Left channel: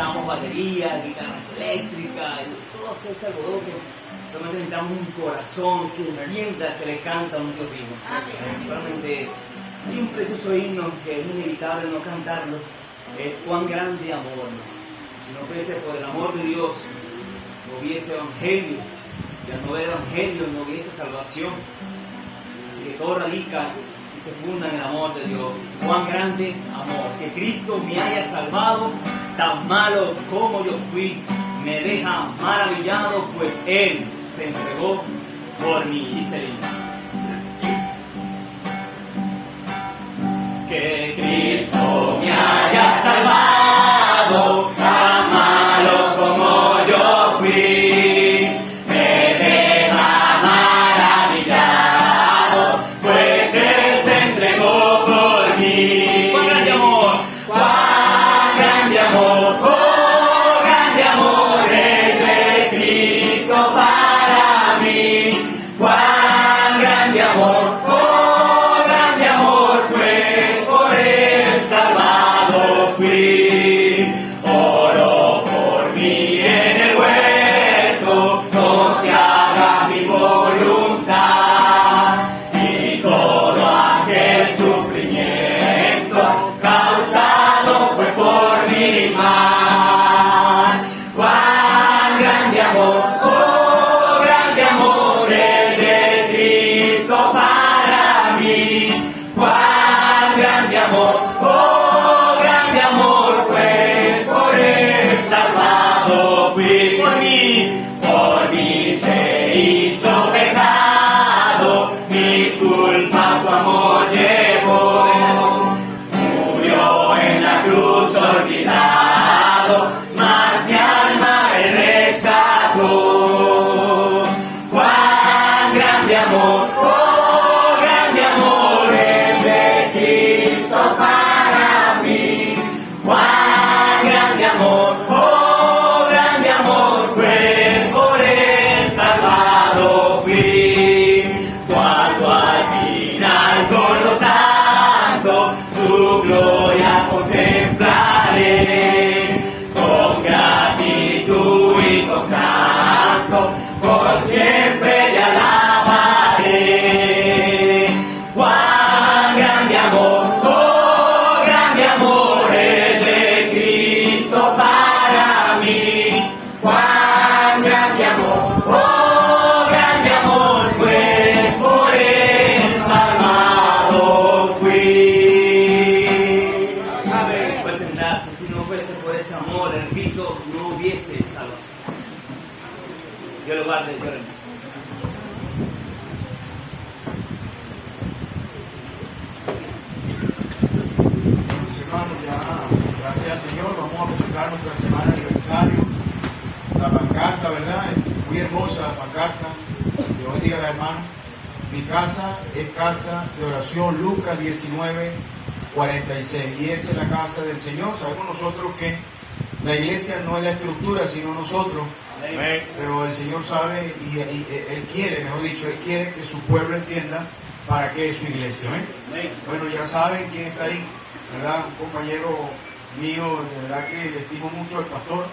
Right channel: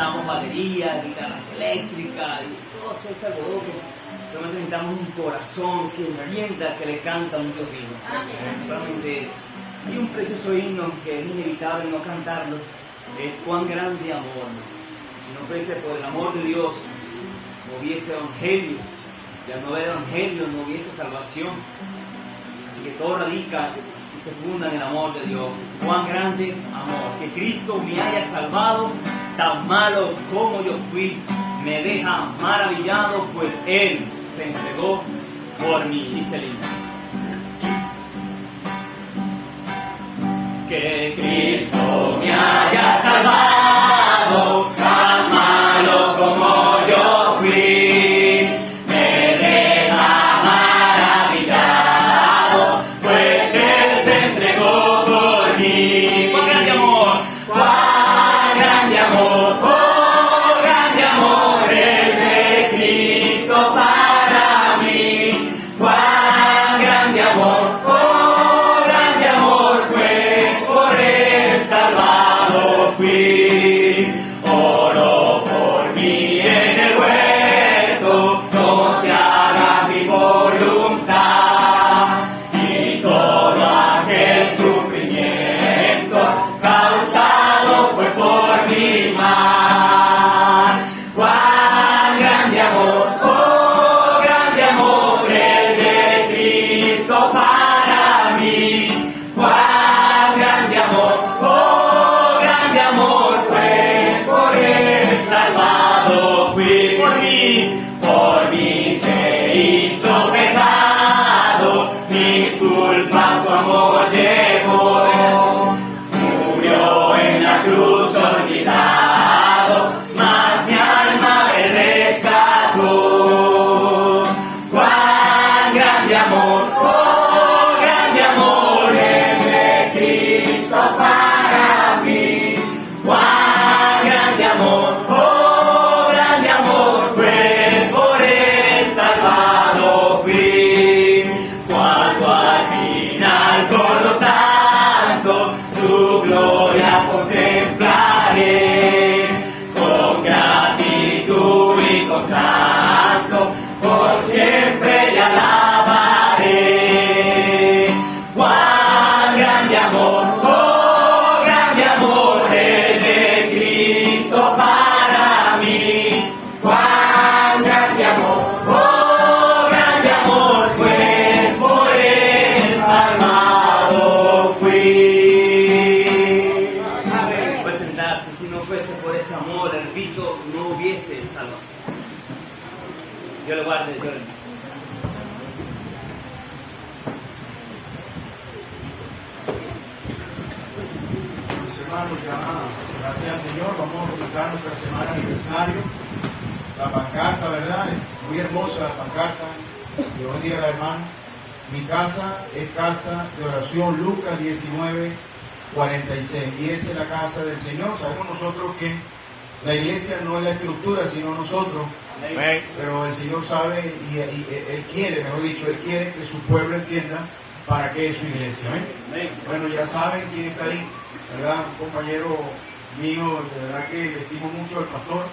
necesitamos baterías, guitarras eléctricas, y todo ese alboroto. Solamente necesitamos un corazón que entienda que le canta a un Dios vivo. Solamente eso. Hay un precioso himno que es inevitable no cantarlo. Es cuán grande amor, ¿no? Si no fuese por el amor de Dios, no hubiese evangelio. Y al no haber evangelio, no hubiese salvación. Así que todo radica y se funda en el amor de Dios. Cuán grande amor. Que Cristo me haya salvado, tan malo como yo fui. Me deja maravillado, pues Él se entregó por mí. Dice el himno. Que Cristo me haya salvado, tan malo como yo fui, me deja maravillado, pues Él se entregó por mí. ¡Cuán grande amor! ¡Cuán grande amor! ¡Oh, grande amor es de Cristo para mí! ¡Cuán grande amor! ¡Oh, grande amor! Pues por Él salvado fui. Oro por mí en el huerto, no se haga mi voluntad. Y todo aquel sufrimiento causado fue por mi mal. ¡Cuán grande amor! ¡Oh, grande amor el de Cristo para mí! ¡Cuán grande amor! ¡Oh, grande amor! Pues por Él salvado fui. Por mí se hizo pecado, mis culpas su amor llevó. Murió en la cruz olvidado, mas mi alma me rescató. ¡Cuán grande amor! ¡Oh, grande amor es de Cristo para mí! ¡Cuán grande amor! ¡Oh, grande amor! Pues por Él salvado fui. Cuando al final con los santos su gloria contemplaré, con gratitud y con canto, por siempre le alabaré. ¡Cuán grande amor! ¡Oh, grande amor es de Cristo para mí! ¡Cuán grande amor! ¡Oh, grande amor! Pues por Él salvado fui. Pues sentarse, si no fuese por ese amor, repito, no hubiese salvación. Dios lo guarde, Dios lo bendiga. Mis hermanos, ya gracias al Señor, vamos a empezar nuestra semana de aniversario. La pancarta, ¿verdad? Muy hermosa la pancarta. Dios bendiga a la hermana. Mi casa es casa de oración, Lucas 19:46. Y esa es la casa del Señor. Sabemos nosotros que la iglesia no es la estructura, sino nosotros. Pero el Señor sabe y Él quiere, mejor dicho, Él quiere que su pueblo entienda para qué es su iglesia. Bueno, ya saben quién está ahí, ¿verdad? Un compañero mío, de verdad que le estimo mucho al pastor.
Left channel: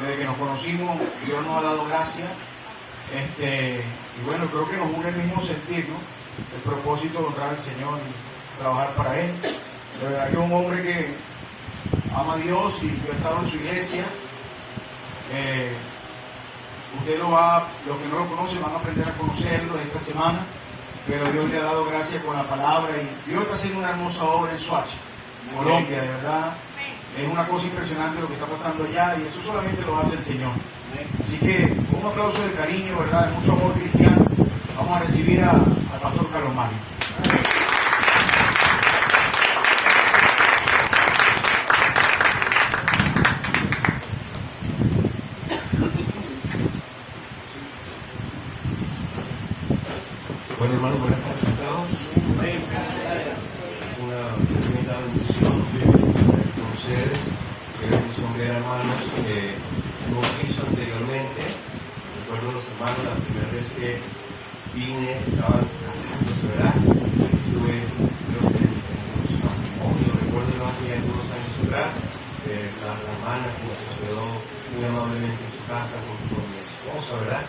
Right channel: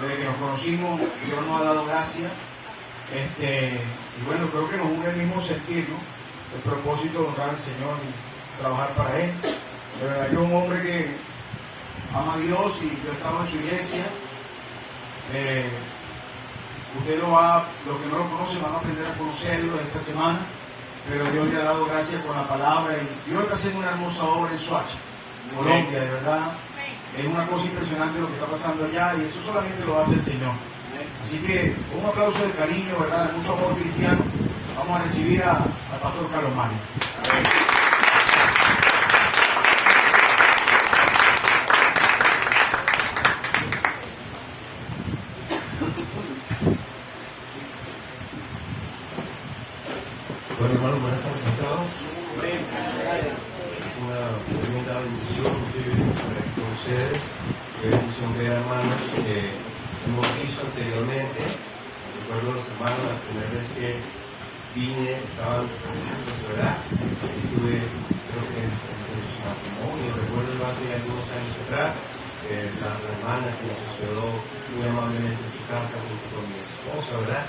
Desde que nos conocimos, Dios nos ha dado gracia. Y bueno, creo que nos une el mismo sentir, ¿no? El propósito de honrar al Señor y trabajar para Él. De verdad que es un hombre que ama a Dios y yo he estado en su iglesia. Usted los que no lo conocen van a aprender a conocerlo esta semana, pero Dios le ha dado gracia con la palabra y Dios está haciendo una hermosa obra en Soacha, Colombia, de verdad. Es una cosa impresionante lo que está pasando allá y eso solamente lo hace el Señor. Así que un aplauso de cariño, ¿verdad? De mucho amor cristiano. Vamos a recibir al pastor Carlos Mario. Bueno, hermanos, buenas tardes a todos. Es una tremenda bendición que estar con ustedes, que son hermanos que hemos visto anteriormente. Recuerdo los hermanos, la primera vez que vine, estaban casándose, ¿verdad? Estuve, creo que en su matrimonio, recuerdo hace algunos años atrás. la hermana que nos hospedó muy amablemente en su casa junto con mi esposa, ¿verdad?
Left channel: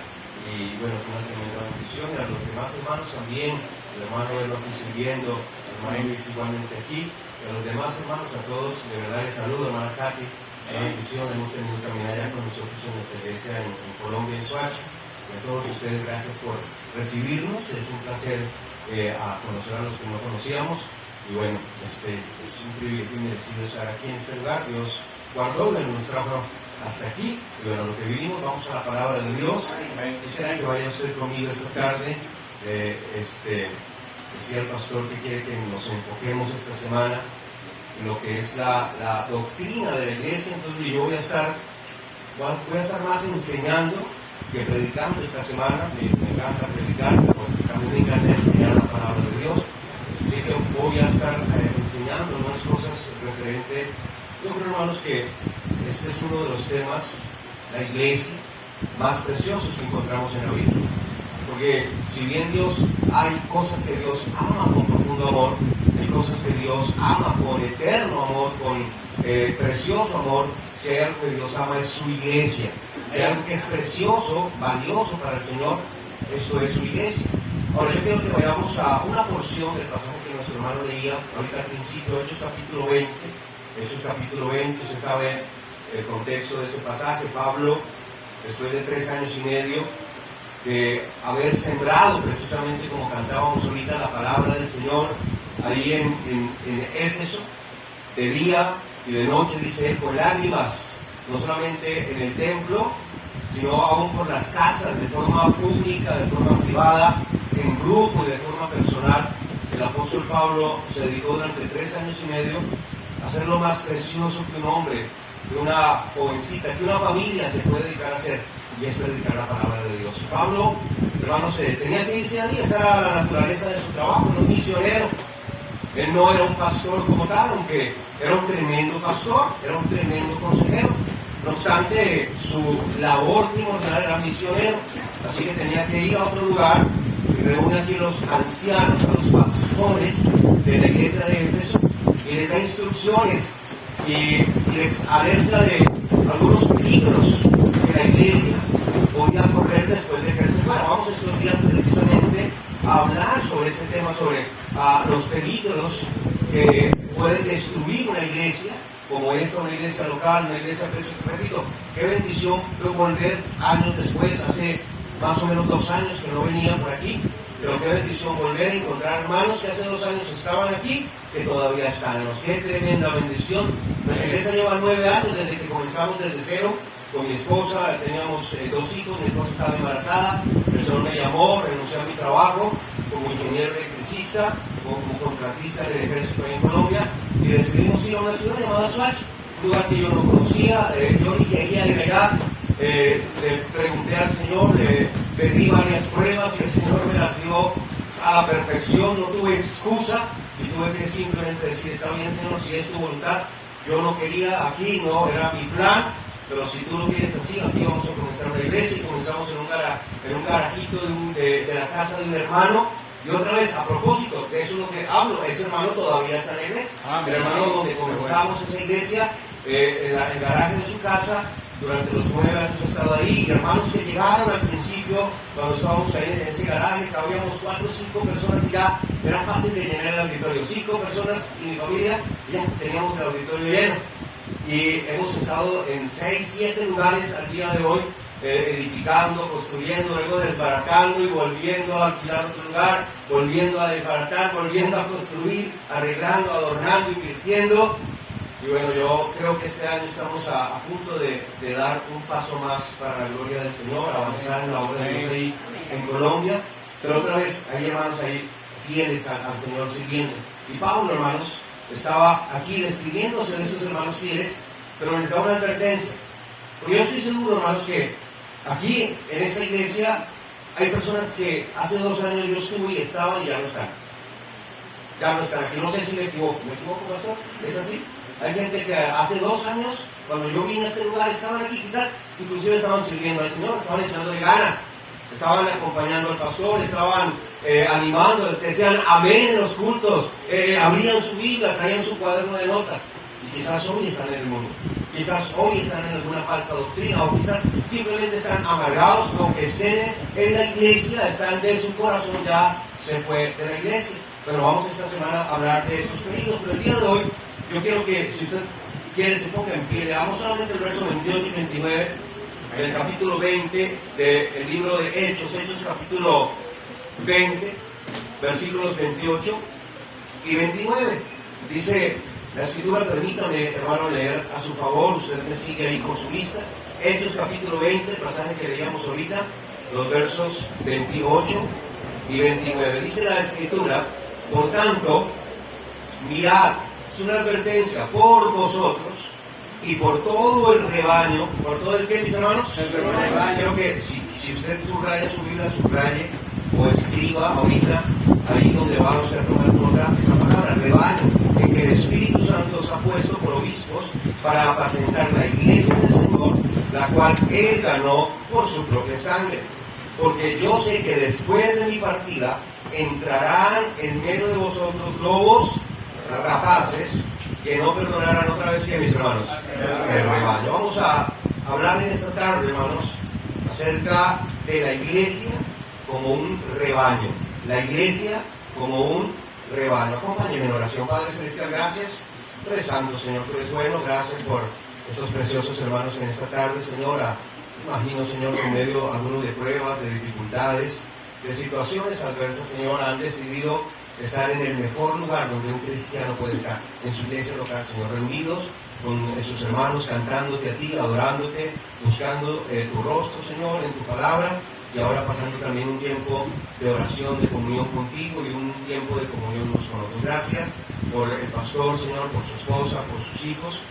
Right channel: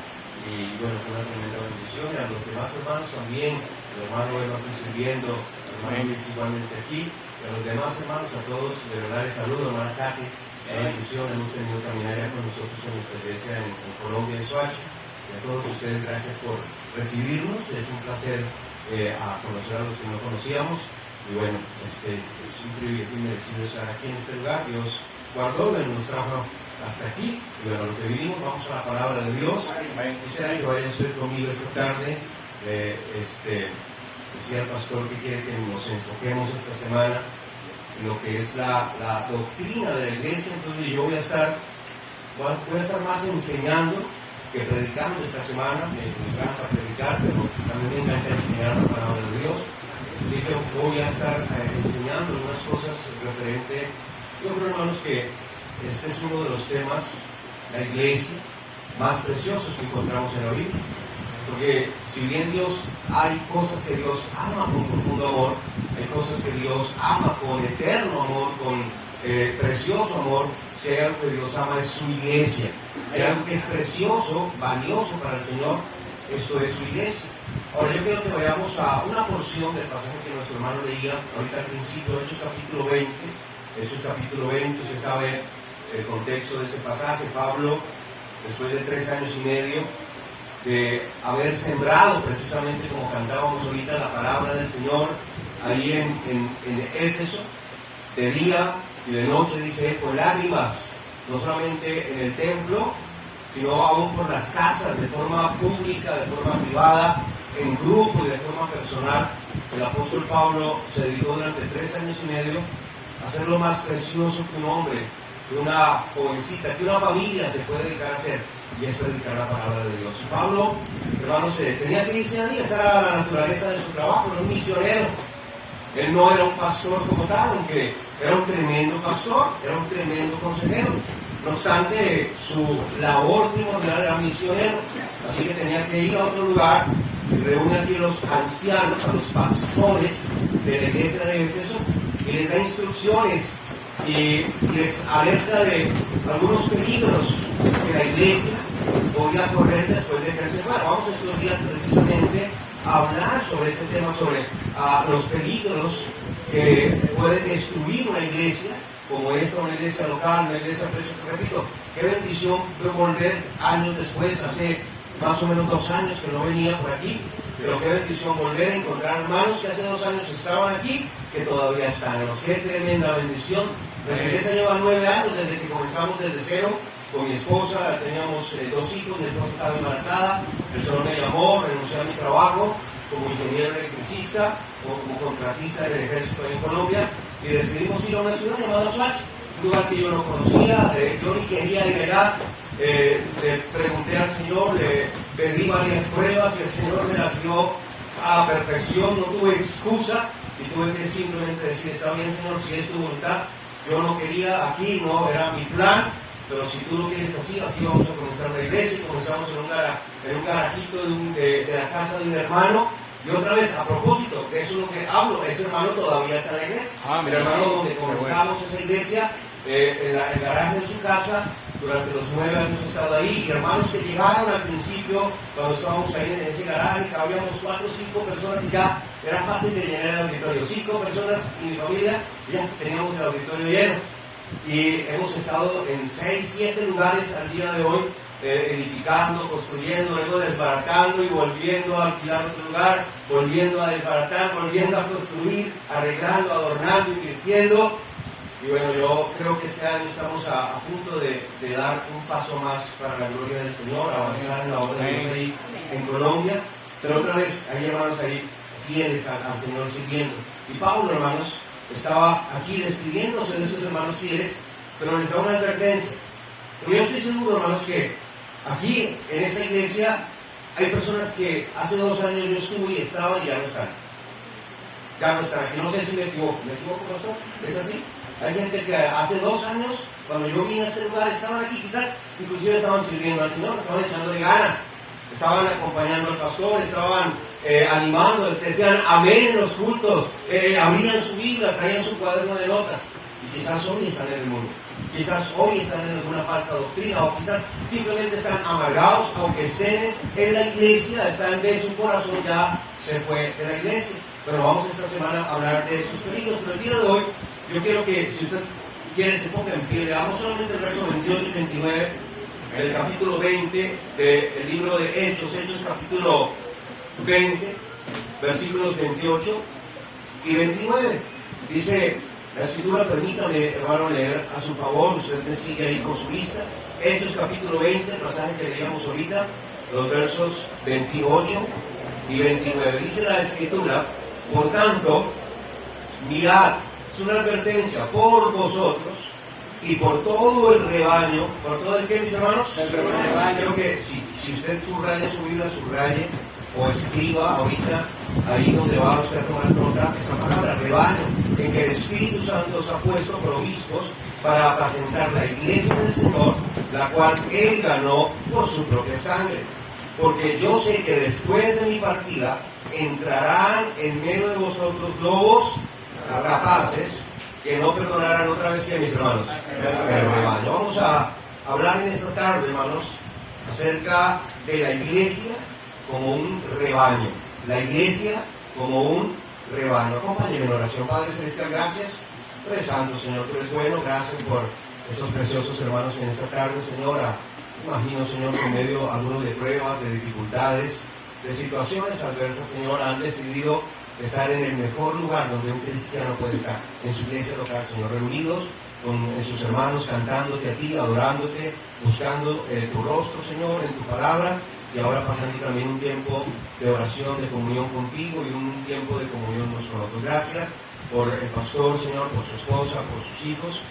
Y bueno, fue una tremenda bendición. Y a los demás hermanos también, el hermano Elo aquí sirviendo, el hermano Luis igualmente aquí, y a los demás hermanos, a todos, de verdad les saludo, hermana Katy, qué bendición, hemos tenido caminar ya con nosotros en nuestra iglesia en Colombia, en Soacha, y a todos ustedes gracias por recibirnos, es un placer a conocer a los que no conocíamos, y bueno, es un privilegio y merecido estar aquí en este lugar. Dios guardó y nos trajo hasta aquí. Y bueno, lo que vivimos, vamos a la palabra de Dios. Quisiera que vayan a ser conmigo esta tarde. Decía el pastor que quiere que nos enfoquemos esta semana en lo que es la doctrina de la iglesia. Entonces yo voy a estar más enseñando que predicando esta semana. Me encanta predicar, pero también me encanta enseñar la palabra de Dios. Así que voy a estar enseñando algunas cosas referente. Yo creo, hermanos, que este es uno de los temas, la iglesia, más preciosos que encontramos en la Biblia. Porque si bien hay cosas que Dios ama con profundo amor, hay cosas que Dios ama con eterno amor, con precioso amor, si hay algo que Dios ama es su iglesia. Si hay algo que es precioso, valioso para el Señor, eso es su iglesia. Ahora yo quiero que vayamos a una porción del pasaje que nuestro hermano leía ahorita al principio, Hechos capítulo 20. Hechos capítulo 20, usted sabe el contexto de ese pasaje. Pablo, después de 3 años y medio de haber sembrado precisamente, como cantábamos ahorita, la palabra del Señor ahí en Éfeso, de día y de noche, dice él, con lágrimas, no solamente en el templo, sino aún por las casas, de forma pública, de forma privada, en grupo y de forma personal. El apóstol Pablo se dedicó durante 3 años y medio a hacer lo más precioso que un hombre, que una jovencita, que una familia se puede dedicar a hacer, y es predicar la palabra de Dios. Y Pablo, hermanos, tenía que irse ahí, esa era la naturaleza de su trabajo, era un misionero. Él no era un pastor como tal, aunque era un tremendo pastor, era un tremendo consejero. No obstante, su labor primordial era misionero, así que tenía que ir a otro lugar y reúne aquí a los ancianos, a los pastores de la iglesia de Éfeso, y les da instrucciones y les alerta de algunos peligros que la iglesia podía correr después de que él se fuera. Vamos estos días precisamente a hablar sobre este tema, sobre los peligros que pueden destruir una iglesia como esta, una iglesia local, una iglesia, repito, qué bendición fue volver años después, hace más o menos 2 años que no venía por aquí, pero qué bendición volver a encontrar hermanos que hace 2 años estaban aquí, que todavía están. Qué tremenda bendición. Nuestra iglesia lleva 9 años desde que comenzamos desde cero. Con mi esposa teníamos 2 hijos, mi esposa estaba embarazada, el Señor me llamó, renuncié a mi trabajo como ingeniero electricista o como contratista del ejército en Colombia, y decidimos ir a una ciudad llamada Soacha, un lugar que yo no conocía, yo ni quería ir allá. Le pregunté al Señor, le pedí varias pruebas y el Señor me las dio a la perfección, no tuve excusa y tuve que simplemente decir, está bien, Señor, si es tu voluntad. Yo no quería aquí, no era mi plan, pero si tú lo quieres así, aquí vamos a comenzar la iglesia. Y comenzamos en un garajito de la casa de un hermano. Y otra vez, a propósito, de eso es lo que hablo, ese hermano todavía está en la iglesia. El hermano donde comenzamos esa iglesia, el garaje de su casa, durante los 9 años he estado ahí. Y hermanos que llegaron al principio, cuando estábamos ahí en ese garaje, cabíamos 4 o 5 personas y ya era fácil de llenar el auditorio. 5 personas y mi familia, ya teníamos el auditorio lleno. Y hemos estado en 6, 7 lugares al día de hoy, edificando, construyendo, luego desbaratando y volviendo a alquilar otro lugar, volviendo a desbaratar, volviendo a construir, arreglando, adornando, invirtiendo. Y bueno, yo creo que este año estamos a punto de dar un paso más para la gloria del Señor, avanzar en la obra de Dios ahí en Colombia. Pero otra vez, hay hermanos ahí fieles al Señor sirviendo. Y Pablo, hermanos, estaba aquí despidiéndose de esos hermanos fieles, pero les da una advertencia. Porque yo estoy seguro, hermanos, que aquí en esta iglesia hay personas que hace 2 años yo estuve y estaban y ya no están. Ya no están aquí. No sé si me equivoco. ¿Me equivoco, pastor? ¿Es así? Hay gente que hace 2 años, cuando yo vine a este lugar, estaban aquí, quizás inclusive estaban sirviendo al Señor, estaban echándole ganas, estaban acompañando al pastor, estaban animando, decían amén en los cultos, abrían su Biblia, traían su cuaderno de notas. Y Quizás hoy están en el mundo, quizás hoy están en alguna falsa doctrina, o quizás simplemente están amargados, aunque estén en la iglesia, están de su corazón ya se fue de la iglesia. Bueno, vamos esta semana a hablar de esos peligros, pero el día de hoy yo quiero que, si usted quiere, se ponga en pie. Leamos solamente el verso 28 y 29 del capítulo 20 del libro de Hechos, Hechos capítulo 20, versículos 28 y 29. Dice la escritura, permítame, hermano, leer a su favor, usted me sigue ahí con su vista. Hechos capítulo 20, el pasaje que leíamos ahorita, los versos 28 y 29. Dice la escritura: por tanto, mirad, es una advertencia por vosotros y por todo el rebaño. ¿Por todo el qué, mis hermanos? El rebaño. Creo que si usted subraya su Biblia, subraye o escriba ahorita, ahí donde va usted a tomar nota, esa palabra rebaño, en que el Espíritu Santo os ha puesto por obispos para apacentar la iglesia del Señor, la cual Él ganó por su propia sangre. Porque yo sé que después de mi partida entrarán en medio de vosotros lobos rapaces, que no perdonarán otra vez que, mis hermanos, el rebaño. Vamos a hablar en esta tarde, hermanos, acerca de la iglesia como un rebaño. La iglesia como un rebaño. Acompáñenme en oración. Padre Celestial, gracias. Tú eres santo, Señor, tú eres bueno. Gracias por estos preciosos hermanos en esta tarde, Señor. Imagino, Señor, que en medio algunos de pruebas, de dificultades, de situaciones adversas, Señor, han decidido estar en el mejor lugar donde un cristiano puede estar, en su iglesia local, Señor, reunidos con sus hermanos, cantándote a ti, adorándote, buscando tu rostro, Señor, en tu palabra, y ahora pasando también un tiempo de oración, de comunión contigo y un tiempo de comunión unos con otros. Gracias por el pastor, Señor, por su esposa, por sus hijos,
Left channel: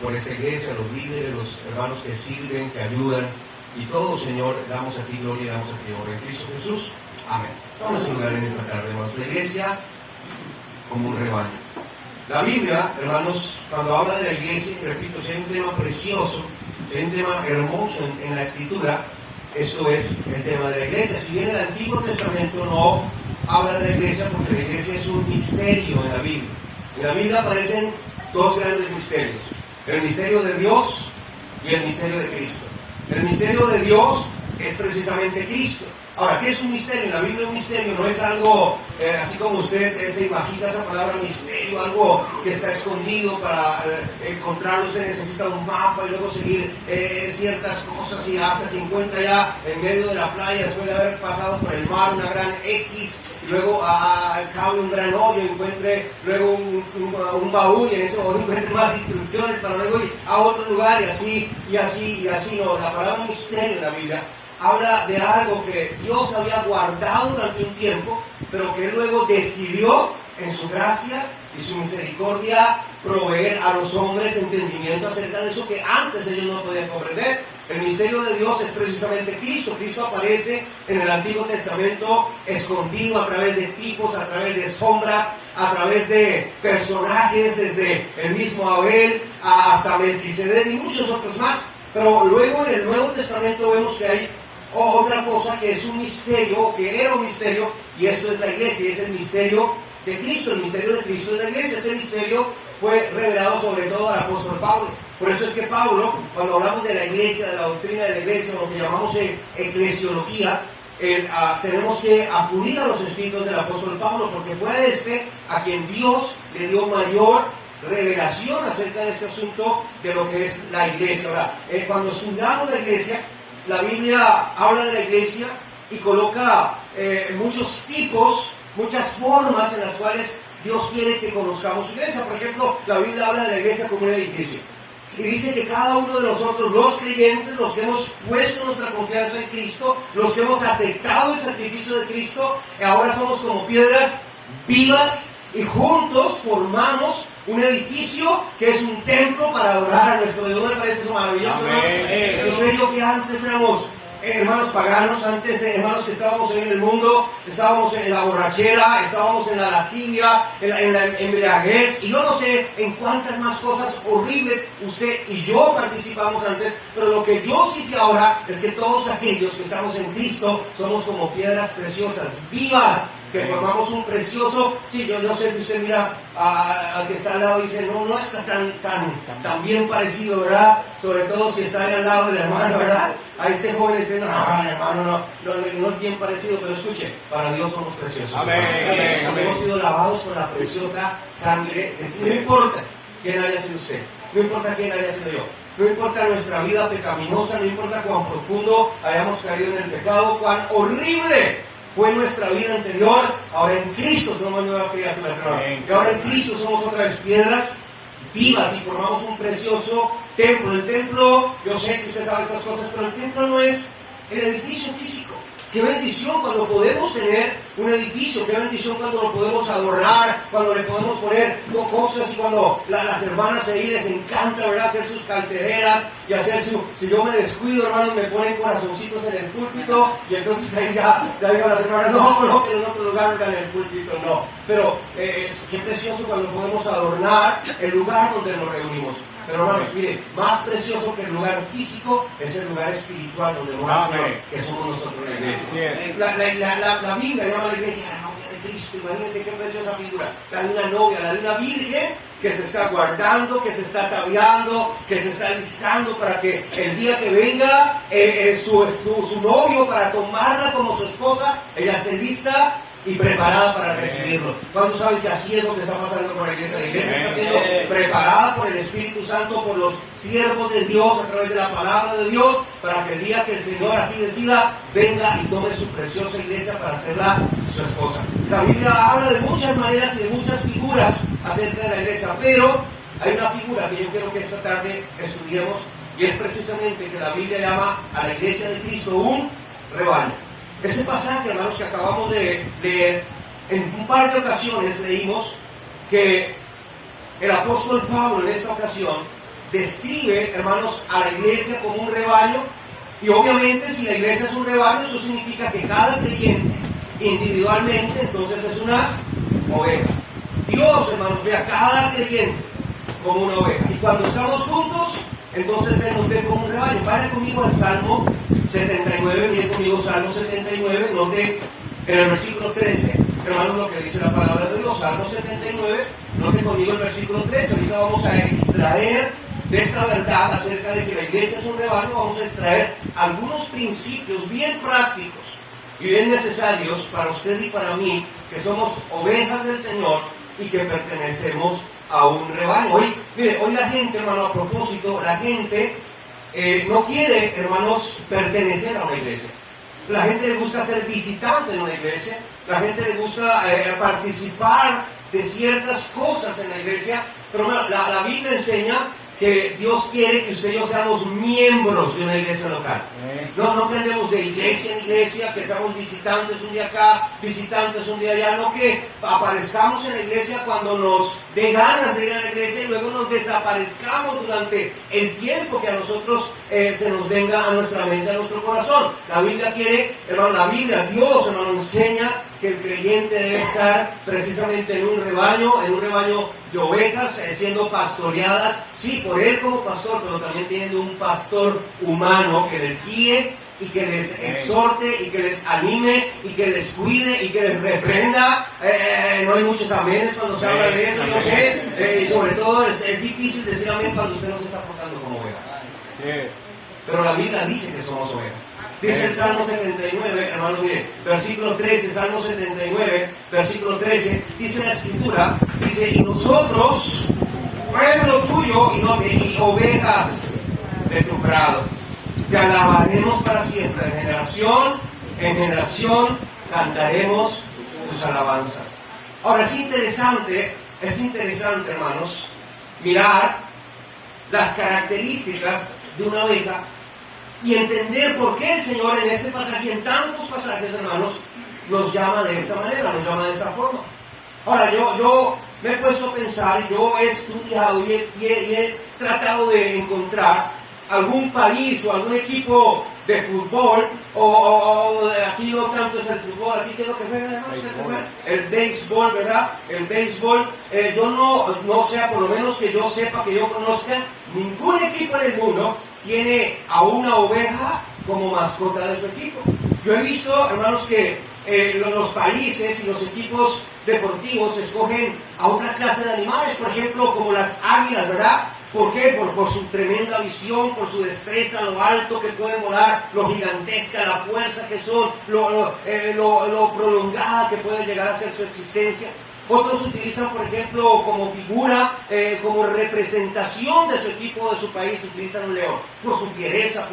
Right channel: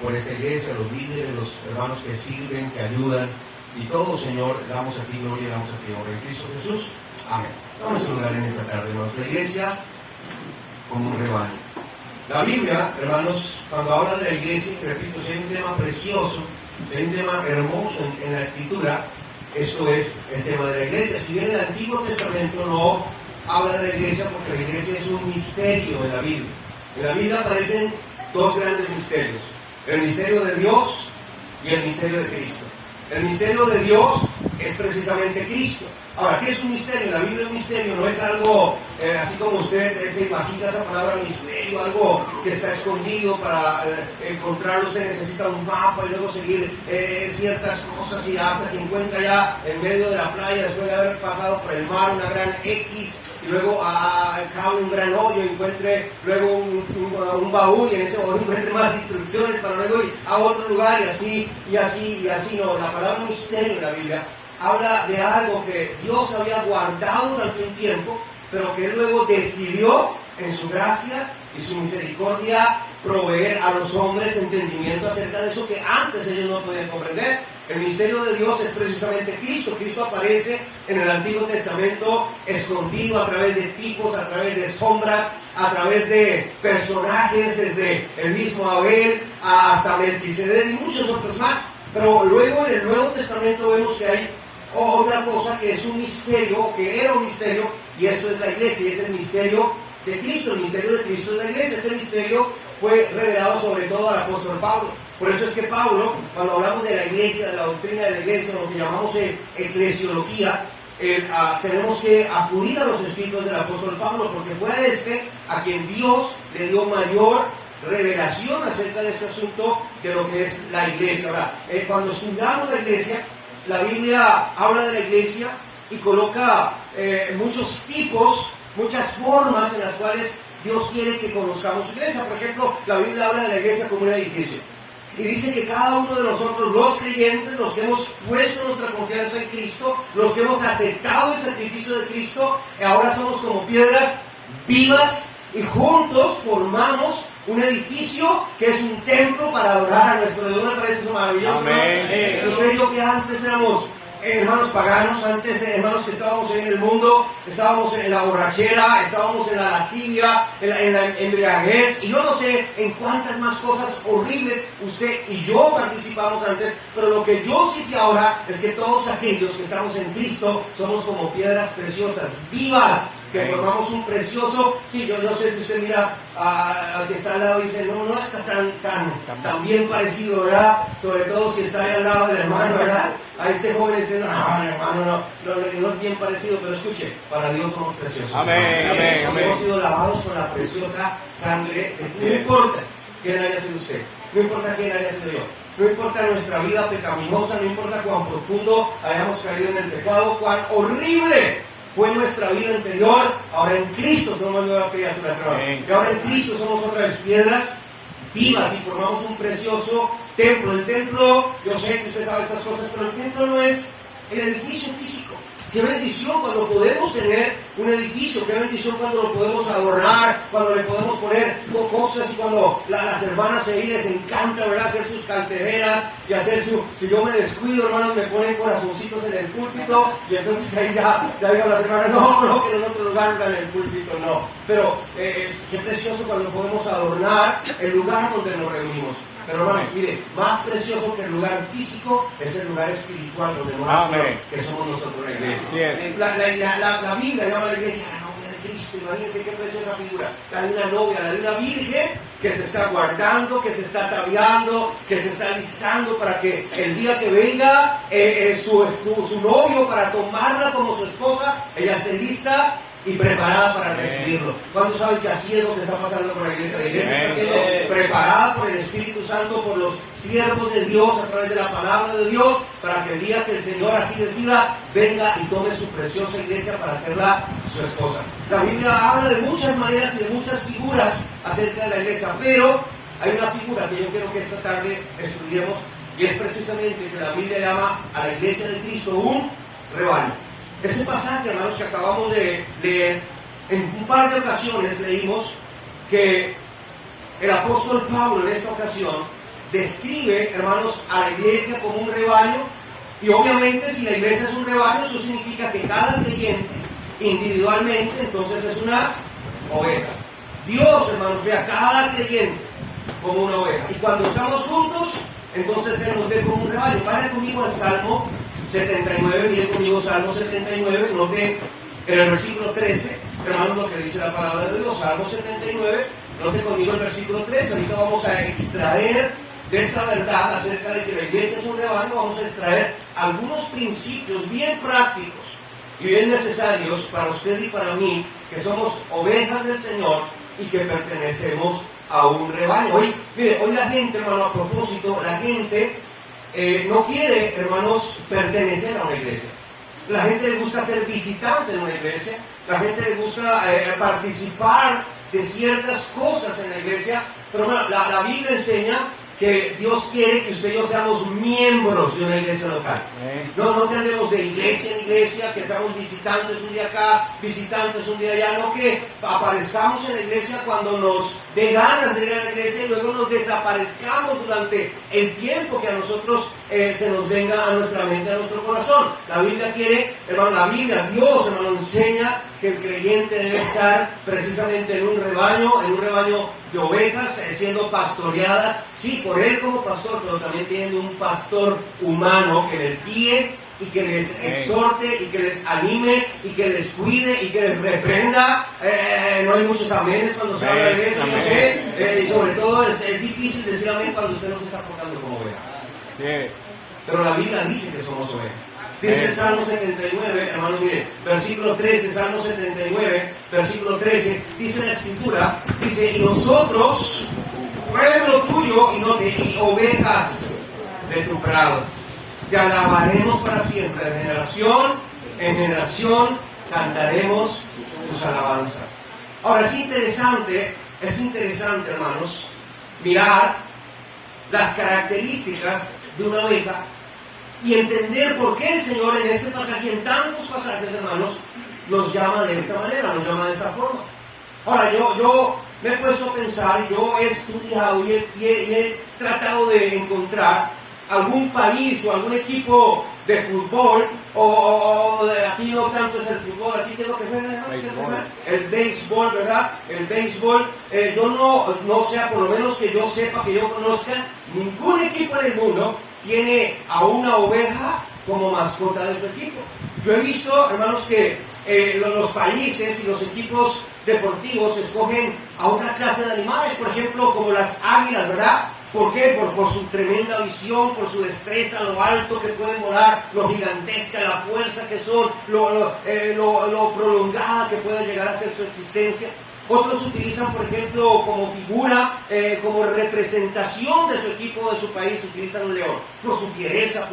por esta iglesia, los líderes, los hermanos que sirven, que ayudan, y todo, Señor, damos a ti gloria y damos a ti honra en Cristo Jesús. Amén. Vamos a hablar en esta tarde, hermanos, la iglesia como un rebaño. La Biblia, hermanos, cuando habla de la iglesia, y repito, si hay un tema precioso, si hay un tema hermoso en la Escritura, eso es el tema de la iglesia. Si bien el Antiguo Testamento no habla de la iglesia, porque la iglesia es un misterio de la Biblia. En la Biblia aparecen dos grandes misterios: el misterio de Dios y el misterio de Cristo. El misterio de Dios es precisamente Cristo. Ahora, ¿qué es un misterio? En la Biblia un misterio no es algo así como usted se imagina esa palabra misterio, algo que está escondido. Para encontrarlo se necesita un mapa y luego seguir ciertas cosas, y hasta que encuentra ya en medio de la playa, después de haber pasado por el mar, una gran X, y luego al cabo un gran hoyo, encuentre luego un baúl, y en ese baúl encuentre más instrucciones para luego ir a otro lugar, y así. No, la palabra misterio en la Biblia habla de algo que Dios había guardado durante un tiempo, pero que luego decidió en su gracia y su misericordia proveer a los hombres entendimiento acerca de eso que antes ellos no podían comprender. El misterio de Dios es precisamente Cristo. Cristo aparece en el Antiguo Testamento escondido a través de tipos, a través de sombras, a través de personajes, desde el mismo Abel hasta Melquisedec y muchos otros más. Pero luego en el Nuevo Testamento vemos que hay otra cosa que es un misterio, que era un misterio, y eso es la iglesia, y es el misterio de Cristo. El misterio de Cristo es la iglesia. Este misterio fue revelado sobre todo al apóstol Pablo. Por eso es que Pablo, cuando hablamos de la iglesia, de la doctrina de la iglesia, lo que llamamos eclesiología, tenemos que acudir a los escritos del apóstol Pablo, porque fue a quien Dios le dio mayor revelación acerca de este asunto de lo que es la iglesia. Ahora, cuando estudiamos la iglesia, la Biblia habla de la iglesia y coloca muchos tipos, muchas formas en las cuales Dios quiere que conozcamos su iglesia. Por ejemplo, la Biblia habla de la iglesia como un edificio. Y dice que cada uno de nosotros, los creyentes, los que hemos puesto nuestra confianza en Cristo, los que hemos aceptado el sacrificio de Cristo, ahora somos como piedras vivas y juntos formamos un edificio que es un templo para adorar a nuestro Dios. ¿Me parece eso maravilloso? Yo sé yo que antes éramos hermanos paganos, antes hermanos que estábamos en el mundo, estábamos en la borrachera, estábamos en la lascivia, en la embriaguez, y yo no sé en cuántas más cosas horribles usted y yo participamos antes, pero lo que yo sí sé ahora es que todos aquellos que estamos en Cristo somos como piedras preciosas, vivas, que formamos un precioso, sí, yo sé que usted mira al que está al lado y dice, no está tan bien parecido, ¿verdad? Sobre todo si está ahí al lado del hermano, ¿verdad? A este joven dice, no, hermano, no es bien parecido, pero escuche, para Dios somos preciosos. Amén. Hemos sido lavados con la preciosa sangre de Jesús. No importa quién haya sido usted, no importa quién haya sido yo, no importa nuestra vida pecaminosa, no importa cuán profundo hayamos caído en el pecado, cuán horrible fue nuestra vida anterior, ahora en Cristo somos nuevas criaturas, hermano. Y ahora en Cristo somos otra vez piedras vivas y formamos un precioso templo. El templo, yo sé que usted sabe esas cosas, pero el templo no es el edificio físico. Qué bendición cuando podemos tener un edificio, qué bendición cuando lo podemos adornar, cuando le podemos poner cosas y cuando las hermanas ahí les encanta, ¿verdad?, hacer sus cantereras y hacer si yo me descuido, hermanos, me ponen corazoncitos en el púlpito y entonces ahí ya digan las hermanas, no, que en otro lugar no en el púlpito, no. Pero qué precioso cuando podemos adornar el lugar donde nos reunimos. Pero hermanos, mire, más precioso que el lugar físico es el lugar espiritual donde moramos, que somos nosotros la iglesia. La Biblia llama a la iglesia la novia de Cristo. Imagínense qué preciosa figura. La de una novia, la de una virgen que se está guardando, que se está ataviando, que se está listando para que el día que venga su novio para tomarla como su esposa, ella esté lista y preparada para recibirlo. ¿Cuántos saben que así es lo que está pasando con la iglesia? La iglesia está siendo preparada por el Espíritu Santo, por los siervos de Dios, a través de la palabra de Dios, para que el día que el Señor así decida, venga y tome su preciosa iglesia para hacerla su esposa. La Biblia habla de muchas maneras y de muchas figuras acerca de la iglesia, pero hay una figura que yo quiero que esta tarde estudiemos, y es precisamente que la Biblia llama a la iglesia de Cristo un rebaño. Ese pasaje, hermanos, que acabamos de leer, en un par de ocasiones leímos que el apóstol Pablo en esta ocasión describe, hermanos, a la iglesia como un rebaño, y obviamente si la iglesia es un rebaño, eso significa que cada creyente individualmente entonces es una oveja. Dios, hermanos, ve a cada creyente como una oveja, y cuando estamos juntos, entonces Él nos ve como un rebaño. Vaya conmigo al Salmo 79, miren conmigo Salmo 79, note en el versículo 13, hermanos, lo que dice la palabra de Dios. Salmo 79, note conmigo el versículo 13. Ahorita vamos a extraer de esta verdad acerca de que la iglesia es un rebaño, vamos a extraer algunos principios bien prácticos y bien necesarios para usted y para mí, que somos ovejas del Señor y que pertenecemos a un rebaño. Hoy la gente, hermano, a propósito, la gente no quiere, hermanos, pertenecer a una iglesia. La gente le gusta ser visitante en una iglesia, la gente le gusta participar de ciertas cosas en la iglesia, pero hermano, la Biblia enseña que Dios quiere que usted y yo seamos miembros de una iglesia local. No que andemos de iglesia en iglesia, que seamos visitantes un día acá, visitantes un día allá, no que aparezcamos en la iglesia cuando nos dé ganas de ir a la iglesia y luego nos desaparezcamos durante el tiempo que a nosotros se nos venga a nuestra mente, a nuestro corazón. La Biblia quiere, hermano, Dios, hermano, enseña que el creyente debe estar precisamente en un rebaño de ovejas, siendo pastoreadas, sí, por él como pastor, pero también teniendo un pastor humano que les guíe y que les exhorte y que les anime y que les cuide y que les reprenda. No hay muchos amenes cuando se habla de eso, yo sé, y sobre todo es difícil decir amén cuando usted no se está portando como oveja. Pero la Biblia dice que somos ovejas. Dice el Salmo 79, hermano, mire, versículo 13, Salmo 79, versículo 13, dice la Escritura, dice, y nosotros, pueblo tuyo y ovejas de tu prado, te alabaremos para siempre, de generación en generación cantaremos tus alabanzas. Ahora es interesante, hermanos, mirar las características de una oveja y entender por qué el Señor en este pasaje, en tantos pasajes, hermanos, nos llama de esta manera, nos llama de esta forma. Ahora, yo me he puesto a pensar, yo he estudiado y he tratado de encontrar algún país o algún equipo de fútbol, o aquí no tanto es el fútbol, aquí qué es lo que juegan, el béisbol, ¿verdad? El béisbol, yo no sé, por lo menos que yo sepa, que yo conozca, ningún equipo en el mundo tiene a una oveja como mascota de su equipo. Yo he visto, hermanos, que los países y los equipos deportivos escogen a otra clase de animales, por ejemplo, como las águilas, ¿verdad? ¿Por qué? Por su tremenda visión, por su destreza, lo alto que pueden volar, lo gigantesca, la fuerza que son, lo prolongada que puede llegar a ser su existencia. Otros utilizan, por ejemplo, como figura, como representación de su equipo, de su país, utilizan un león, por su fiereza,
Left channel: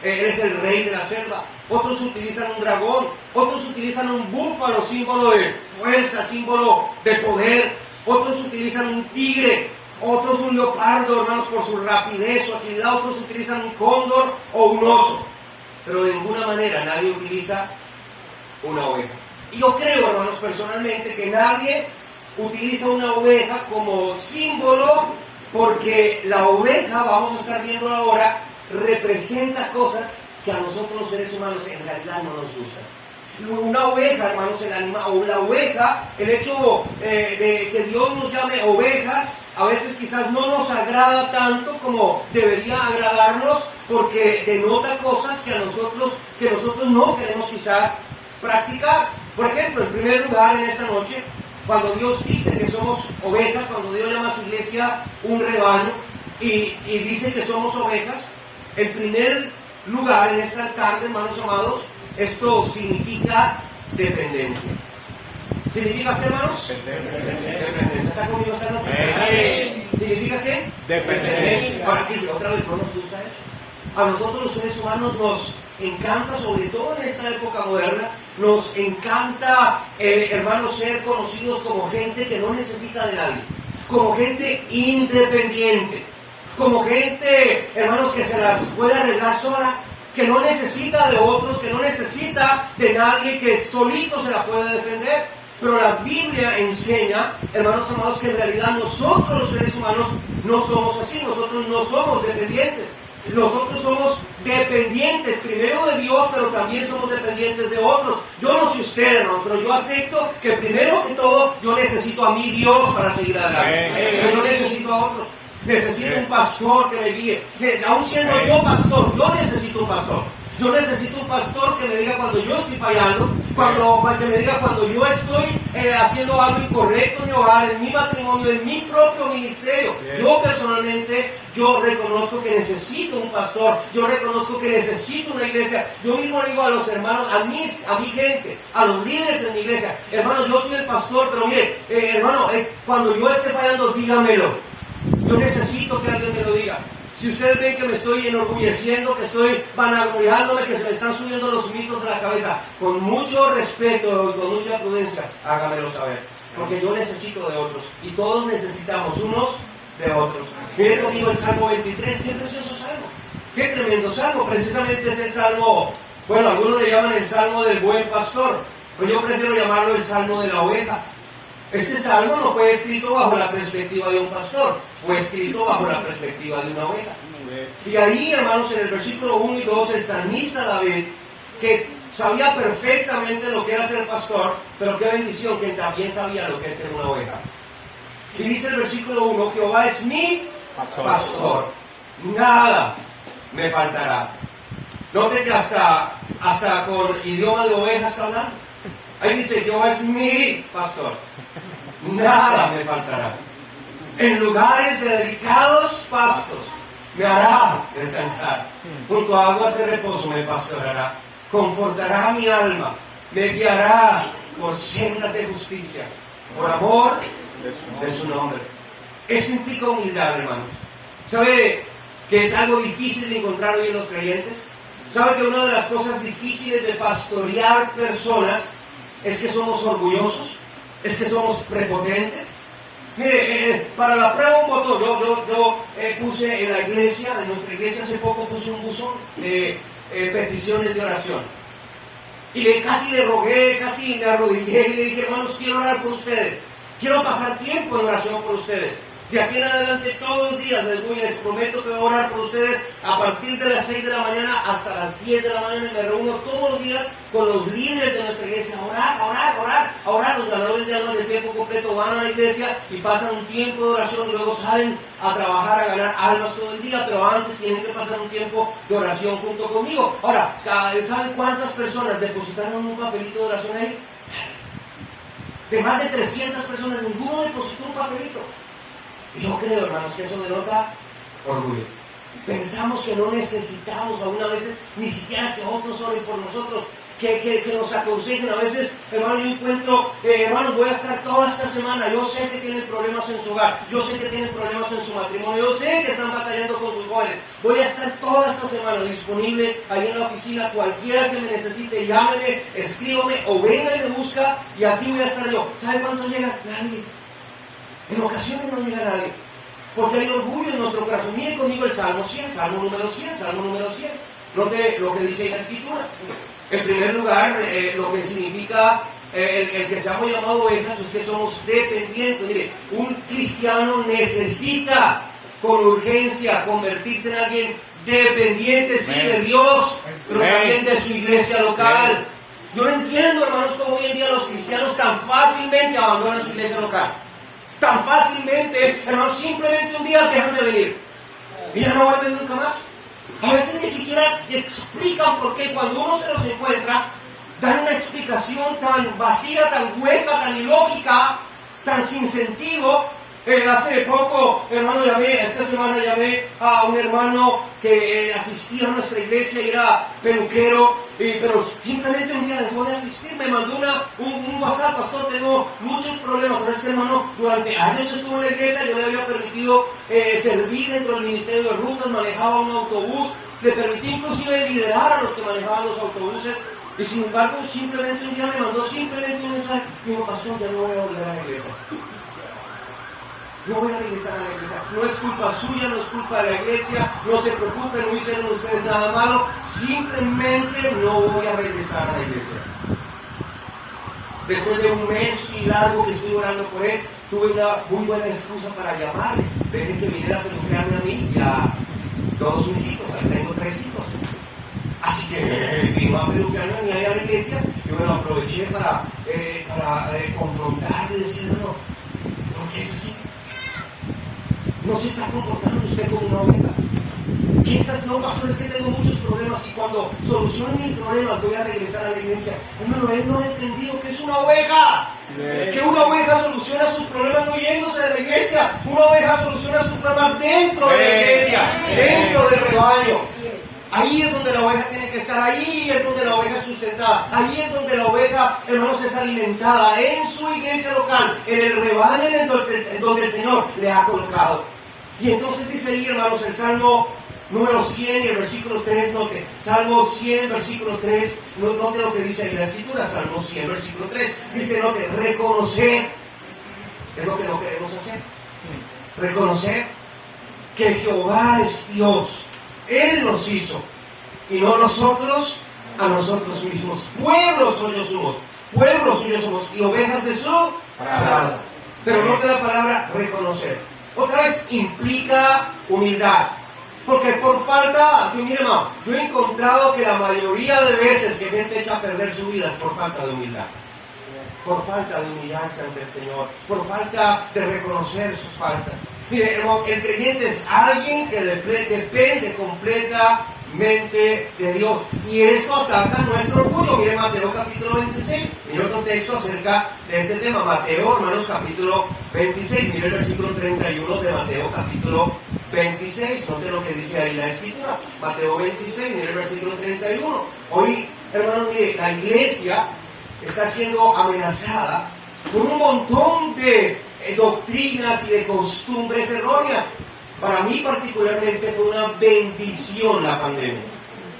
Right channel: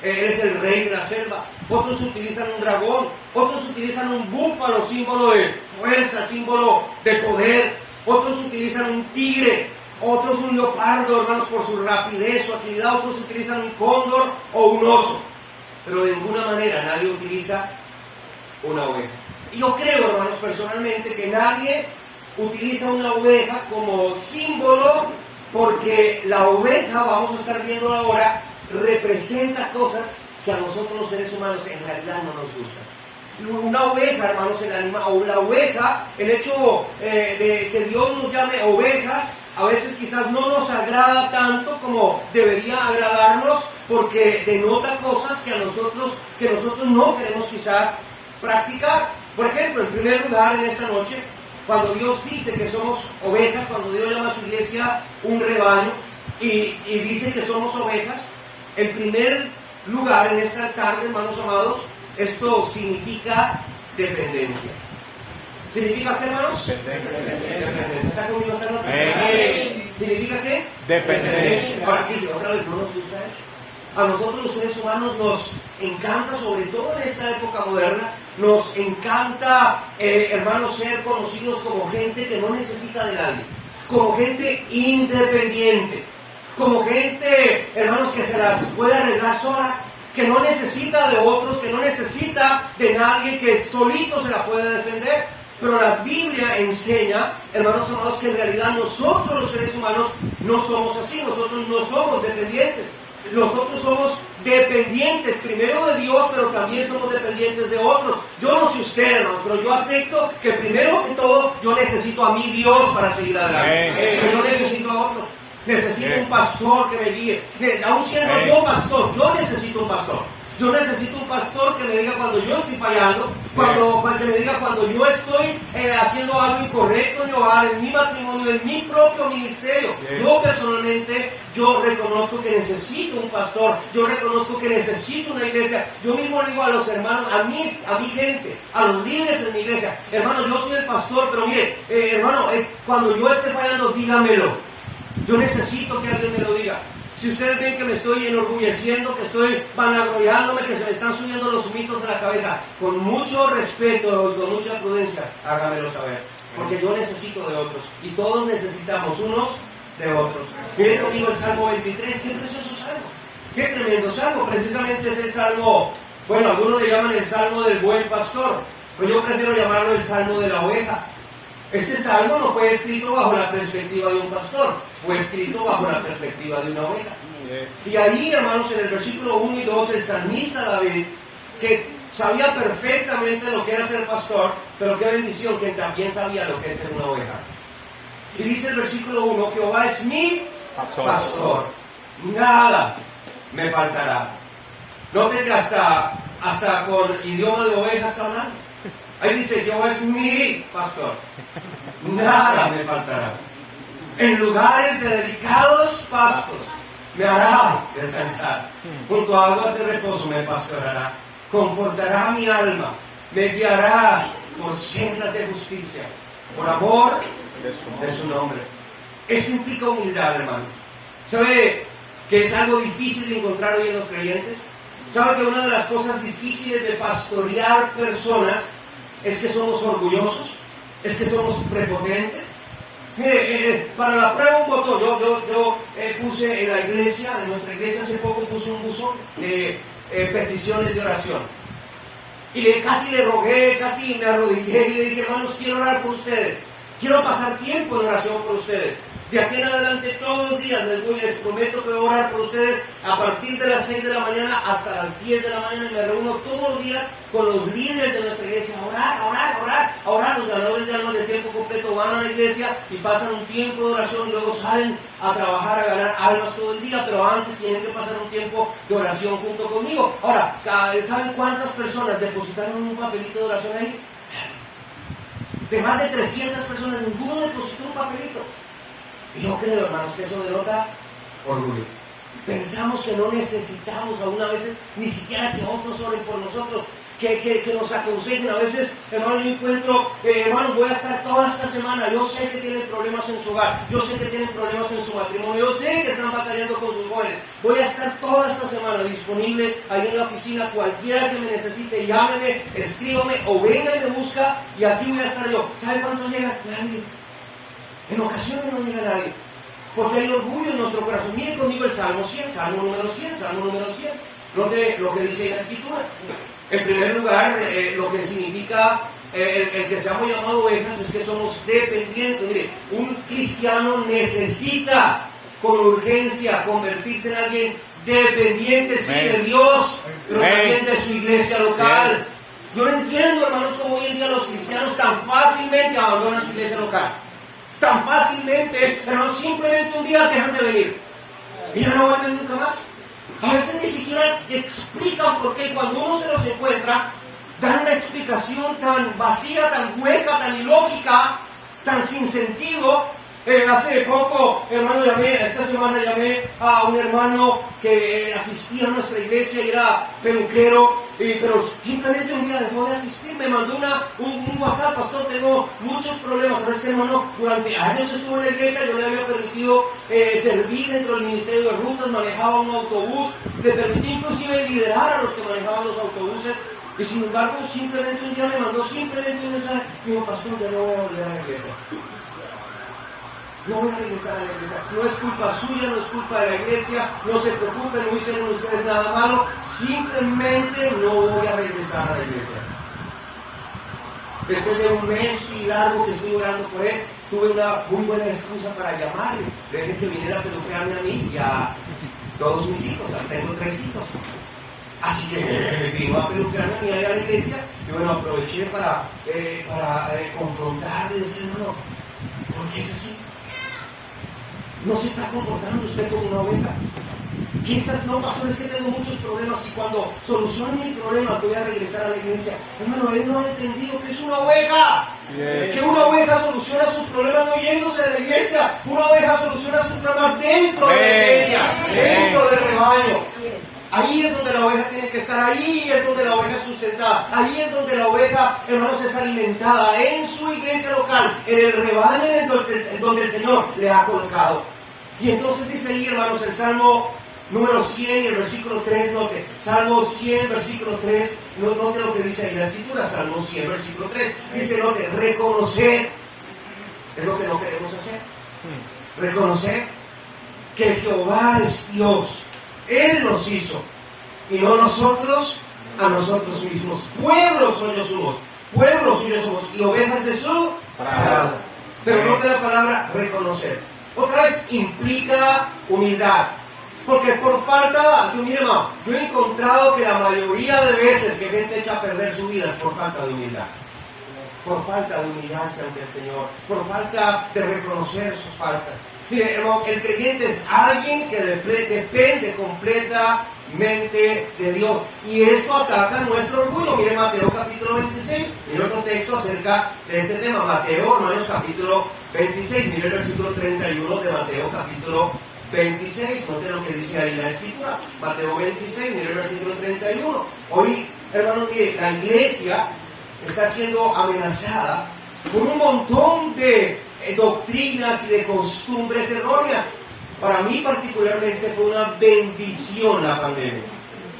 él es el rey de la selva. Otros utilizan un dragón, otros utilizan un búfalo, símbolo de fuerza, símbolo de poder. Otros utilizan un tigre, otros un leopardo, hermanos, por su rapidez, su agilidad. Otros utilizan un cóndor o un oso. Pero de ninguna manera nadie utiliza una oveja. Y yo creo, hermanos, personalmente, que nadie utiliza una oveja como símbolo, porque la oveja, vamos a estar viendo ahora, representa cosas que a nosotros los seres humanos en realidad no nos gustan. Una oveja, hermanos, la oveja, el hecho de que Dios nos llame ovejas, a veces quizás no nos agrada tanto como debería agradarnos, porque denota cosas que nosotros no queremos quizás practicar. Por ejemplo, en primer lugar, en esta noche, cuando Dios dice que somos ovejas, cuando Dios llama a su iglesia un rebaño y dice que somos ovejas, en primer lugar, en esta tarde, hermanos amados, esto significa dependencia. ¿Significa qué, hermanos? Dependencia. ¿Está conmigo esta noche? ¿Significa qué? Dependencia. Ahora, aquí otra vez no nos gusta eso. A nosotros los seres humanos nos encanta, sobre todo en esta época moderna, nos encanta, hermanos, ser conocidos como gente que no necesita de nadie, como gente independiente, como gente, hermanos, que se las puede arreglar sola, que no necesita de otros, que no necesita de nadie, que solito se la puede defender. Pero la Biblia enseña, hermanos amados, que en realidad nosotros los seres humanos no somos así, nosotros no somos dependientes. Nosotros somos dependientes primero de Dios, pero también somos dependientes de otros. Yo no sé usted, hermano, pero yo acepto que primero que todo yo necesito a mi Dios para seguir adelante. Pero yo necesito a otros. Necesito un pastor que me guíe. Aún siendo yo pastor, yo necesito un pastor. Yo necesito un pastor que me diga cuando yo estoy fallando, que me diga cuando yo estoy haciendo algo incorrecto en mi hogar, en mi matrimonio, en mi propio ministerio. Yo personalmente, yo reconozco que necesito un pastor, yo reconozco que necesito una iglesia. Yo mismo le digo a los hermanos, a mi gente, a los líderes de mi iglesia, hermanos, yo soy el pastor, pero mire, hermano, cuando yo esté fallando, dígamelo. Yo necesito que alguien me lo diga. Si ustedes ven que me estoy enorgulleciendo, que estoy vanagloriándome, que se me están subiendo los mitos a la cabeza, con mucho respeto y con mucha prudencia, hágamelo saber. Porque yo necesito de otros. Y todos necesitamos unos de otros. Miren conmigo el Salmo 23. Qué precioso salmo. Qué tremendo salmo. Precisamente es el salmo, bueno, algunos le llaman el salmo del buen pastor. Pero yo prefiero llamarlo el salmo de la oveja. Este salmo no fue escrito bajo la perspectiva de un pastor, fue escrito bajo la perspectiva de una oveja. Y ahí, hermanos, en el versículo 1 y 2, el salmista David, que sabía perfectamente lo que era ser pastor, pero qué bendición que él también sabía lo que es ser una oveja. Y dice el versículo 1, Jehová es mi pastor, nada me faltará. Note que hasta con idioma de oveja está hablando. Ahí dice, Jehová es mi pastor, nada me faltará. En lugares de delicados pastos me hará descansar. Junto a aguas de reposo me pastoreará. Confortará mi alma, me guiará por sendas de justicia, por amor de su nombre. Eso implica humildad, hermanos. ¿Sabe que es algo difícil de encontrar hoy en los creyentes? ¿Sabe que una de las cosas difíciles de pastorear personas es que somos orgullosos? ¿Es que somos prepotentes? Mire, para la prueba un botón, yo puse en la iglesia, en nuestra iglesia hace poco puse un buzón de peticiones de oración. Y casi le rogué, casi me arrodillé y le dije, hermanos, quiero orar por ustedes. Quiero pasar tiempo en oración por ustedes. De aquí en adelante, todos los días les prometo que voy a orar por ustedes a partir de las 6 de la mañana hasta las 10 de la mañana, y me reúno todos los días con los líderes de nuestra iglesia a orar. Los ganadores de almas de tiempo completo van a la iglesia y pasan un tiempo de oración, y luego salen a trabajar, a ganar almas todo el día, pero antes tienen que pasar un tiempo de oración junto conmigo. Ahora, ¿saben cuántas personas depositaron un papelito de oración ahí? De más de 300 personas, ninguno depositó un papelito. Yo creo, hermanos, que eso denota orgullo. Pensamos que no necesitamos aún a veces ni siquiera que otros oren por nosotros, que nos aconsejen. A veces, hermano, yo encuentro, hermanos, voy a estar toda esta semana. Yo sé que tienen problemas en su hogar, yo sé que tienen problemas en su matrimonio, yo sé que están batallando con sus jóvenes. Voy a estar toda esta semana disponible ahí en la oficina. Cualquiera que me necesite, llámeme, escríbame o venga y me busca, y aquí voy a estar yo. ¿Sabe cuánto llega? Nadie. En ocasiones no llega nadie, porque hay orgullo en nuestro corazón. Miren conmigo el Salmo 100, Salmo número 100. Lo que dice en la Escritura. En primer lugar, lo que significa el que seamos llamados ovejas es que somos dependientes. Mire, un cristiano necesita con urgencia convertirse en alguien dependiente, sí, de Dios, pero también de su iglesia local. Yo no entiendo, hermanos, cómo hoy en día los cristianos tan fácilmente abandonan su iglesia local. Tan fácilmente, hermanos, simplemente un día dejan de venir y ya no vuelven nunca más. A veces ni siquiera explican por qué. Cuando uno se los encuentra, dan una explicación tan vacía, tan hueca, tan ilógica, tan sin sentido. Hace poco, hermano, esta semana llamé a un hermano que asistía a nuestra iglesia y era peluquero, pero simplemente un día dejó de asistir. Me mandó un WhatsApp: pastor, tengo muchos problemas. Pero este hermano durante años estuvo en la iglesia, yo le había permitido servir dentro del ministerio de rutas, manejaba un autobús, le permití inclusive liderar a los que manejaban los autobuses, y sin embargo simplemente un día me mandó simplemente un mensaje: me dijo, pastor, ya no voy a volver a la iglesia. No voy a regresar a la iglesia. No es culpa suya, no es culpa de la iglesia. No se preocupen, no hicieron ustedes nada malo. Simplemente no voy a regresar a la iglesia. Después de un mes y largo que estoy orando por él, tuve una muy buena excusa para llamarle. Desde que viniera a peluquearme a mí y a todos mis hijos. Tengo 3 hijos. Así que vino a peluquearme a mí a la iglesia. Y bueno, aproveché para confrontarle y decirle: no, ¿por qué es así? ¿No se está comportando usted como una oveja? Quizás no, pastor, es que tengo muchos problemas y cuando solucione mis problemas voy a regresar a la iglesia. Hermano, él no ha entendido que es una oveja. Que una oveja soluciona sus problemas no yéndose de la iglesia. Una oveja soluciona sus problemas dentro de la iglesia, dentro del rebaño. Ahí es donde la oveja tiene que estar, ahí es donde la oveja es sustentada, ahí es donde la oveja, hermanos, es alimentada, en su iglesia local, en el rebaño en donde el Señor le ha colocado. Y entonces dice ahí, hermanos, el Salmo número 100 y el versículo 3, note, Salmo 100, versículo 3, note lo que dice ahí la Escritura, Salmo 100, versículo 3, dice, note, reconocer, es lo que no queremos hacer, reconocer que Jehová es Dios. Él nos hizo, y no nosotros a nosotros mismos. Pueblo suyos somos, y ovejas de su prado. Pero no de la palabra reconocer. Otra vez implica humildad. Porque por falta, mire, hermano, yo he encontrado que la mayoría de veces que gente echa a perder su vida es por falta de humildad. Por falta de humillancia ante el Señor, por falta de reconocer sus faltas. Mire, hermanos, el creyente es alguien que depende completamente de Dios. Y esto ataca nuestro orgullo. Mire Mateo capítulo 26. Mire otro texto acerca de este tema. Mateo, hermanos, capítulo 26. Mire el versículo 31 de Mateo capítulo 26. Note lo que dice ahí la Escritura. Mateo 26, mire el versículo 31. Hoy, hermanos, mire, la iglesia está siendo amenazada por un montón de doctrinas y de costumbres erróneas. Para mí particularmente fue una bendición la pandemia.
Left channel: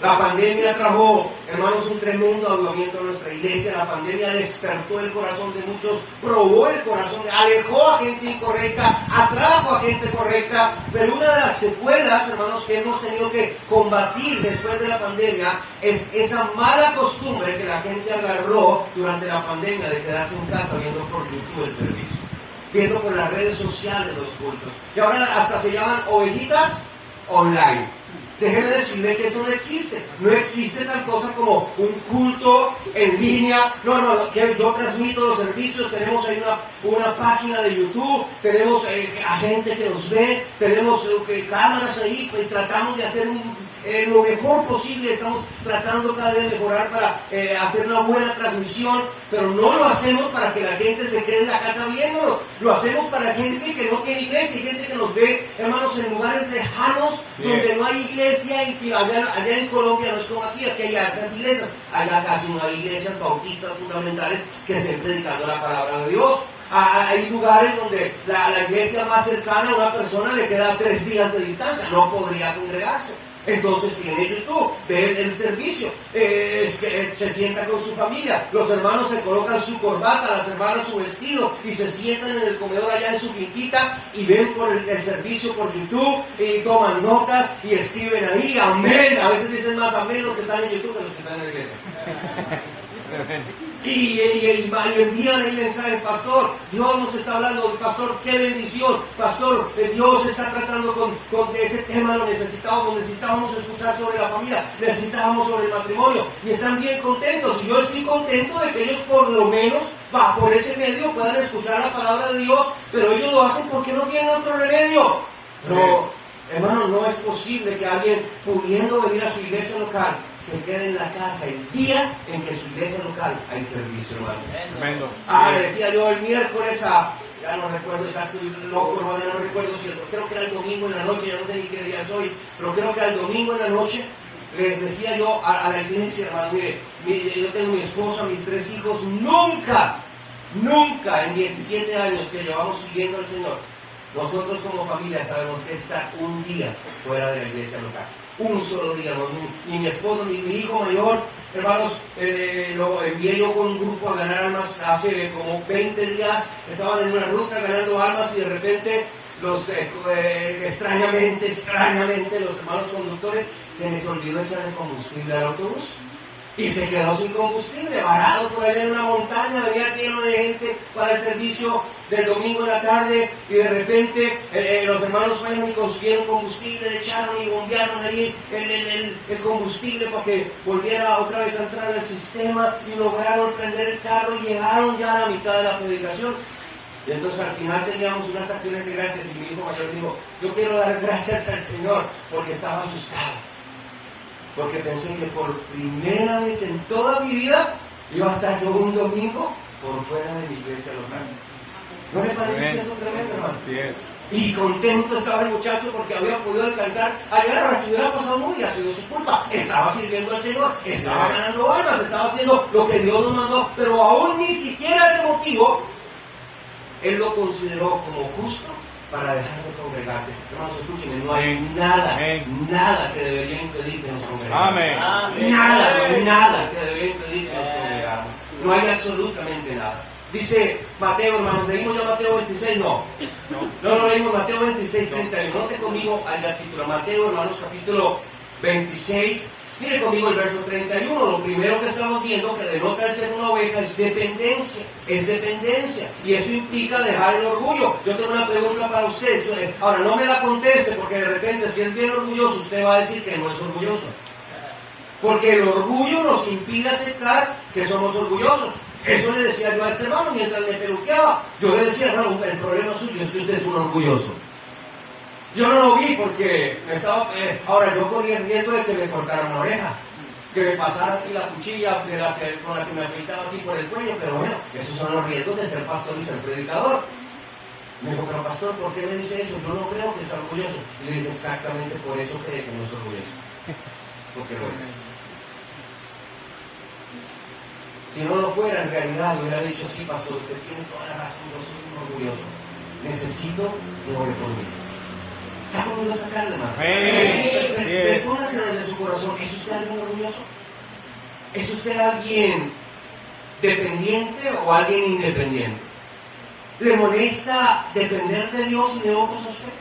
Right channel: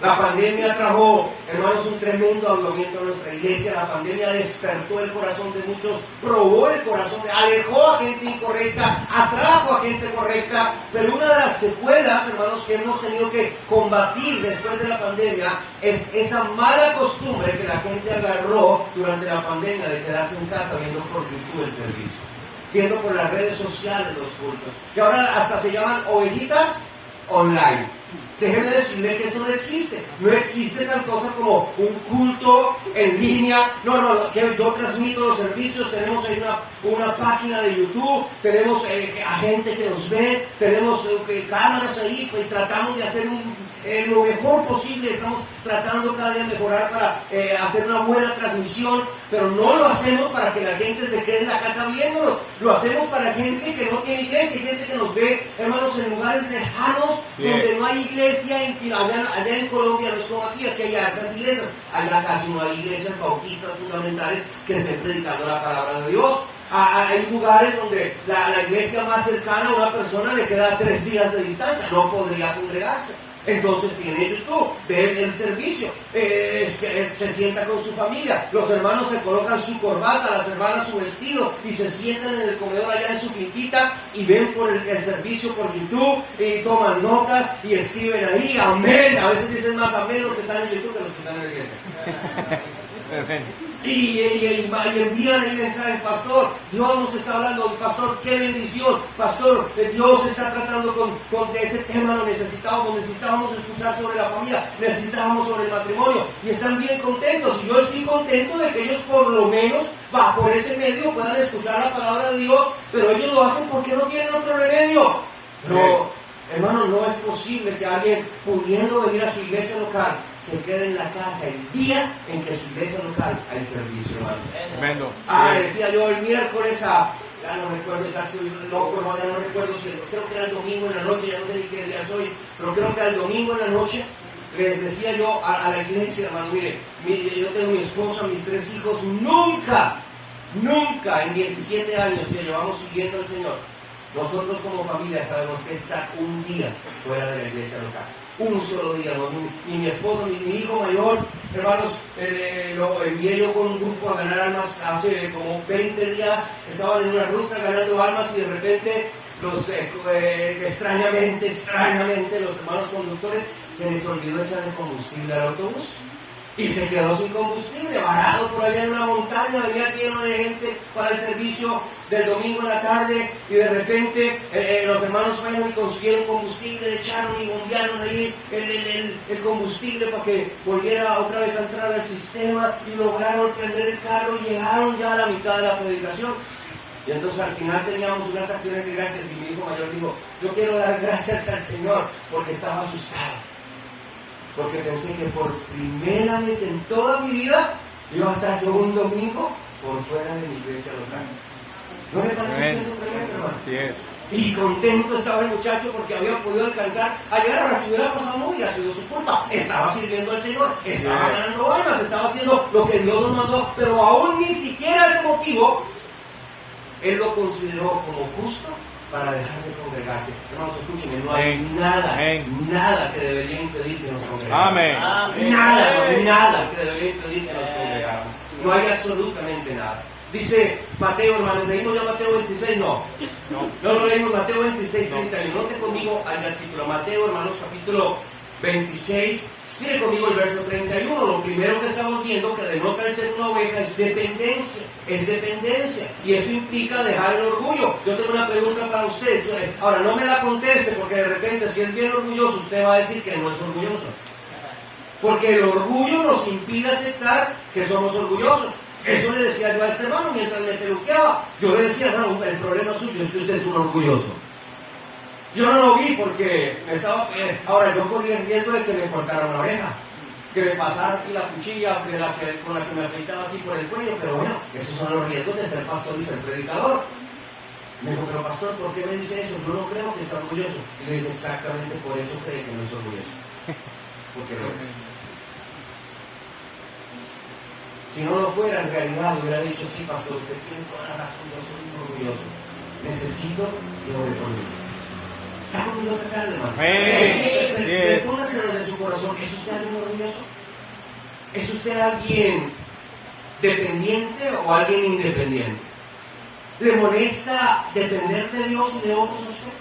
La pandemia trajo, hermanos, un tremendo avivamiento a nuestra iglesia. La pandemia despertó el corazón de muchos, probó el corazón, alejó a gente incorrecta, atrajo a gente correcta. Pero una de las secuelas, hermanos, que hemos tenido que combatir después de la pandemia es esa mala costumbre que la gente agarró durante la pandemia de quedarse en casa viendo por YouTube el servicio. viendo por las redes sociales los cultos. Y ahora hasta se llaman ovejitas online. Déjeme decirle que eso no existe. No existe tal cosa como un culto en línea. No, que yo transmito los servicios. Tenemos ahí una página de YouTube. Tenemos a gente que nos ve. Tenemos cámaras ahí. Pues tratamos de hacer lo mejor posible. Estamos tratando cada día de mejorar para hacer una buena transmisión. Pero no lo hacemos para que la gente se quede en la casa viéndonos. Lo hacemos para gente que no tiene iglesia. Gente que nos ve, hermanos, en lugares lejanos donde no hay iglesia. Allá en Colombia no es como aquí hay hartas iglesias. Allá casi no hay iglesias bautistas fundamentales que estén predicando la palabra de Dios. Hay lugares donde la iglesia más cercana a una persona le queda 3 días de distancia, no podría congregarse. Entonces tiene YouTube, ve el servicio, se sienta con su familia, los hermanos se colocan su corbata, las hermanas su vestido y se sientan en el comedor allá en su finquita y ven por el servicio por YouTube y toman notas y escriben ahí, amén. A veces dicen más amén los que están en YouTube que los que están en la iglesia. Y envían el mensaje, pastor, Dios nos está hablando, pastor, qué bendición, pastor, Dios está tratando con ese tema, lo necesitábamos escuchar sobre la familia, necesitábamos sobre el matrimonio, y están bien contentos, y yo estoy contento de que ellos por lo menos, por ese medio puedan escuchar la palabra de Dios, pero ellos lo hacen porque no tienen otro remedio. Pero, hermano, no es posible que alguien pudiendo venir a su iglesia local se quede en la casa el día en que su iglesia local hay servicio, hermano. Decía yo el miércoles ya no recuerdo, estoy loco, hermano, no recuerdo si creo que era el domingo en la noche, ya no sé ni qué día es hoy, pero creo que era el domingo en la noche. Les decía yo a la iglesia, hermano, mire, yo tengo mi esposa, mis 3 hijos, nunca en 17 años que llevamos siguiendo al Señor, nosotros como familia sabemos que estar un día fuera de la iglesia local. Un solo día, ni mi esposo, ni mi hijo mayor, hermanos, lo envié yo con un grupo a ganar almas hace como 20 días, estaban en una ruta ganando almas y de repente extrañamente los hermanos conductores se les olvidó echarle combustible al autobús. Y se quedó sin combustible, varado por allá en una montaña, venía lleno de gente para el servicio del domingo en la tarde, y de repente los hermanos fueron y consiguieron combustible, echaron y bombearon ahí el combustible para que volviera otra vez a entrar al sistema, y lograron prender el carro y llegaron ya a la mitad de la predicación. Y entonces al final teníamos unas acciones de gracias, y mi hijo mayor dijo, yo quiero dar gracias al Señor porque estaba asustado. Porque pensé que por primera vez en toda mi vida iba a estar yo un domingo por fuera de mi iglesia local. ¿No me parece eso tremendo, hermano? Así es. Y contento estaba el muchacho porque había podido alcanzar a llegar. Si hubiera pasado muy, ha sido su culpa. Estaba sirviendo al Señor, estaba ganando almas, estaba haciendo lo que Dios nos mandó, pero aún ni siquiera ese motivo él lo consideró como justo para dejar de congregarse. Hermanos, escúchenme, no hay nada que debería impedir que nos congregamos. Nada que debería impedir que nos congregamos. No hay absolutamente nada. Dice Mateo, hermanos, leímos ya Mateo 26, no leímos Mateo 26, 31. Note conmigo en la escritura, Mateo, hermanos, capítulo 26. Mire conmigo el verso 31, lo primero que estamos viendo que denota el ser una oveja es dependencia, y eso implica dejar el orgullo. Yo tengo una pregunta para usted, ahora no me la conteste porque de repente si es bien orgulloso usted va a decir que no es orgulloso, porque el orgullo nos impide aceptar que somos orgullosos. Eso le decía yo a este hermano mientras me peluqueaba. Yo le decía, hermano, el problema suyo es que usted es un orgulloso. Yo no lo vi porque me estaba... ahora yo corría el riesgo de que me cortaran una oreja, que me pasara aquí la cuchilla con la que me afeitaba aquí por el cuello, pero bueno, esos son los riesgos de ser pastor y ser predicador. Me dijo, pero pastor, ¿por qué me dice eso? Yo no creo que sea orgulloso. Y le dije, exactamente por eso cree que no es orgulloso. Porque lo es. Si no lo fuera, en realidad hubiera dicho, sí, pastor, usted tiene toda la razón, yo soy un orgulloso. Necesito que ore conmigo. ¿Está conmigo esa carne, hermano? Respóndaselo desde su corazón. ¿Es usted alguien orgulloso? ¿Es usted alguien dependiente o alguien independiente? ¿Le molesta depender de Dios y de otros a usted?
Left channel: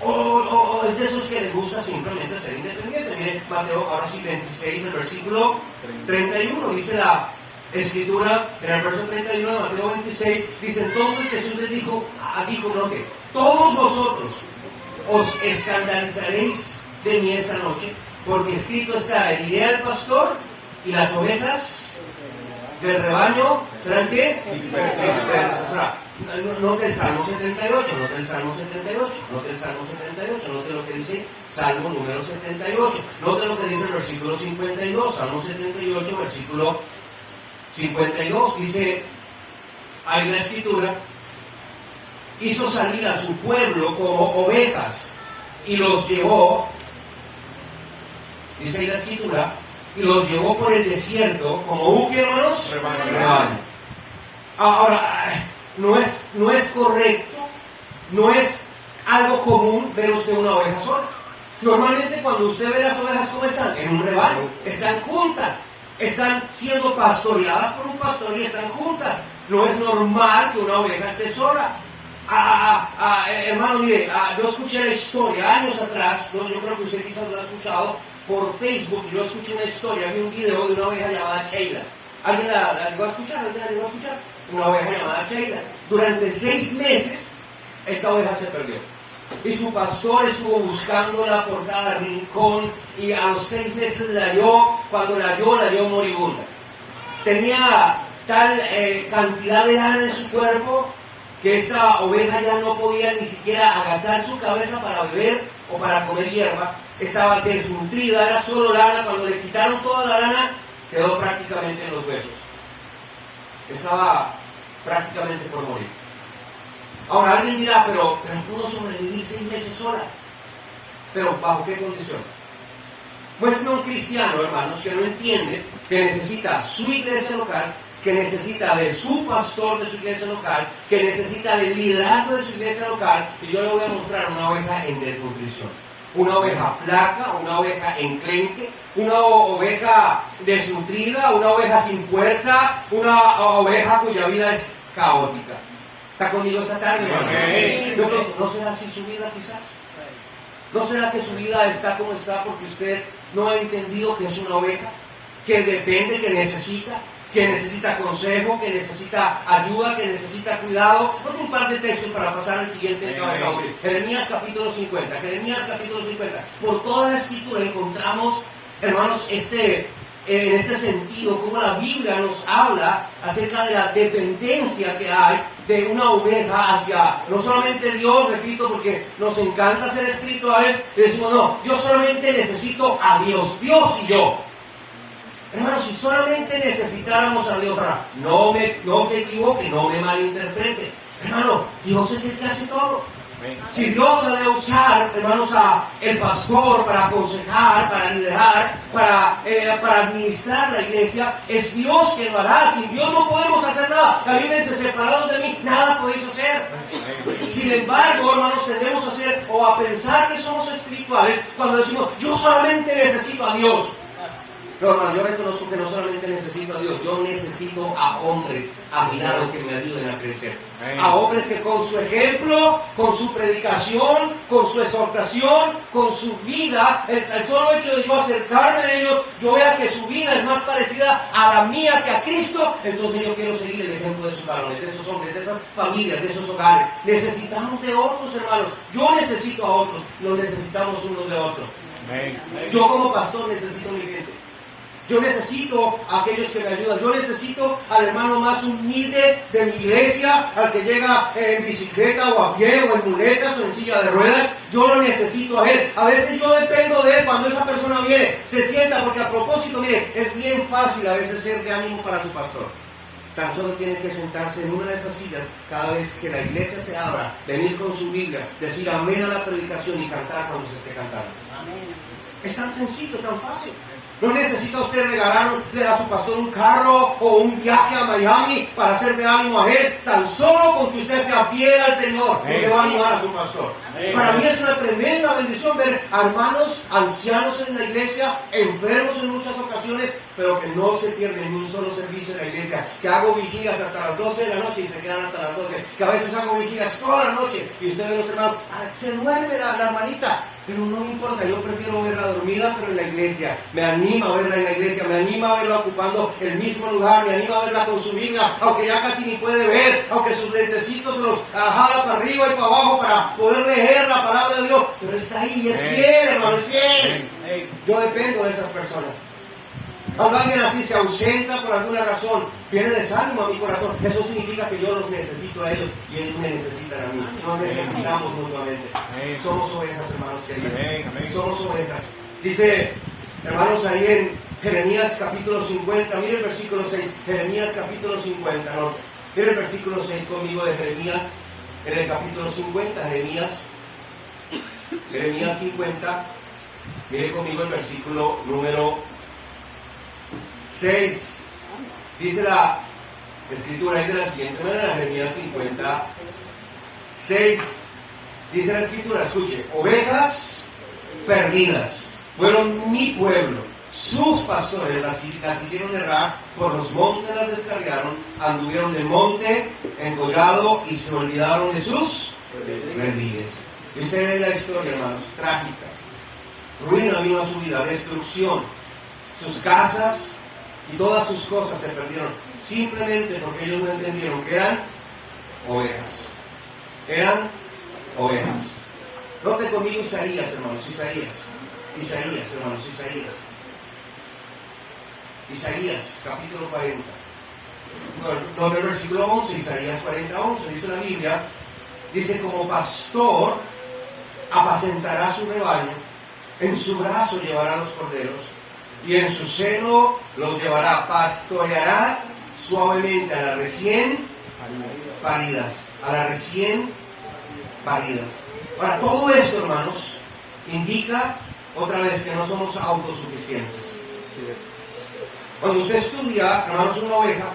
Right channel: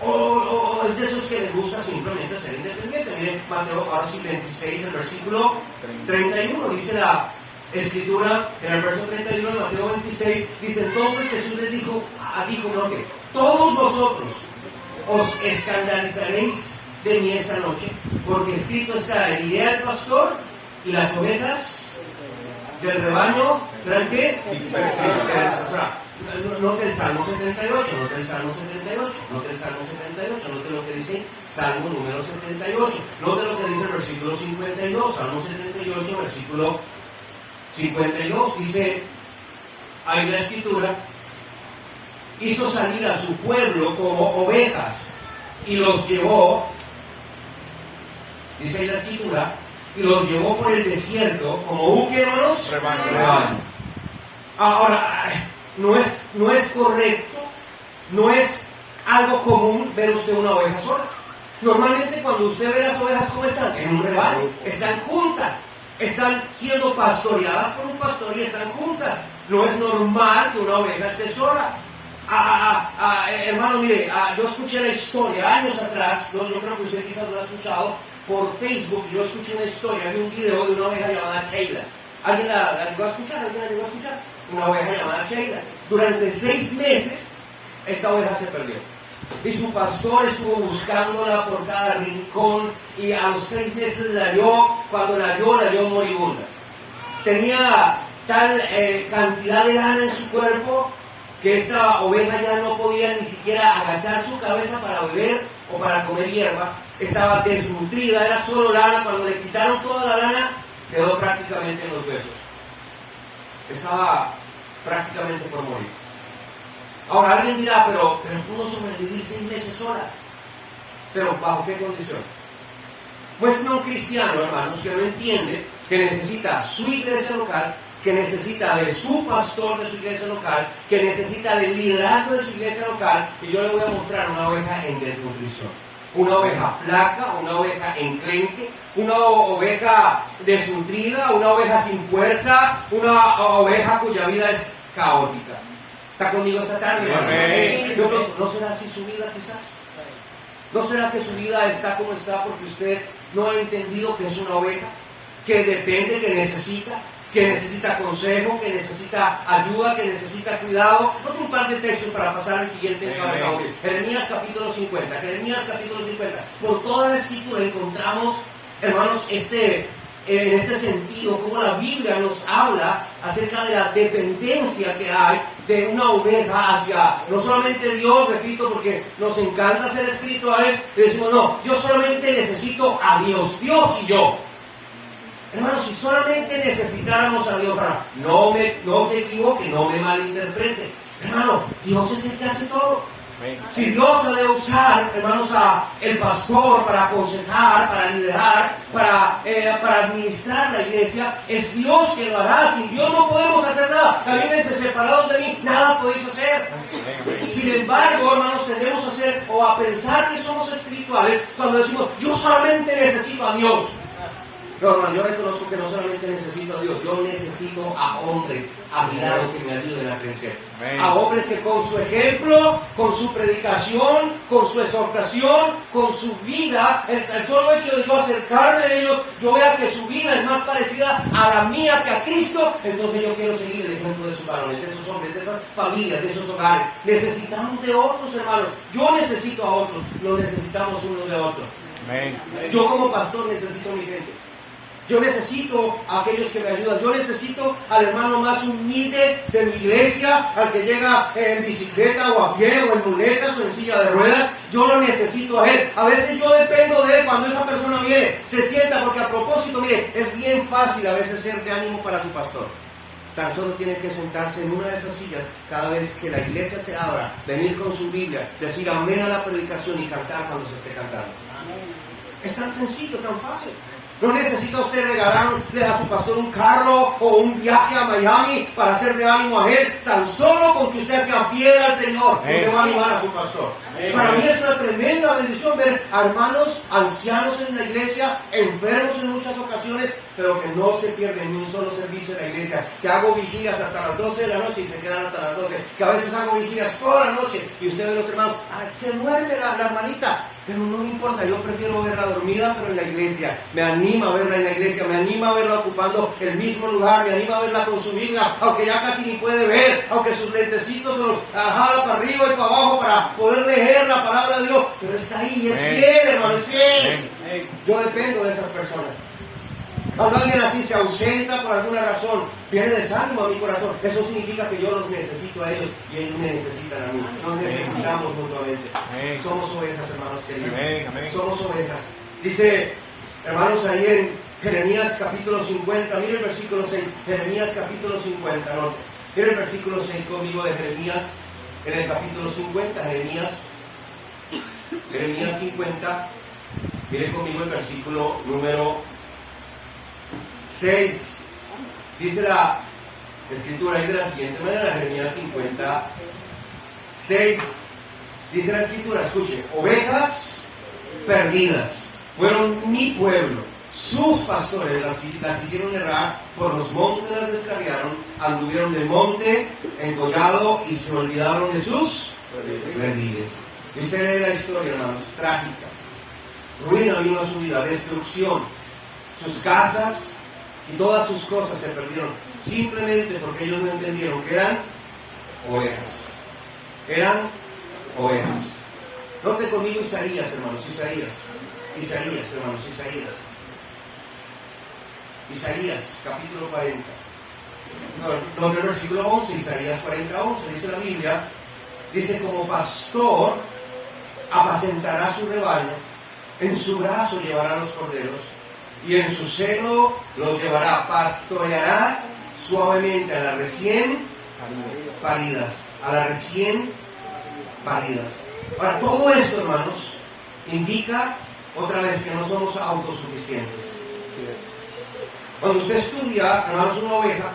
¿O es de esos que les gusta simplemente ser independiente? Mire, Mateo, ahora sí, 26, el versículo 31, dice escritura, en el verso 31 de Mateo 26, dice: entonces Jesús les dijo, no, que todos vosotros os escandalizaréis de mí esta noche, porque escrito está: heriré al pastor y las ovejas del rebaño serán ¿qué? Dispersas. O sea, note el Salmo 78, note el Salmo 78, note el Salmo 78, note lo que dice Salmo número 78, note lo que dice el versículo 52, Salmo 78, versículo 52, dice ahí la escritura: hizo salir a su pueblo como ovejas y los llevó, dice ahí la escritura, y los llevó por el desierto como un rebaño. Ahora, no es correcto, no es algo común ver usted una oveja sola. Normalmente cuando usted ve las ovejas, ¿cómo están? En un rebaño, están juntas, están siendo pastoreadas por un pastor y están juntas. No es normal que una oveja esté sola. Hermano, mire, yo escuché la historia años atrás, yo creo que usted quizás lo ha escuchado por Facebook. Yo escuché una historia, vi un video de una oveja llamada Sheila. ¿Alguien la llegó a escuchar? ¿Alguien la llegó a escuchar? Una oveja llamada Sheila. Durante 6 meses esta oveja se perdió y su pastor estuvo buscándola por cada rincón, y a los 6 meses la halló. Cuando la halló moribunda. Tenía tal cantidad de lana en su cuerpo que esta oveja ya no podía ni siquiera agachar su cabeza para beber o para comer hierba. Estaba desnutrida, era solo lana. Cuando le quitaron toda la lana, quedó prácticamente en los huesos. Estaba prácticamente por morir. Ahora alguien dirá, pero pudo sobrevivir 6 meses sola. ¿Pero bajo qué condición? Muéstrame un cristiano, hermanos, que no entiende que necesita su iglesia local, que necesita de su pastor de su iglesia local, que necesita del liderazgo de su iglesia local, y yo le voy a mostrar una oveja en desnutrición. Una oveja flaca, una oveja enclenque, una oveja desnutrida, una oveja sin fuerza, una oveja cuya vida es caótica. ¿Está conmigo esta tarde, hermano? ¿No será así su vida quizás? ¿No será que su vida está como está porque usted no ha entendido que es una oveja, que depende, que necesita consejo, que necesita ayuda, que necesita cuidado? Otro un par de textos para pasar al siguiente encabezado. Jeremías capítulo 50. Por toda la escritura encontramos, hermanos, en este sentido, como la Biblia nos habla acerca de la dependencia que hay de una oveja hacia, no solamente Dios, repito, porque nos encanta ser espirituales, y decimos, no, yo solamente necesito a Dios y yo. Hermanos, si solamente necesitáramos a Dios, ahora, no se equivoque, no me malinterprete. Hermano, Dios es el que hace todo. Si Dios ha de usar, hermanos, a el pastor para aconsejar, para liderar, para administrar la iglesia, es Dios que lo hará. Sin Dios no podemos hacer nada. La Biblia dice: separados de mí, nada podéis hacer. Sin embargo, hermanos, tendemos a hacer o a pensar que somos espirituales cuando decimos: yo solamente necesito a Dios. No, hermano, yo reconozco que no solamente necesito a Dios, yo necesito a hombres admirados que me ayuden a crecer. A hombres que con su ejemplo, con su predicación, con su exhortación, con su vida, el solo hecho de yo acercarme a ellos, yo vea que su vida es más parecida a la mía que a Cristo. Entonces yo quiero seguir el ejemplo de sus varones, de esos hombres, de esas familias, de esos hogares. Necesitamos de otros, hermanos. Yo necesito a otros, los necesitamos unos de otros. Yo como pastor necesito a mi gente. Yo necesito a aquellos que me ayudan. Yo necesito al hermano más humilde de mi iglesia, al que llega en bicicleta o a pie o en muletas o en silla de ruedas. Yo lo necesito a él. A veces yo dependo de él cuando esa persona viene, se sienta, porque a propósito, mire, es bien fácil a veces ser de ánimo para su pastor. Tan solo tiene que sentarse en una de esas sillas cada vez que la iglesia se abra, venir con su Biblia, decir amén a la predicación y cantar cuando se esté cantando. Es tan sencillo, tan fácil. No necesita usted regalarle a su pastor un carro o un viaje a Miami para hacer de ánimo a él. Tan solo con que usted sea fiel al Señor, usted va a animar a su pastor. Para mí es una tremenda bendición ver a hermanos ancianos en la iglesia, enfermos en muchas ocasiones, pero que no se pierden ni un solo servicio en la iglesia. Que hago vigilias hasta las 12 de la noche y se quedan hasta las 12. Que a veces hago vigilias toda la noche y usted ve a los hermanos, se mueve la hermanita. Pero no me importa, yo prefiero verla dormida, pero en la iglesia. Me anima a verla en la iglesia, me anima a verla ocupando el mismo lugar, me anima a verla con su Biblia, aunque ya casi ni puede ver, aunque sus lentecitos se los jala para arriba y para abajo para poder leer la palabra de Dios. Pero está ahí, es fiel, hermano, es fiel. Yo dependo de esas personas. Cuando alguien así se ausenta por alguna razón, viene desánimo a mi corazón. Eso significa que yo los necesito a ellos y ellos me necesitan a mí. Nos necesitamos mutuamente. Somos ovejas, hermanos queridos. Somos ovejas. Dice, hermanos, ahí en Jeremías capítulo 50, mire el versículo 6. Jeremías capítulo 50, no. Mire el versículo 6 conmigo de Jeremías, en el capítulo 50, Jeremías 50. Mire conmigo el versículo número 6. Dice la escritura ahí de la siguiente manera, Jeremías 50, 6. Dice la escritura, escuche: ovejas perdidas fueron mi pueblo, sus pastores las hicieron errar, por los montes las descarriaron, anduvieron de monte en collado y se olvidaron de sus redines. Y usted lee la historia, hermanos, trágica. Ruina vino a su vida, destrucción. Sus casas y todas sus cosas se perdieron, simplemente porque ellos no entendieron que eran ovejas. Eran ovejas. Note conmigo Isaías, hermanos, Isaías, hermanos, Isaías, capítulo 40. No, el versículo 11, Isaías 40, 11, dice la Biblia, dice: como pastor apacentará su rebaño, en su brazo llevará los corderos, y en su seno los llevará, pastoreará suavemente a las recién paridas, Ahora, todo esto, hermanos, indica otra vez que no somos autosuficientes. Cuando usted estudia, hermanos, una oveja,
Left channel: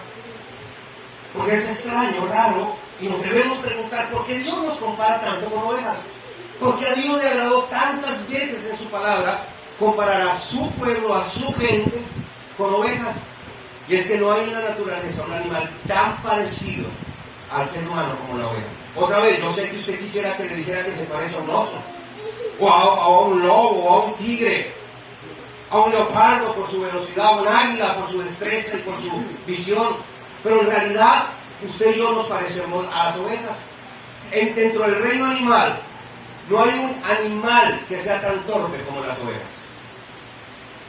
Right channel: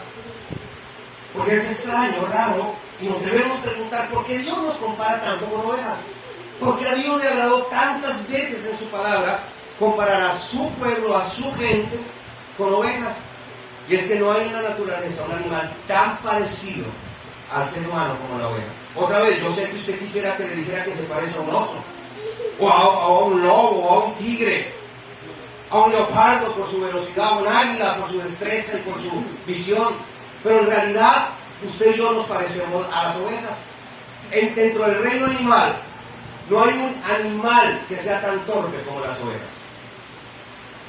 porque es extraño, raro, y nos debemos preguntar por qué Dios nos compara tanto con ovejas. Porque a Dios le agradó tantas veces en su palabra comparar a su pueblo, a su gente, con ovejas. Y es que no hay en la naturaleza un animal tan parecido al ser humano como la oveja. Otra vez, yo sé que usted quisiera que le dijera que se parece a un oso, o a un lobo, o a un tigre, a un leopardo por su velocidad, a un águila por su destreza y por su visión. Pero en realidad, usted y yo nos parecemos a las ovejas. Dentro del reino animal, no hay un animal que sea tan torpe como las ovejas.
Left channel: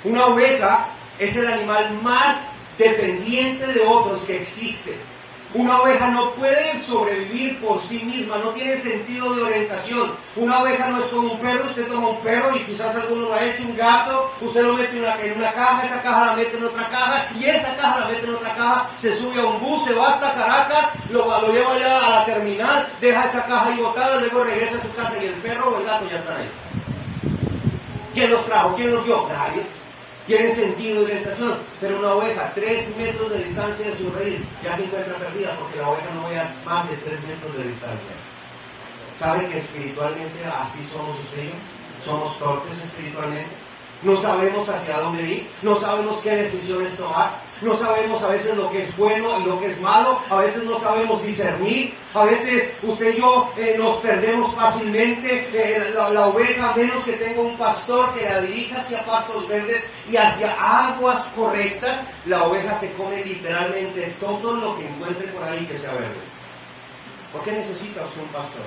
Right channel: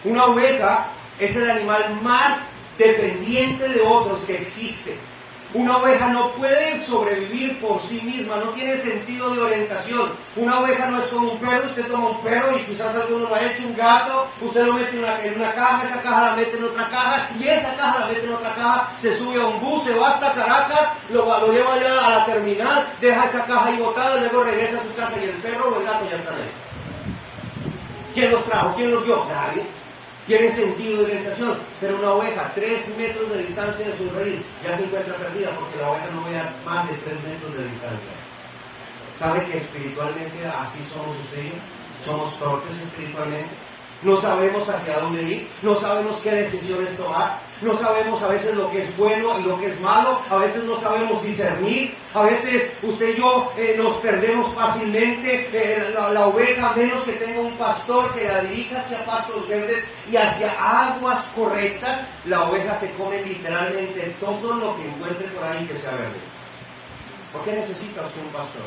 Una oveja es el animal más dependiente de otros que existe. Una oveja no puede sobrevivir por sí misma, no tiene sentido de orientación. Una oveja no es como un perro. Usted toma un perro y quizás alguno lo ha hecho, un gato, usted lo mete en una caja, esa caja la mete en otra caja, y esa caja la mete en otra caja, se sube a un bus, se va hasta Caracas, lo lleva allá a la terminal, deja esa caja ahí botada, luego regresa a su casa y el perro o el gato ya están ahí. ¿Quién los trajo? ¿Quién los dio? Nadie. Tiene sentido de orientación, pero una oveja, 3 metros de distancia de su redil, ya se encuentra perdida, porque la oveja no ve a más de 3 metros de distancia. ¿Sabe que espiritualmente así somos usted y yo? Somos torpes espiritualmente. No sabemos hacia dónde ir, no sabemos qué decisiones tomar, no sabemos a veces lo que es bueno y lo que es malo, a veces no sabemos discernir, a veces usted y yo nos perdemos fácilmente. La oveja, a menos que tenga un pastor que la dirija hacia pastos verdes y hacia aguas correctas, la oveja se come literalmente todo lo que encuentre por ahí que sea verde. ¿Por qué necesita usted un pastor?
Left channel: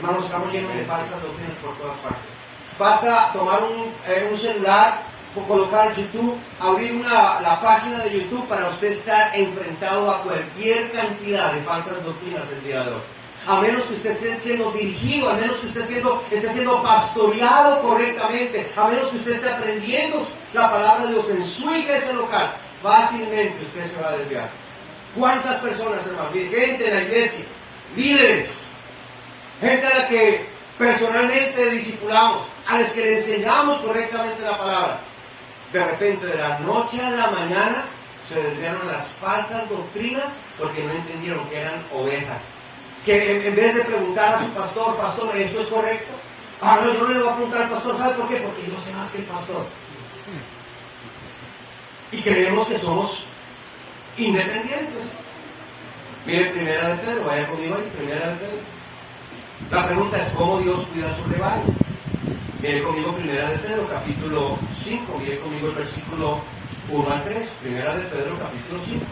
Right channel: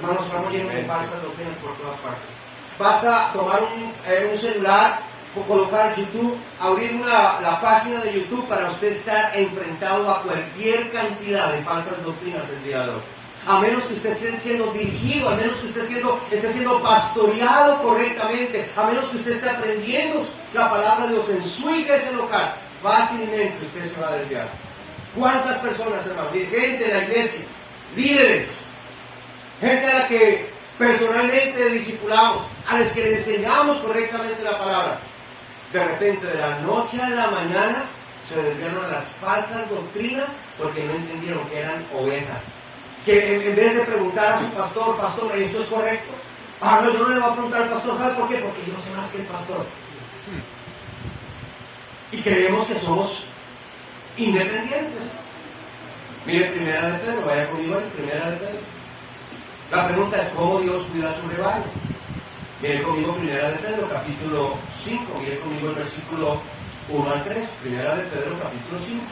Hermanos, estamos llenos de falsas doctrinas por todas partes. Basta tomar un celular, colocar YouTube, abrir la página de YouTube para usted estar enfrentado a cualquier cantidad de falsas doctrinas el día de hoy. A menos que usted esté siendo dirigido, a menos que usted esté siendo pastoreado correctamente, a menos que usted esté aprendiendo la palabra de Dios en su iglesia local, fácilmente usted se va a desviar. ¿Cuántas personas, hermanos? Gente en la iglesia, líderes, gente a la que personalmente discipulamos, a los que le enseñamos correctamente la palabra, de repente de la noche a la mañana se desviaron a las falsas doctrinas porque no entendieron que eran ovejas. Que en vez de preguntar a su pastor, ¿esto es correcto? Ah, no, yo no le voy a preguntar al pastor, ¿sabe por qué? Porque yo sé más que el pastor. Y creemos que somos independientes. Mire, Primera de Pedro, vaya conmigo ahí, Primera de Pedro. La pregunta es: ¿cómo Dios cuida su rebaño? Miren conmigo Primera de Pedro, capítulo 5. Miren conmigo el versículo 1 al 3. Primera de Pedro, capítulo 5.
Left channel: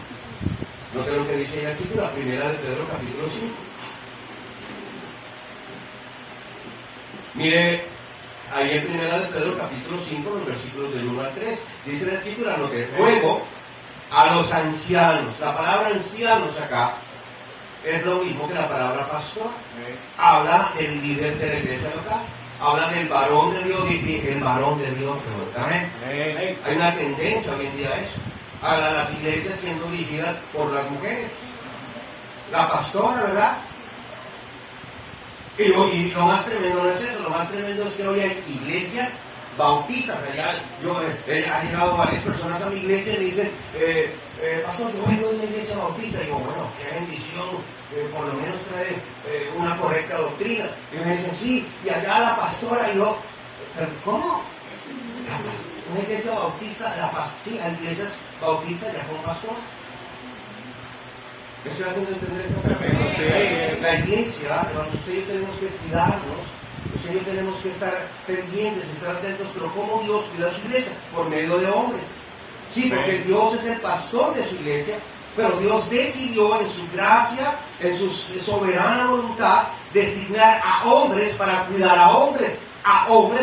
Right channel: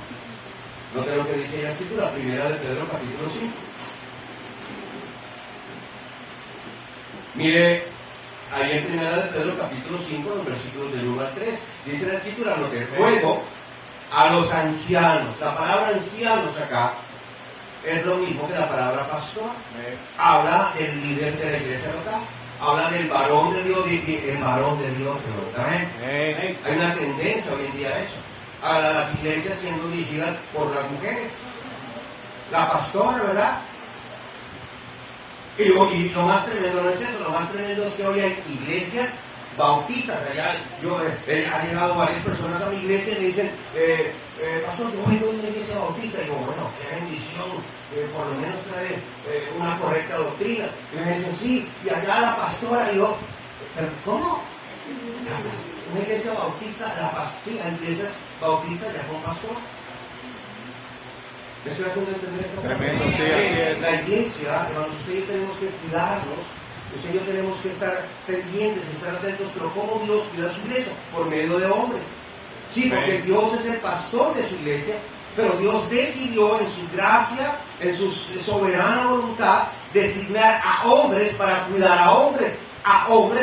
Noten lo que dice la Escritura. Primera de Pedro, capítulo 5. Mire, ahí en Primera de Pedro, capítulo 5, los versículos del 1 al 3. Dice la Escritura, noten, ruego a los ancianos. La palabra ancianos acá es lo mismo que la palabra pastor. Habla del líder de la iglesia local. Habla del varón de Dios y el varón de Dios. ¿Amén? Hay una tendencia hoy en día a eso. A las iglesias siendo dirigidas por las mujeres. La pastora, ¿verdad? Y lo más tremendo no es eso. Lo más tremendo es que hoy hay iglesias bautistas. Han llegado varias personas a mi iglesia y me dicen, pastor, yo vengo de una iglesia bautista. Y digo, bueno, qué bendición, por lo menos trae una correcta doctrina. Y me dicen, sí, y acá la pastora. Y yo, ¿pero cómo? Una iglesia bautista, sí, hay iglesias bautistas ya con pastor. ¿Me estoy haciendo entender esa tremenda? La iglesia, hermanos, usted y yo tenemos que cuidarnos. Usted y yo tenemos que estar pendientes, estar atentos, pero ¿cómo Dios cuida su iglesia? Por medio de hombres. Sí, porque Dios es el pastor de su iglesia, pero Dios decidió en su gracia, en su soberana voluntad, designar a hombres para cuidar a hombres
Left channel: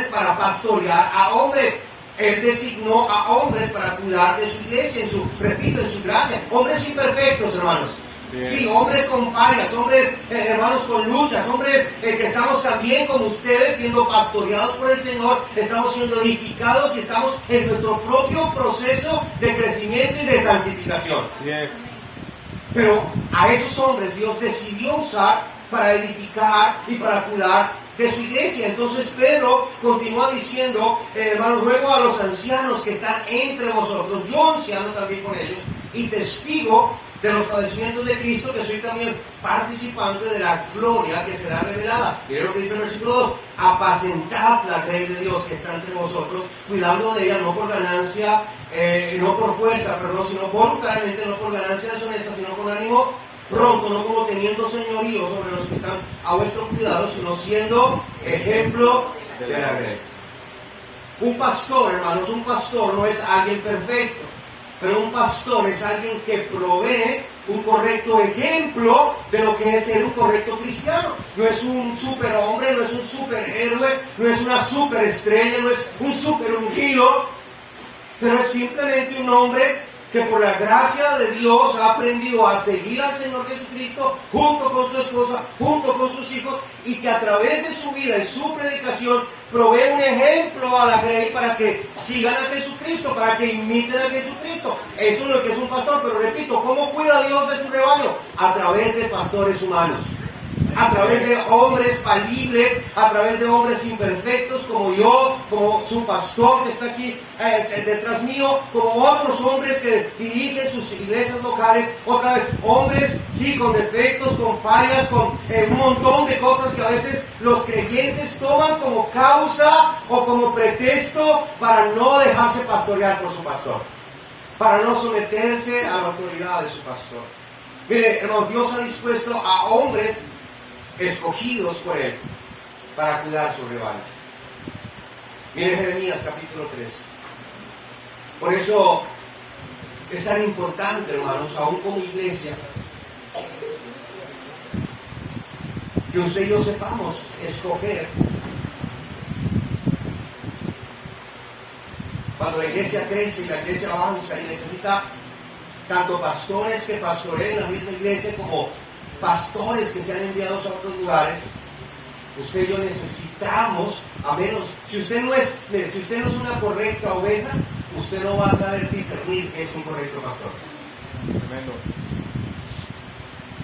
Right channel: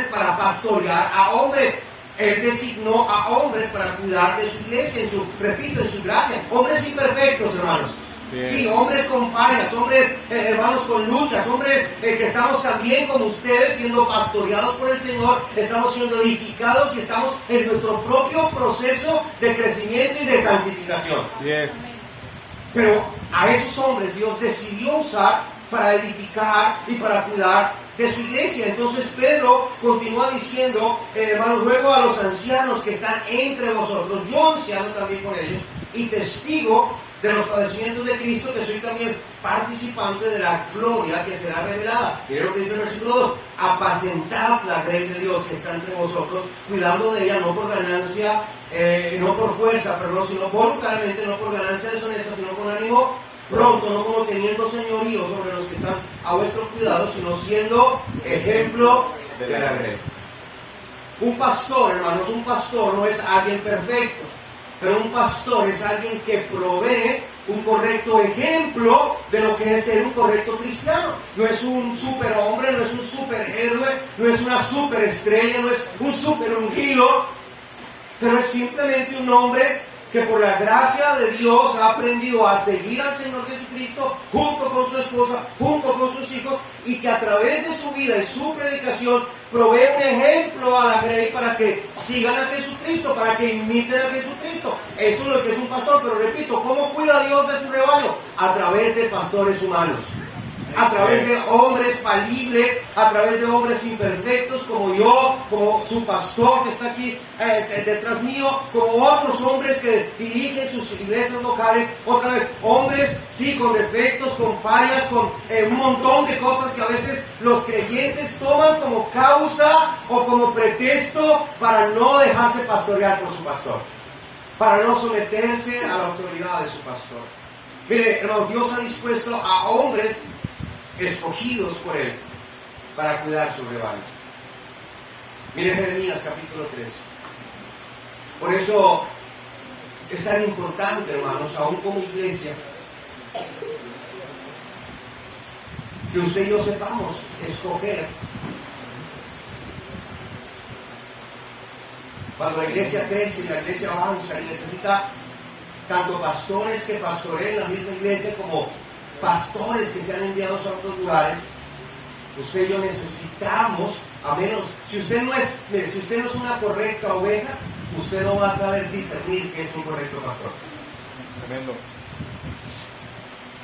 para pastorear a hombres. Él designó a hombres para cuidar de su iglesia, en su gracia. Hombres imperfectos, hermanos. Bien. Sí, hombres con fallas, hombres, hermanos, con luchas, hombres que estamos también como ustedes siendo pastoreados por el Señor, estamos siendo edificados y estamos en nuestro propio proceso de crecimiento y de santificación. Yes. Pero a esos hombres Dios decidió usar para edificar y para cuidar de su iglesia. Entonces Pedro continúa diciendo, hermanos, ruego a los ancianos que están entre vosotros, yo anciano también con ellos, y testigo de los padecimientos de Cristo, que soy también participante de la gloria que será revelada. Miren lo que dice el versículo 2, apacentad la grey de Dios que está entre vosotros, cuidando de ella, no por ganancia, no por fuerza, perdón, sino voluntariamente, no por ganancia deshonesta, sino con ánimo pronto, no como teniendo señorío sobre los que están a vuestro cuidado, sino siendo ejemplo de la grey. Un pastor, hermanos, un pastor no es alguien perfecto, pero un pastor es alguien que provee un correcto ejemplo de lo que es ser un correcto cristiano. No es un superhombre, no es un superhéroe, no es una superestrella, no es un super ungido, pero es simplemente un hombre que por la gracia de Dios ha aprendido a seguir al Señor Jesucristo junto con su esposa, junto con sus hijos, y que a través de su vida y su predicación provee un ejemplo a la grey para que sigan a Jesucristo, para que imiten a Jesucristo. Eso es lo que es un pastor, pero repito, ¿cómo cuida Dios de su rebaño? A través de pastores humanos. A través de hombres falibles, a través de hombres imperfectos como yo, como su pastor que está aquí detrás mío, como otros hombres que dirigen sus iglesias locales, otra vez, hombres, sí, con defectos, con fallas, con un montón de cosas que a veces los creyentes toman como causa o como pretexto para no dejarse pastorear por su pastor, para no someterse a la autoridad de su pastor. Mire, hermanos, Dios ha dispuesto a hombres escogidos por Él para cuidar su rebaño. Mire Jeremías capítulo 3. Por eso es tan importante, hermanos, aún como iglesia, que usted y yo sepamos escoger. Cuando la iglesia crece y la iglesia avanza y necesita tanto pastores que pastoreen la misma iglesia como pastores que sean enviados a otros lugares, usted y yo necesitamos, a menos, si usted no es una correcta oveja, usted no va a saber discernir que es un correcto pastor.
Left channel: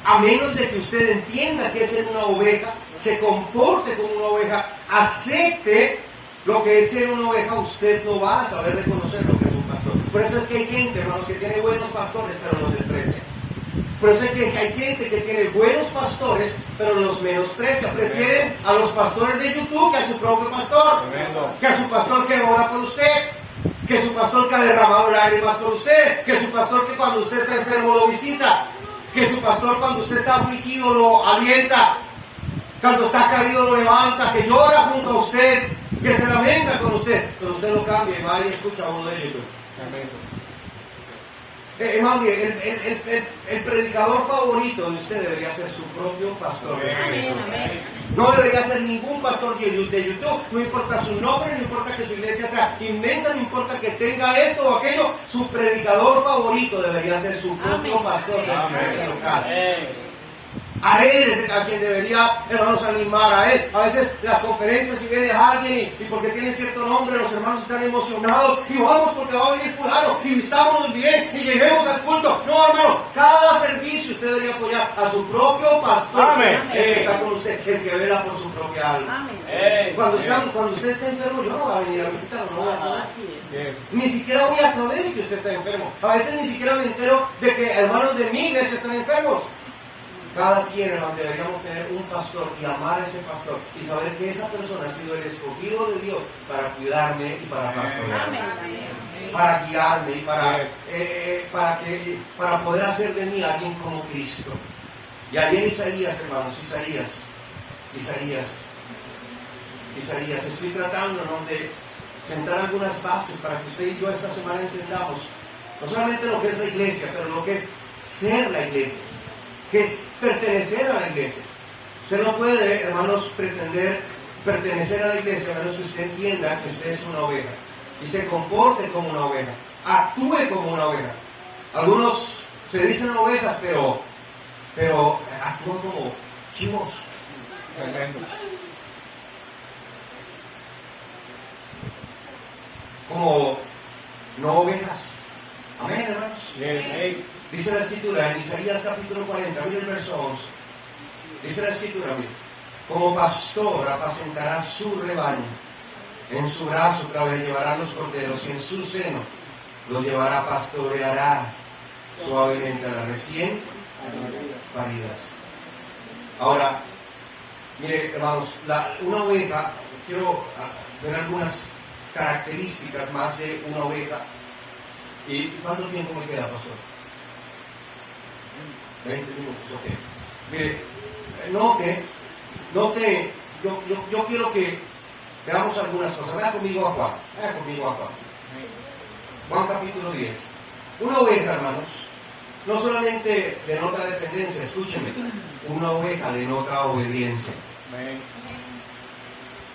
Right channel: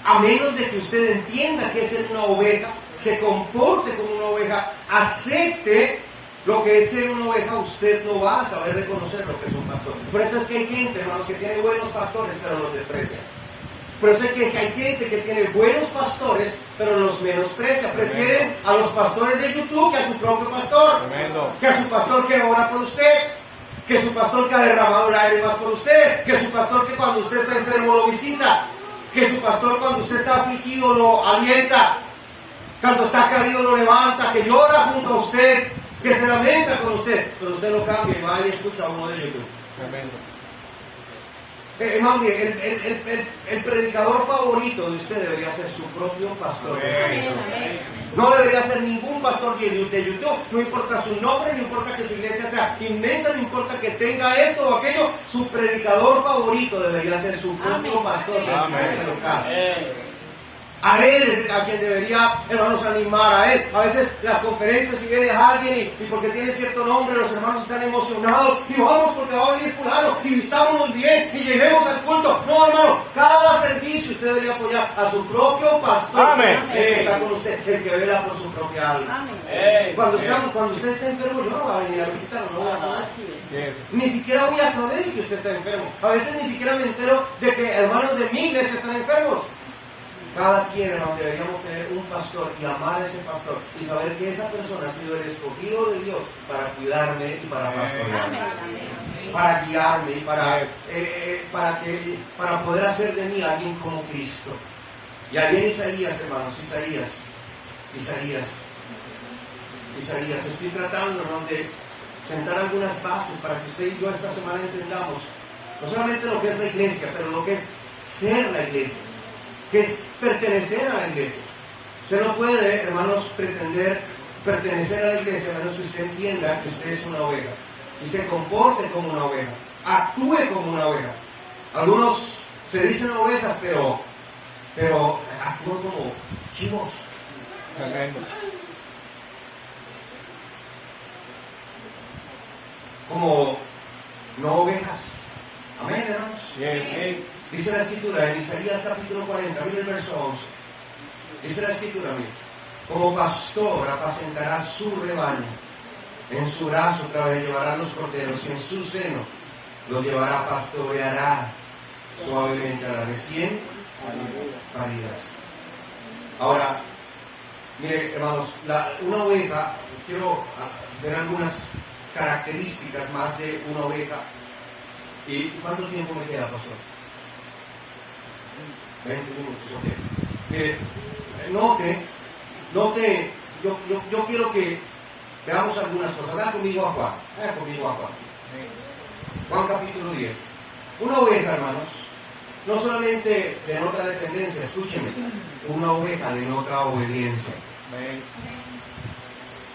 A menos de que usted entienda que es ser una oveja, se comporte como una oveja, acepte lo que es ser una oveja, usted no va a saber reconocer lo que es un pastor. Por eso es que hay gente, hermanos, que tiene buenos pastores, pero los desprecia. Por eso es que hay gente que tiene buenos pastores, pero los menosprecia. Prefieren a los pastores de YouTube que a su propio pastor. Que a su pastor que ora por usted. Que su pastor que ha derramado lágrimas por usted. Que su pastor que cuando usted está enfermo lo visita. Que su pastor cuando usted está afligido lo alienta. Cuando está caído lo levanta. Que llora junto a usted. que se lamenta con usted, pero usted lo cambia y va y escucha a uno de YouTube. Hermano, el predicador favorito de usted debería ser su propio pastor. No debería ser ningún pastor de YouTube. No importa su nombre, no importa que su iglesia sea inmensa, no importa que tenga esto o aquello. Su predicador favorito debería ser su propio pastor de su iglesia local. A él es a quien debería, hermanos, animar a él. A veces las conferencias, si viene alguien y porque tiene cierto nombre, los hermanos están emocionados y vamos porque va a venir fulano y estábamos bien y lleguemos al culto. No, hermano, cada servicio usted debería apoyar a su propio pastor que está con usted, el que vela por su propia alma. Cuando usted está enfermo, yo no voy a venir a visitarlo, no voy a comer. Ni siquiera voy a saber que usted está enfermo. A veces ni siquiera me entero de que hermanos de mi iglesia están enfermos. Cada quien, hermano, deberíamos tener un pastor y amar a ese pastor y saber que esa persona ha sido el escogido de Dios para cuidarme y para pastorearme, para guiarme y para poder hacer de mí alguien como Cristo. Y ayer Isaías, hermanos, Isaías, estoy tratando, ¿no?, de sentar algunas bases para que usted y yo esta semana entendamos no solamente lo que es la iglesia, pero lo que es ser la iglesia, que es pertenecer a la iglesia. Usted no puede, hermanos, pretender pertenecer a la iglesia a menos que usted entienda que usted es una oveja y se comporte como una oveja, actúe como una oveja. Algunos se dicen ovejas, pero actúan como chivos. Como no ovejas. Amén, hermanos. Dice la escritura en Isaías capítulo 40, mira el verso 11. Dice la escritura, mira: como pastor apacentará su rebaño, en su brazo llevará los corderos, y en su seno los llevará, pastoreará suavemente a las recién paridas. Ahora, mire, hermanos, una oveja, quiero ver algunas características más de una oveja. ¿Y cuánto tiempo me queda, pastor? 20 minutos, ok. Mire, note, yo quiero que veamos algunas cosas. Vaya conmigo a Juan. Juan capítulo 10. Una oveja, hermanos, no solamente denota dependencia, escúchenme, una oveja denota obediencia.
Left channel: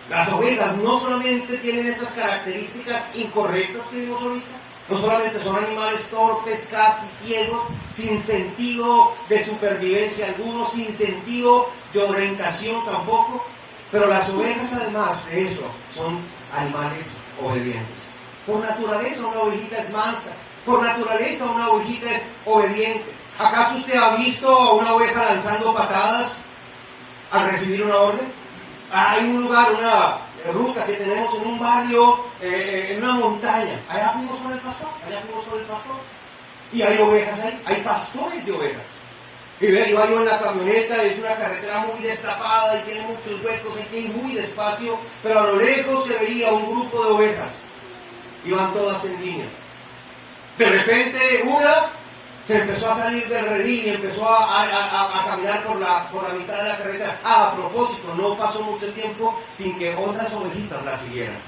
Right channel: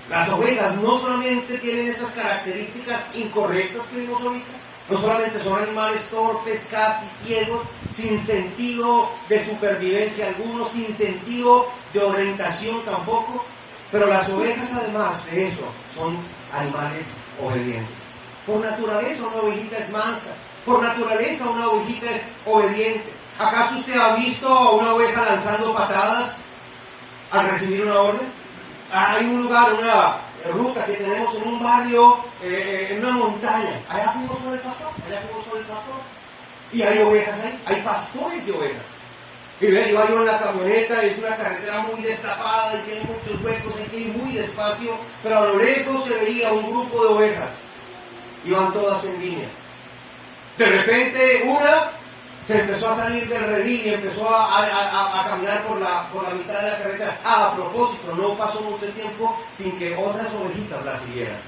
Las ovejas no solamente tienen esas características incorrectas que vimos ahorita, no solamente son animales torpes, casi ciegos, sin sentido de supervivencia alguno, sin sentido de orientación tampoco, pero las ovejas, además de eso, son animales obedientes. Por naturaleza una ovejita es mansa, por naturaleza una ovejita es obediente. ¿Acaso usted ha visto a una oveja lanzando patadas al recibir una orden? Hay un lugar, una ruta que tenemos en un barrio, en una montaña. Allá fuimos con el pastor. Y hay ovejas ahí, hay pastores de ovejas. Y iba yo en la camioneta, es una carretera muy destapada y tiene muchos huecos, hay que ir muy despacio, pero a lo lejos se veía un grupo de ovejas. Iban todas en línea. De repente una se empezó a salir del redil y empezó a caminar por la mitad de la carretera. A propósito, no pasó mucho tiempo sin que otras ovejitas la siguieran.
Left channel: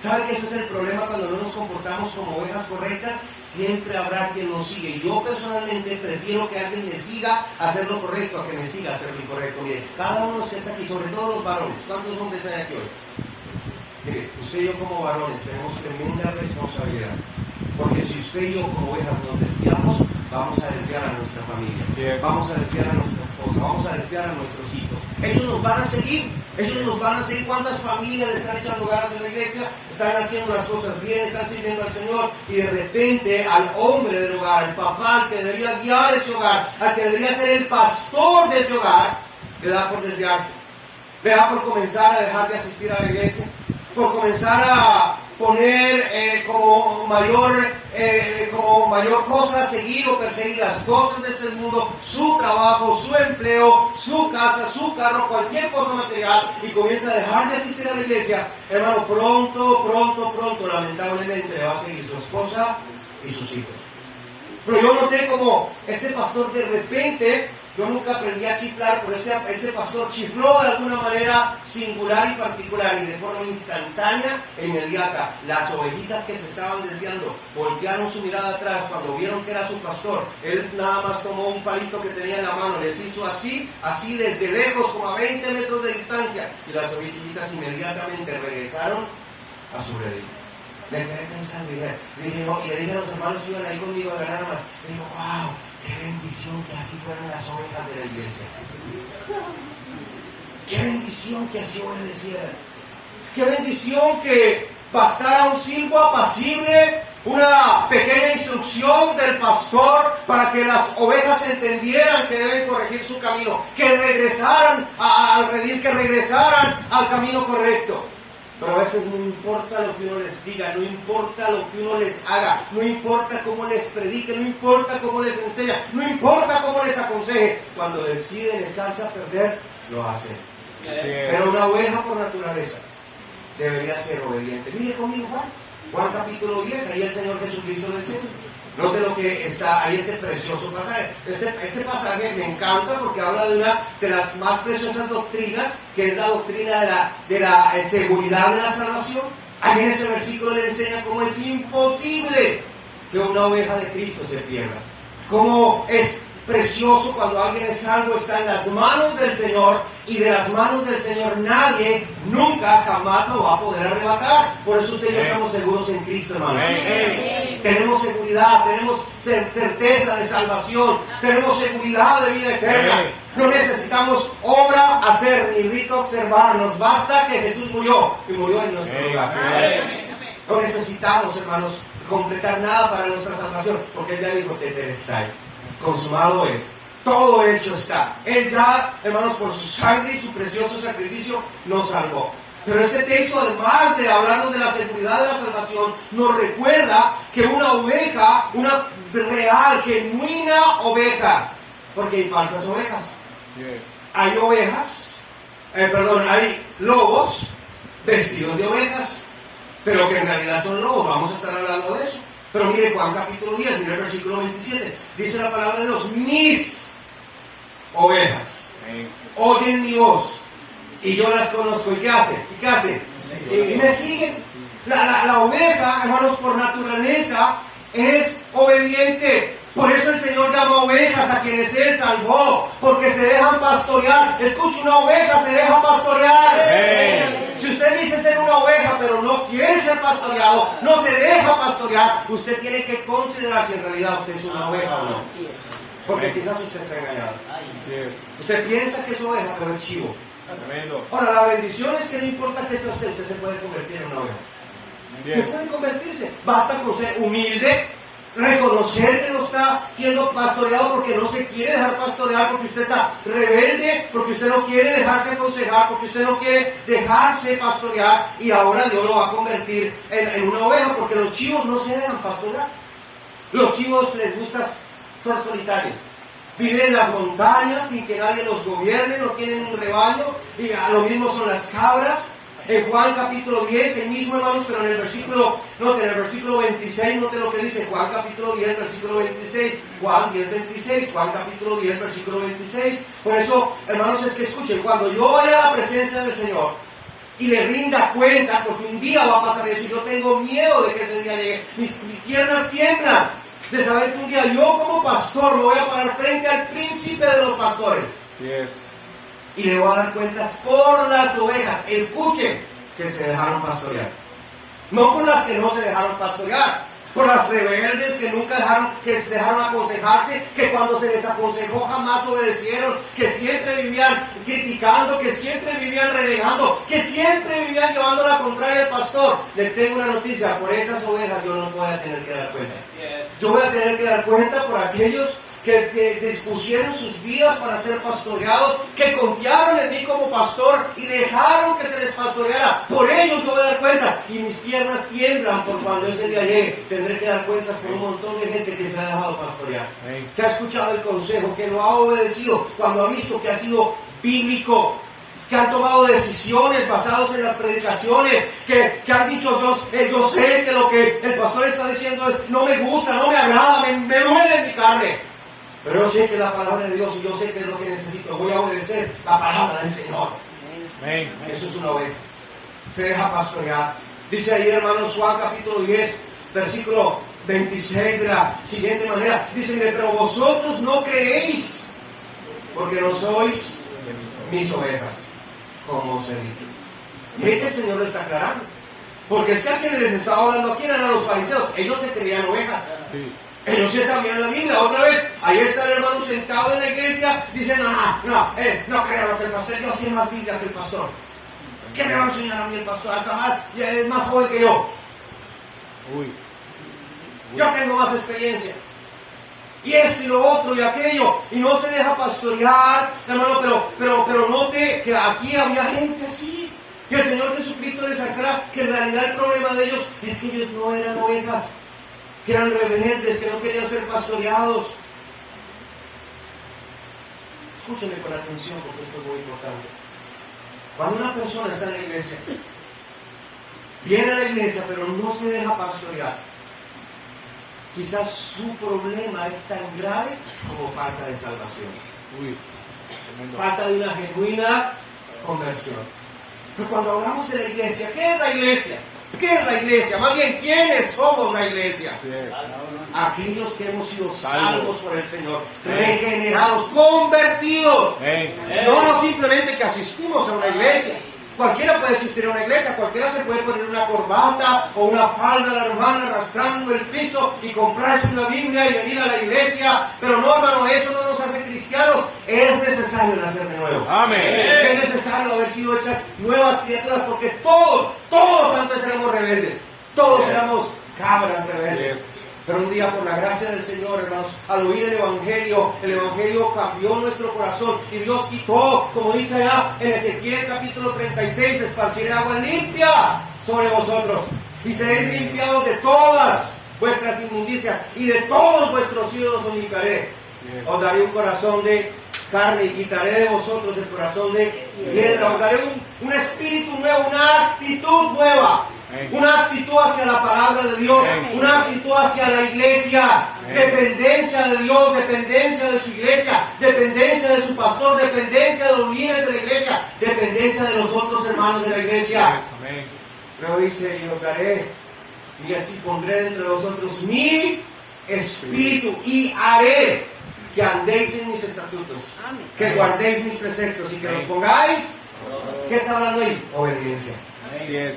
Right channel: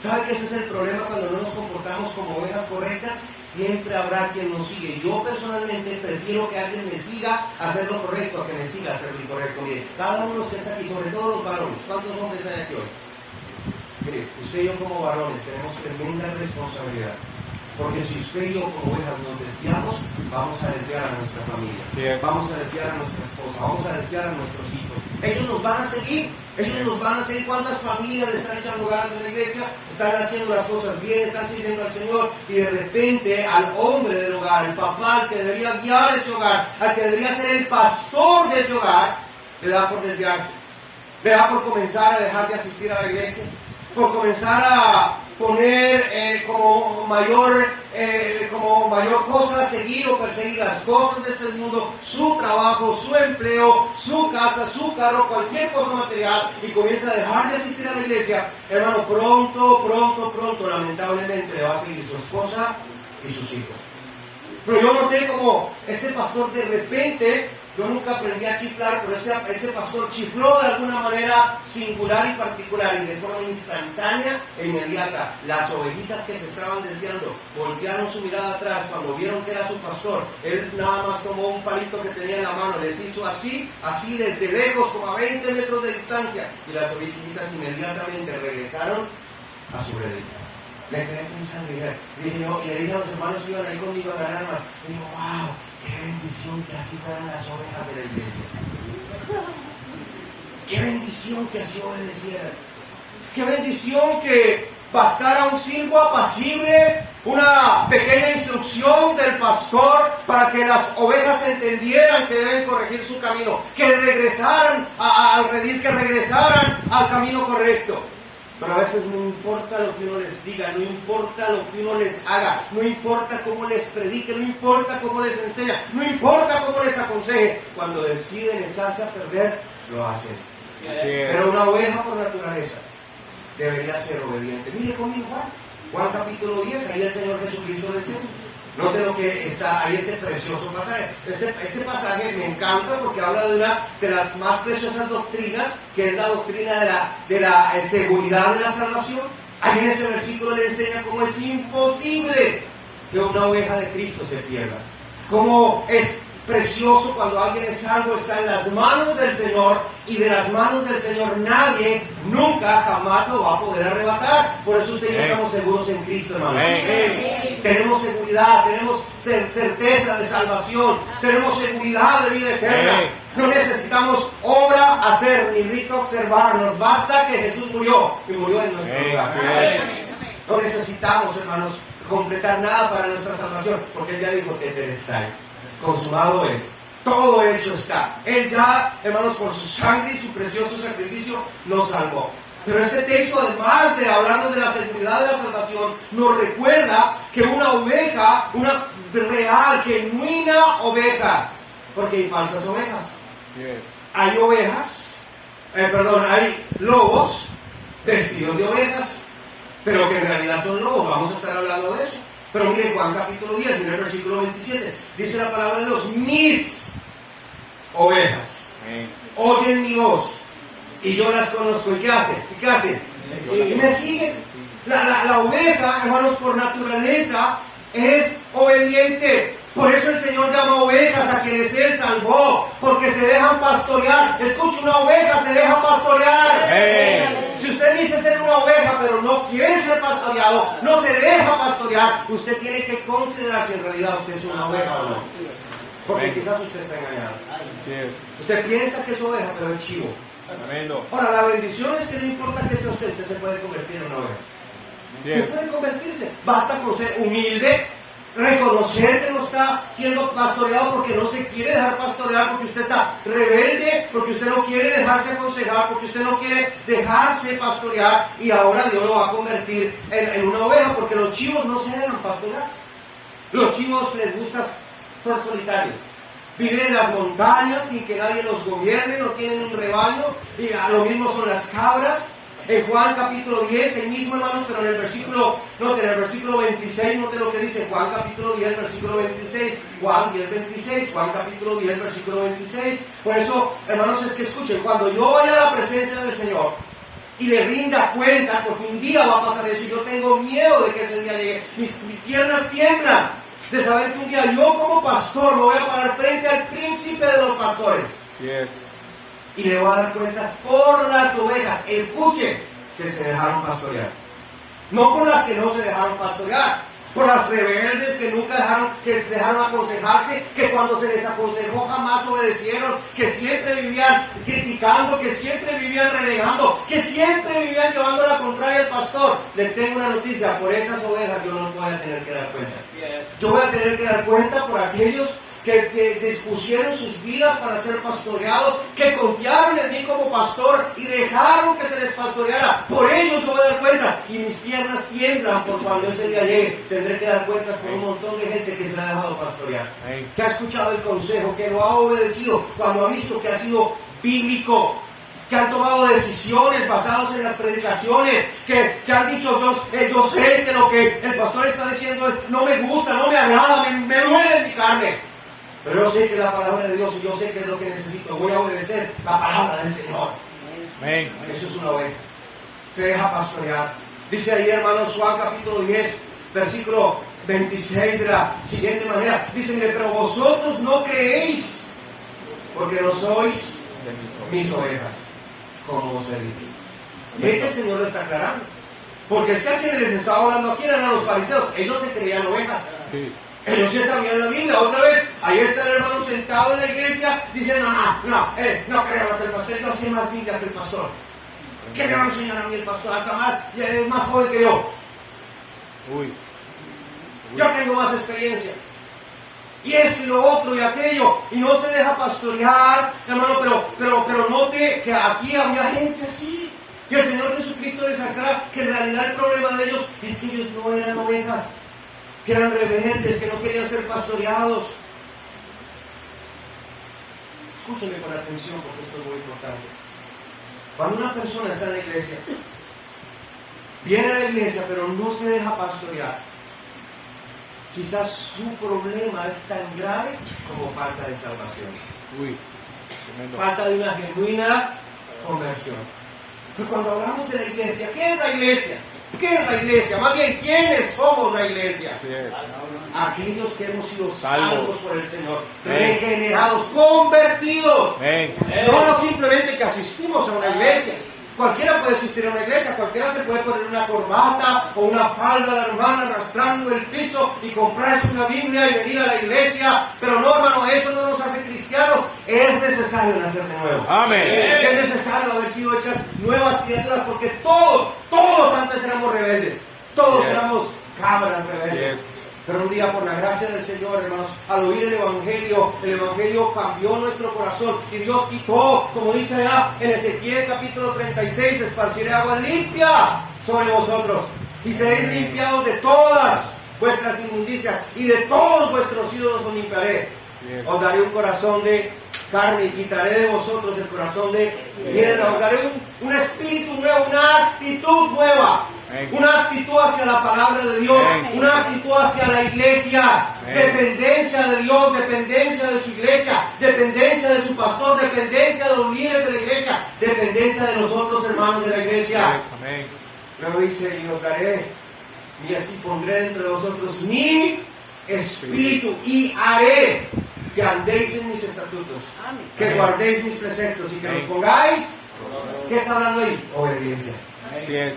¿Sabe que ese es el problema cuando no nos comportamos como ovejas correctas? Siempre habrá quien nos sigue. Yo personalmente prefiero que alguien me siga a hacer lo correcto a que me siga a hacer lo incorrecto. Mire, cada uno que está aquí, sobre todo los varones, ¿cuántos hombres hay aquí hoy? Mire, usted y yo como varones tenemos tremenda responsabilidad. Porque si usted y yo como ovejas nos desviamos, vamos a desviar a nuestra familia, vamos a desviar a nuestra esposa, vamos a desviar a nuestros hijos. Ellos nos van a seguir. ¿Cuántas familias están echando ganas en la iglesia? Están haciendo las cosas bien, están sirviendo al Señor, y de repente al hombre del hogar, al papá, al que debería guiar ese hogar, al que debería ser el pastor de ese hogar, le da por desviarse, le da por comenzar a dejar de asistir a la iglesia, por comenzar a poner como mayor cosa, seguir o perseguir las cosas de este mundo, su trabajo, su empleo, su casa, su carro, cualquier cosa material, y comienza a dejar de asistir a la iglesia. Hermano, pronto, lamentablemente le va a seguir su esposa y sus hijos. Pero yo noté como este pastor de repente Yo nunca aprendí a chiflar, pero este pastor chifló de alguna manera singular y particular y de forma instantánea e inmediata. Las ovejitas que se estaban desviando voltearon su mirada atrás cuando vieron que era su pastor. Él nada más tomó un palito que tenía en la mano, les hizo así desde lejos, como a 20 metros de distancia, y las ovejitas inmediatamente regresaron a su redil. Me quedé pensando y le dije a los hermanos que iban ahí conmigo a ganar más. Le digo, wow, qué bendición que así fueran las ovejas de la iglesia. Qué bendición que así obedecieran. Qué bendición que bastara un silbo apacible, una pequeña instrucción del pastor para que las ovejas entendieran que deben corregir su camino, que regresaran al redil, que regresaran al camino correcto. Pero a veces no importa lo que uno les diga, no importa lo que uno les haga, no importa cómo les predique, no importa cómo les enseña, no importa cómo les aconseje, cuando deciden echarse a perder, lo hacen. Pero una oveja por naturaleza debería ser obediente. Mire conmigo Juan capítulo 10, ahí el Señor Jesucristo le enseña. Note lo que está ahí, este precioso pasaje. Este pasaje me encanta porque habla de una de las más preciosas doctrinas, que es la doctrina de la seguridad de la salvación. Ahí en ese versículo le enseña cómo es imposible que una oveja de Cristo se pierda. Cómo es precioso cuando alguien es salvo, está en las manos del Señor, y de las manos del Señor nadie, nunca, jamás lo va a poder arrebatar. Por eso usted y yo estamos seguros en Cristo, hermanos. Tenemos seguridad, tenemos certeza de salvación, tenemos seguridad de vida eterna. No necesitamos obra hacer, ni rito observar, nos basta que Jesús murió, y murió en nuestro lugar. No necesitamos, hermanos, completar nada para nuestra salvación, porque Él ya dijo que Tetelestai, consumado es, todo hecho está. Él ya, hermanos, por su sangre y su precioso sacrificio nos salvó. Pero este texto, además de hablarnos de la seguridad de la salvación, nos recuerda que una oveja, una real, genuina oveja, porque hay falsas ovejas. Hay ovejas, hay lobos vestidos de ovejas, pero que en realidad son lobos. Vamos a estar hablando de eso. Pero mire Juan capítulo 10, mire el versículo 27. Dice la palabra de Dios: mis ovejas oyen mi voz y yo las conozco. ¿Y qué hacen? Y me siguen. La oveja, hermanos, por naturaleza es obediente. Por eso el Señor llama ovejas a quienes Él salvó, porque se dejan pastorear. Escucha, una oveja se deja pastorear. Si usted dice ser una oveja, pero no quiere ser pastoreado, no se deja pastorear, usted tiene que considerar si en realidad usted es una oveja o no. Porque quizás usted está engañado. Usted piensa que es oveja, pero es chivo. Ahora, la bendición es que no importa que sea usted se puede convertir en una oveja. Usted puede convertirse. Basta con ser humilde, reconocer que no está siendo pastoreado porque no se quiere dejar pastorear, porque usted está rebelde, porque usted no quiere dejarse aconsejar, porque usted no quiere dejarse pastorear, y ahora Dios lo va a convertir en una oveja, porque los chivos no se dejan pastorear. Los chivos les gusta ser solitarios. Viven en las montañas sin que nadie los gobierne, no tienen un rebaño, y a lo mismo son las cabras. En Juan capítulo 10, el mismo, hermanos, pero en el versículo 26, note lo que dice Juan capítulo 10, versículo 26, Juan 10, 26, Juan capítulo 10, versículo 26. Por eso, hermanos, es que escuchen, cuando yo vaya a la presencia del Señor y le rinda cuentas, porque un día va a pasar eso, y yo tengo miedo de que ese día llegue, mis piernas tiemblan de saber que un día yo como pastor me voy a parar frente al príncipe de los pastores. Y le voy a dar cuentas por las ovejas, escuchen, que se dejaron pastorear. No por las que no se dejaron pastorear, por las rebeldes que nunca se dejaron aconsejarse, que cuando se les aconsejó jamás obedecieron, que siempre vivían criticando, que siempre vivían renegando, que siempre vivían llevando la contraria al pastor. Les tengo una noticia: por esas ovejas yo no voy a tener que dar cuenta. Yo voy a tener que dar cuenta por aquellos que dispusieron sus vidas para ser pastoreados, que confiaron en mí como pastor y dejaron que se les pastoreara. Por ellos yo voy a dar cuenta, y mis piernas tiemblan por cuando ese día llegue. Tendré que dar cuentas por un montón de gente que se ha dejado pastorear, que ha escuchado el consejo, que lo ha obedecido cuando ha visto que ha sido bíblico, que han tomado decisiones basadas en las predicaciones, que han dicho: yo sé que lo que el pastor está diciendo no me gusta, no me agrada, me duele en mi carne. Pero yo sé que es la palabra de Dios y yo sé que es lo que necesito. Voy a obedecer la palabra del Señor. Eso es una oveja. Se deja pastorear. Dice ahí, hermanos, Juan capítulo 10, versículo 26 de la siguiente manera. Dice, pero vosotros no creéis, porque no sois mis ovejas, como os he dicho. Y es que el Señor lo está aclarando. Porque es que a quienes les estaba hablando aquí eran a los fariseos. Ellos se creían ovejas. Sí. Ellos se sabían la Biblia. Otra vez, ahí está el hermano sentado en la iglesia diciendo, no creo lo que el pastor, yo sé más Biblia que el pastor. ¿Qué me va a enseñar a mí el pastor? Hasta más, es más joven que yo. Yo tengo más experiencia. Y esto y lo otro y aquello. Y no se deja pastorear, hermano, pero note que aquí había gente así. Y el Señor Jesucristo les aclara que en realidad el problema de ellos es que ellos no eran ovejas, que eran rebeldes, que no querían ser pastoreados. Escúchenme con atención porque esto es muy importante. Cuando una persona está en la iglesia, viene a la iglesia pero no se deja pastorear, quizás su problema es tan grave como falta de salvación. Falta de una genuina conversión. Pero cuando hablamos de la iglesia, ¿qué es la iglesia? ¿Qué es la iglesia? Más bien, ¿quiénes somos la iglesia? Aquellos que hemos sido salvos por el Señor, regenerados, convertidos. No simplemente que asistimos a una iglesia. Cualquiera puede asistir a una iglesia, cualquiera se puede poner una corbata o una falda de hermano arrastrando el piso y comprarse una Biblia y venir a la iglesia. Pero no, hermano, eso no nos hace cristianos. Es necesario nacer de nuevo. Amén. Es necesario haber sido hechas nuevas criaturas porque todos antes éramos rebeldes. Todos éramos cabras rebeldes. Pero un día, por la gracia del Señor, hermanos, al oír el Evangelio cambió nuestro corazón y Dios quitó, como dice allá en Ezequiel capítulo 36, esparciré agua limpia sobre vosotros y seréis limpiados de todas vuestras inmundicias y de todos vuestros ídolos os limpiaré. Os daré un corazón de carne y quitaré de vosotros el corazón de piedra. Os daré un espíritu nuevo, una actitud nueva. Una actitud hacia la palabra de Dios, una actitud hacia la iglesia, dependencia de Dios, dependencia de su iglesia, dependencia de su pastor, dependencia de los líderes de la iglesia, dependencia de los otros hermanos de la iglesia. Luego dice, y os daré, y así pondré entre vosotros mi espíritu, y haré que andéis en mis estatutos, que guardéis mis preceptos y que los pongáis. ¿Qué está hablando ahí? Obediencia.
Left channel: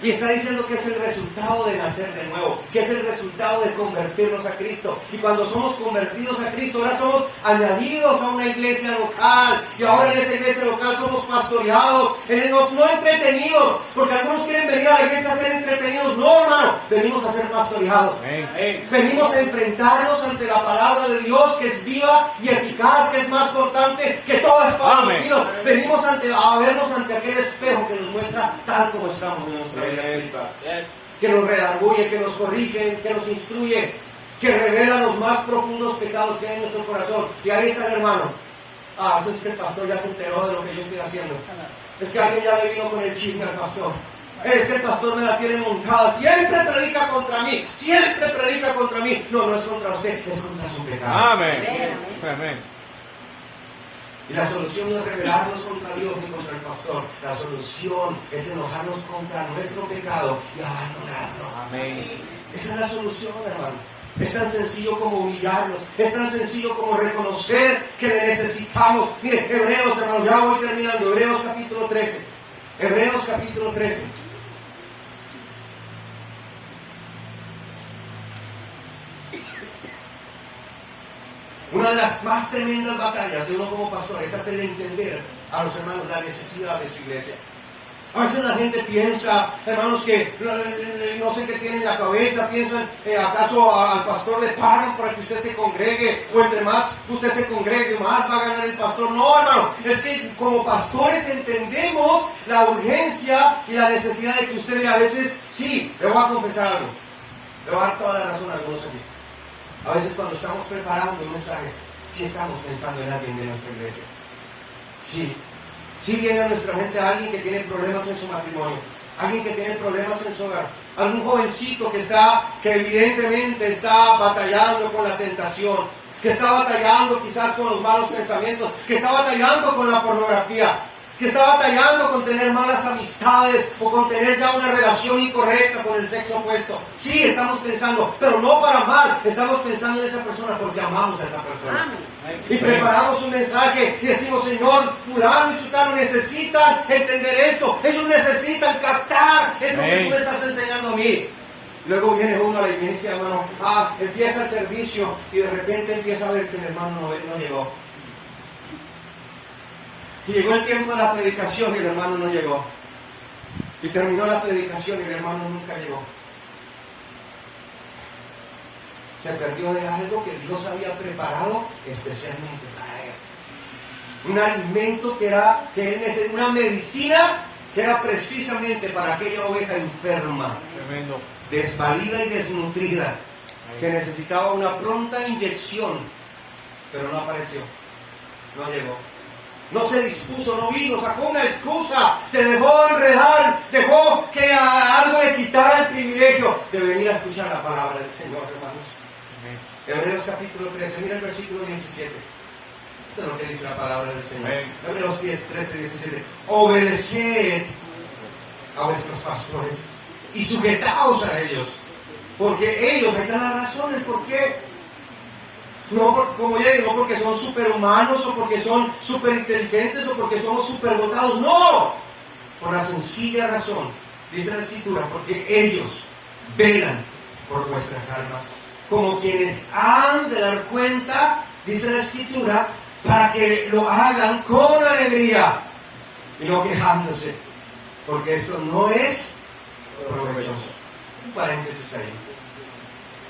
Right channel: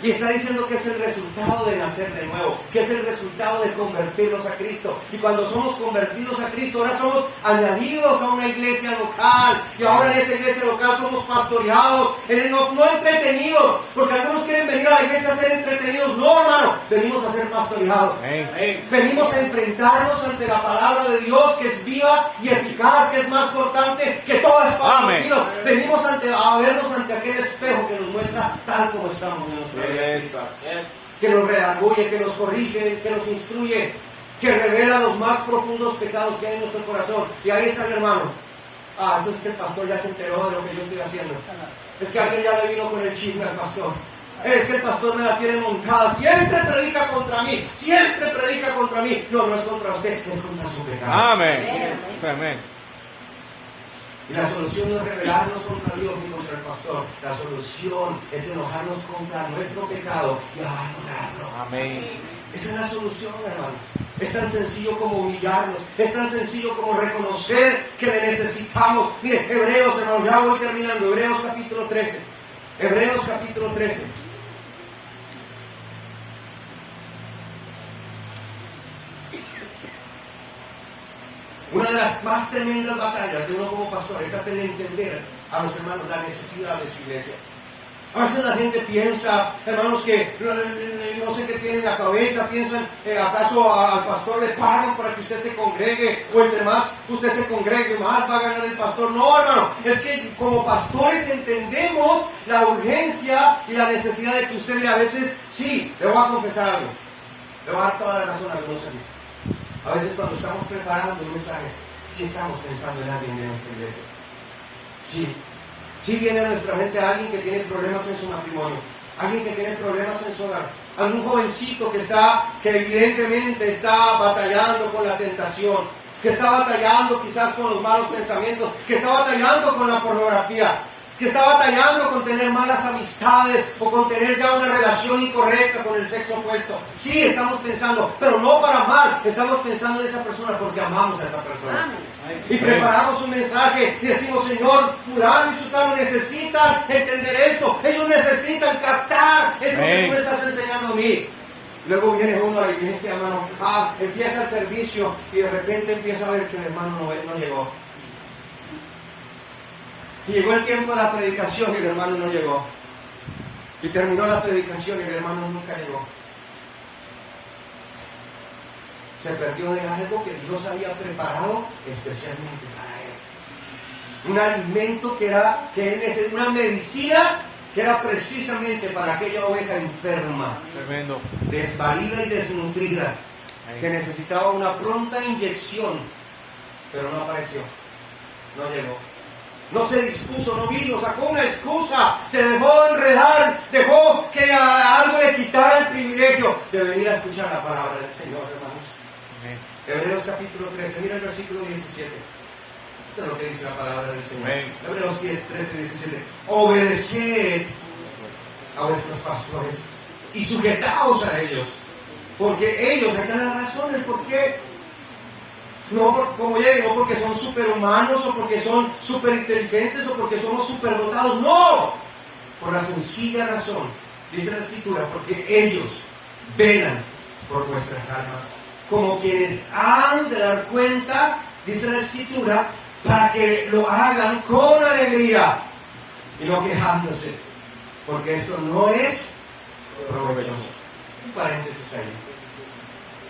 Y está diciendo que es el resultado de nacer de nuevo, que es el resultado de convertirnos a Cristo. Y cuando somos convertidos a Cristo, ahora somos añadidos a una iglesia local. Y ahora en esa iglesia local somos pastoreados, no entretenidos, porque algunos quieren venir a la iglesia a ser entretenidos. No, hermano, venimos a ser pastoreados. Venimos a enfrentarnos ante la palabra de Dios, que es viva y eficaz, que es más cortante que toda espada de filos. Venimos a vernos ante aquel espejo que nos muestra tal como estamos. Que nos redarguye, que nos corrige, que nos instruye, que revela los más profundos pecados que hay en nuestro corazón. Y ahí está el hermano. Eso es que el pastor ya se enteró de lo que yo estoy haciendo. Es que alguien ya le vino con el chisme al pastor. Es que el pastor me la tiene montada. Siempre predica contra mí. Siempre predica contra mí. No es contra usted, es contra su pecado. Amén. Y la solución no es rebelarnos contra Dios ni contra el pastor. La solución es enojarnos contra nuestro pecado y abandonarlo. Amén. Esa es la solución, hermano. Es tan sencillo como humillarnos. Es tan sencillo como reconocer que le necesitamos. Mire, Hebreos, hermano, ya voy terminando. Hebreos capítulo 13. Hebreos capítulo 13. Una de las más tremendas batallas de uno como pastor es hacerle entender a los hermanos la necesidad de su iglesia. A veces la gente piensa, hermanos, que no sé qué tiene en la cabeza, piensan, ¿acaso al pastor le pagan para que usted se congregue? O entre más usted se congregue, más va a ganar el pastor. No, hermano, es que como pastores entendemos la urgencia y la necesidad de que usted a veces, sí, le voy a confesar algo, le voy a dar toda la razón a algunos aquí. A veces cuando estamos preparando uno sabe si estamos pensando en alguien de nuestra iglesia. Sí viene a nuestra mente alguien que tiene problemas en su matrimonio, alguien que tiene problemas en su hogar, algún jovencito que evidentemente está batallando con la tentación, que está batallando quizás con los malos pensamientos, que está batallando con la pornografía, que está batallando con tener malas amistades o con tener ya una relación incorrecta con el sexo opuesto. Sí, estamos pensando, pero no para mal, estamos pensando en esa persona porque amamos a esa persona. Y preparamos un mensaje y decimos, Señor, fulano y sutano necesitan entender esto, ellos necesitan captar esto que tú me estás enseñando a mí. Luego viene uno a la iglesia, hermano, empieza el servicio y de repente empieza a ver que el hermano no llegó. Y llegó el tiempo de la predicación y el hermano no llegó. Y terminó la predicación y el hermano nunca llegó. Se perdió de algo que Dios había preparado especialmente para él. Un alimento que él necesitaba, una medicina que era precisamente para aquella oveja enferma, Tremendo. desvalida y desnutrida, que necesitaba una pronta inyección, pero no apareció, no llegó. No se dispuso, no vino, sacó una excusa, se dejó enredar, dejó que a algo le quitara el privilegio de venir a escuchar la palabra del Señor, hermanos. Hebreos capítulo 13, mira el versículo 17. Esto es lo que dice la palabra del Señor. Hebreos 10, 13, 17. Obedeced a vuestros pastores y sujetaos a ellos, porque ellos, ahí están las razones, ¿por qué? No, como ya digo, porque son superhumanos o porque son superinteligentes o porque somos superdotados. No, por la sencilla razón, dice la Escritura, porque ellos velan por nuestras almas, como quienes han de dar cuenta, dice la Escritura, para que lo hagan con alegría y no quejándose, porque esto no es provechoso. Un paréntesis ahí.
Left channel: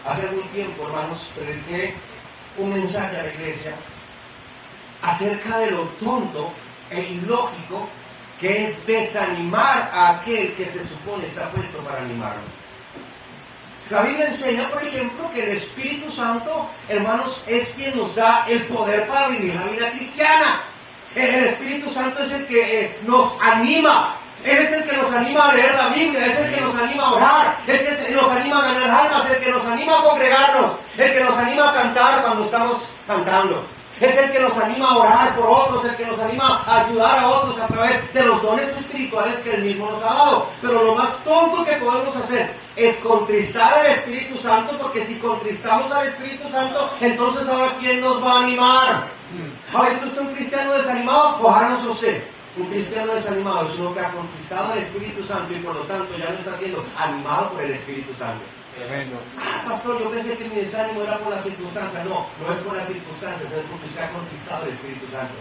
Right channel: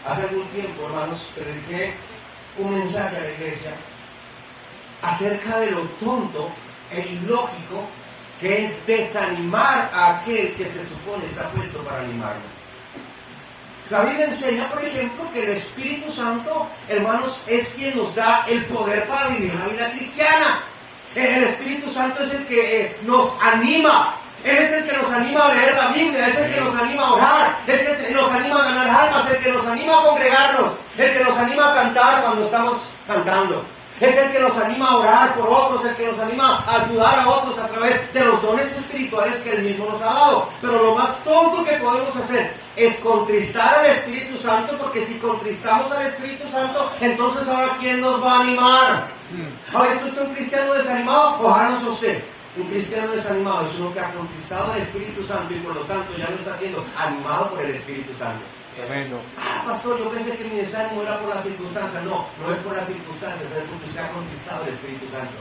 Hace algún tiempo, hermanos, prediqué un mensaje a la iglesia acerca de lo tonto e ilógico que es desanimar a aquel que se supone está puesto para animarlo. La Biblia enseña, por ejemplo, que el Espíritu Santo, hermanos, es quien nos da el poder para vivir la vida cristiana. El Espíritu Santo es el que nos anima. Él es el que nos anima a leer la Biblia, es el que nos anima a orar, el que nos anima a ganar almas, el que nos anima a congregarnos, el que nos anima a cantar cuando estamos cantando. Es el que nos anima a orar por otros, el que nos anima a ayudar a otros a través de los dones espirituales que Él mismo nos ha dado. Pero lo más tonto que podemos hacer es contristar al Espíritu Santo, porque si contristamos al Espíritu Santo, entonces ahora ¿quién nos va a animar? ¿Ha visto usted un cristiano desanimado? Ojalá no sea usted. Un cristiano desanimado es uno que ha conquistado al Espíritu Santo y por lo tanto ya no está siendo animado por el Espíritu Santo. Tremendo. Pastor, yo pensé que mi desánimo era por las circunstancias. No, no es por las circunstancias, es porque usted ha conquistado el Espíritu Santo.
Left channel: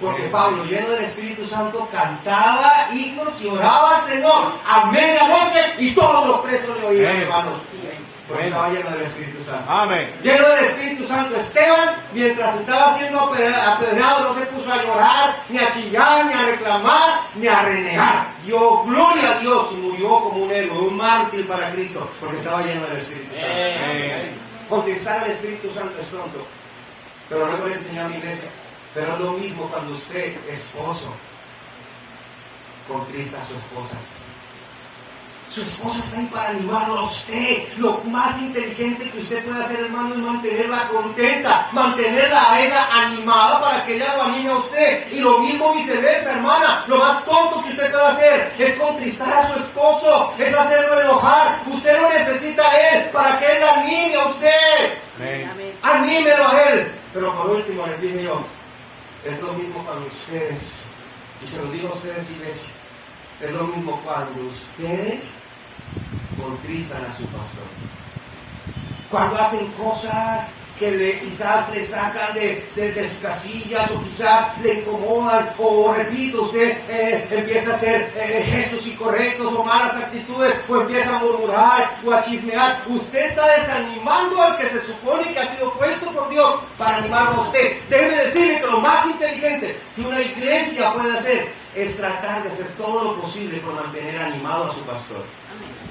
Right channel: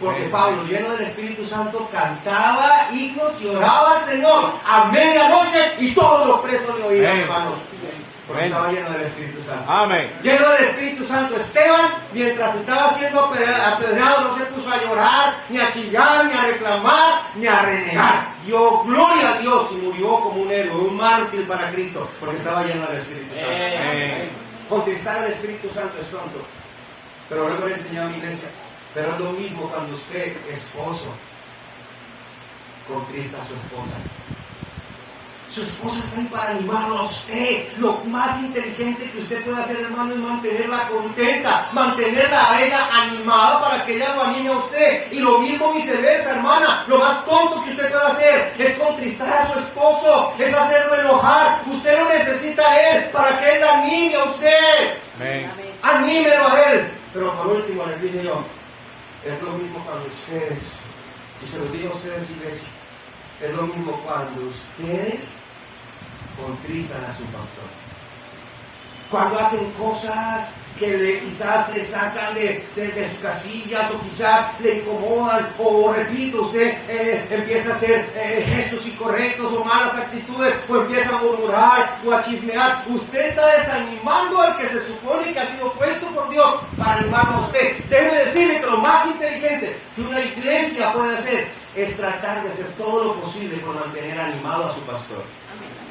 Porque Pablo, lleno del Espíritu Santo, cantaba himnos y oraba al Señor a medianoche y todos los presos le oían, hermanos. Porque estaba lleno del Espíritu Santo. Amén. Lleno del Espíritu Santo, Esteban, mientras estaba siendo apedreado, no se puso a llorar, ni a chillar, ni a reclamar, ni a renegar. Dio gloria a Dios y murió como un héroe, un mártir para Cristo, porque estaba lleno del Espíritu Santo. Contestar al Espíritu Santo es tonto, pero luego le enseñó a mi iglesia. Pero es lo mismo cuando usted, esposo, contrista a su esposa. Su esposa está ahí para animarlo a usted. Lo más inteligente que usted puede hacer, hermano, es mantenerla contenta, mantenerla a ella animada para que ella lo anime a usted. Y lo mismo viceversa, hermana. Lo más tonto que usted puede hacer es contristar a su esposo, es hacerlo enojar. Usted lo necesita a él para que él la anime a usted. Amén. Anímelo a él. Pero por último les dije yo, es lo mismo cuando ustedes, y se lo digo a ustedes, iglesia, es lo mismo cuando ustedes contristan a su pastor. Cuando hacen cosas que quizás le sacan de sus casillas, o quizás le incomodan, o repito, usted empieza a hacer gestos incorrectos o malas actitudes, o empieza a murmurar o a chismear. Usted está desanimando al que se supone que ha sido puesto por Dios para animarlo a usted. Debe decirle que lo más inteligente que una iglesia puede hacer es tratar de hacer todo lo posible por mantener animado a su pastor.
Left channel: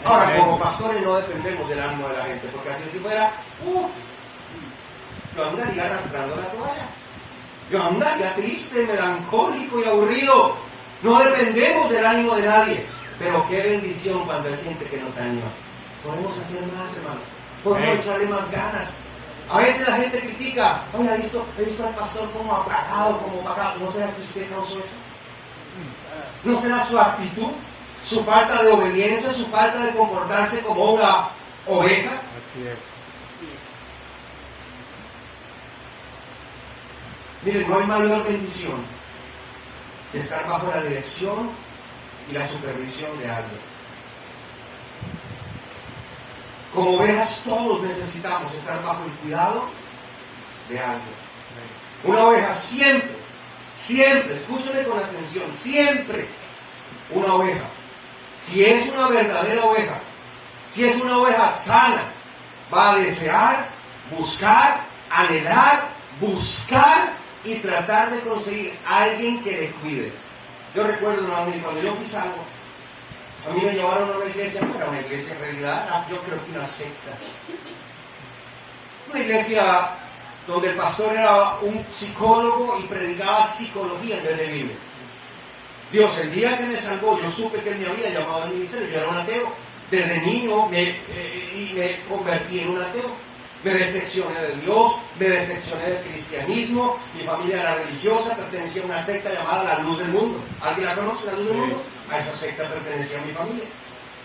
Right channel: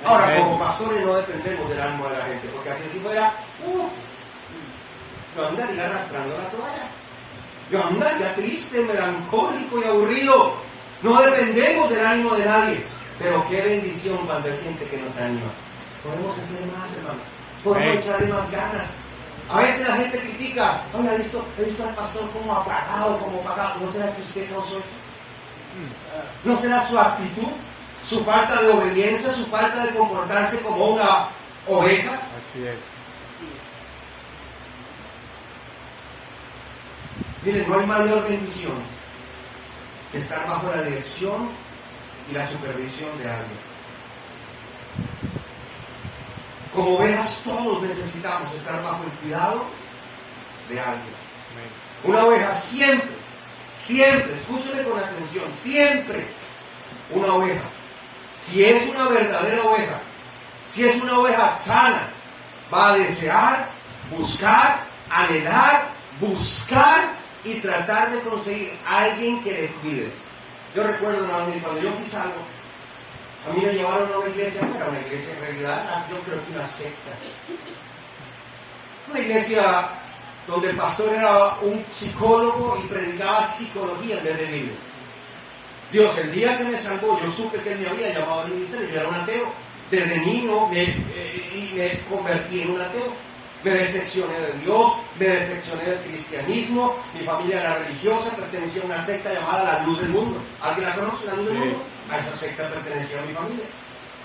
Ahora, como pastores no dependemos del ánimo de la gente, porque así si fuera, yo andaría arrastrando la toalla. Yo andaría triste, melancólico y aburrido. No dependemos del ánimo de nadie. Pero qué bendición cuando hay gente que nos anima. Podemos hacer más, hermanos. Podemos echarle más ganas. A veces la gente critica, oye, he visto al pastor como apagado. ¿No será que usted causó eso? ¿No será su actitud? ¿Su falta de obediencia? ¿Su falta de comportarse como una oveja? Así es. Miren, no hay mayor bendición que estar bajo la dirección y la supervisión de alguien. Como ovejas todos necesitamos estar bajo el cuidado de alguien. Una oveja siempre, escúchame con atención, siempre una oveja, si es una verdadera oveja, si es una oveja sana, va a desear, buscar, anhelar, buscar y tratar de conseguir a alguien que le cuide. Yo recuerdo, hermano, cuando yo fui salvo, a mí me llevaron a una iglesia, no era una iglesia en realidad, yo creo que una secta. Una iglesia donde el pastor era un psicólogo y predicaba psicología en vez de Biblia. Dios, el día que me salvó, yo supe que él me había llamado al ministerio, yo era un ateo. Desde niño me convertí en un ateo. Me decepcioné de Dios, me decepcioné del cristianismo, mi familia era religiosa, pertenecía a una secta llamada La Luz del Mundo. ¿Alguien la conoce, La Luz del Mundo? A esa secta pertenecía a mi familia.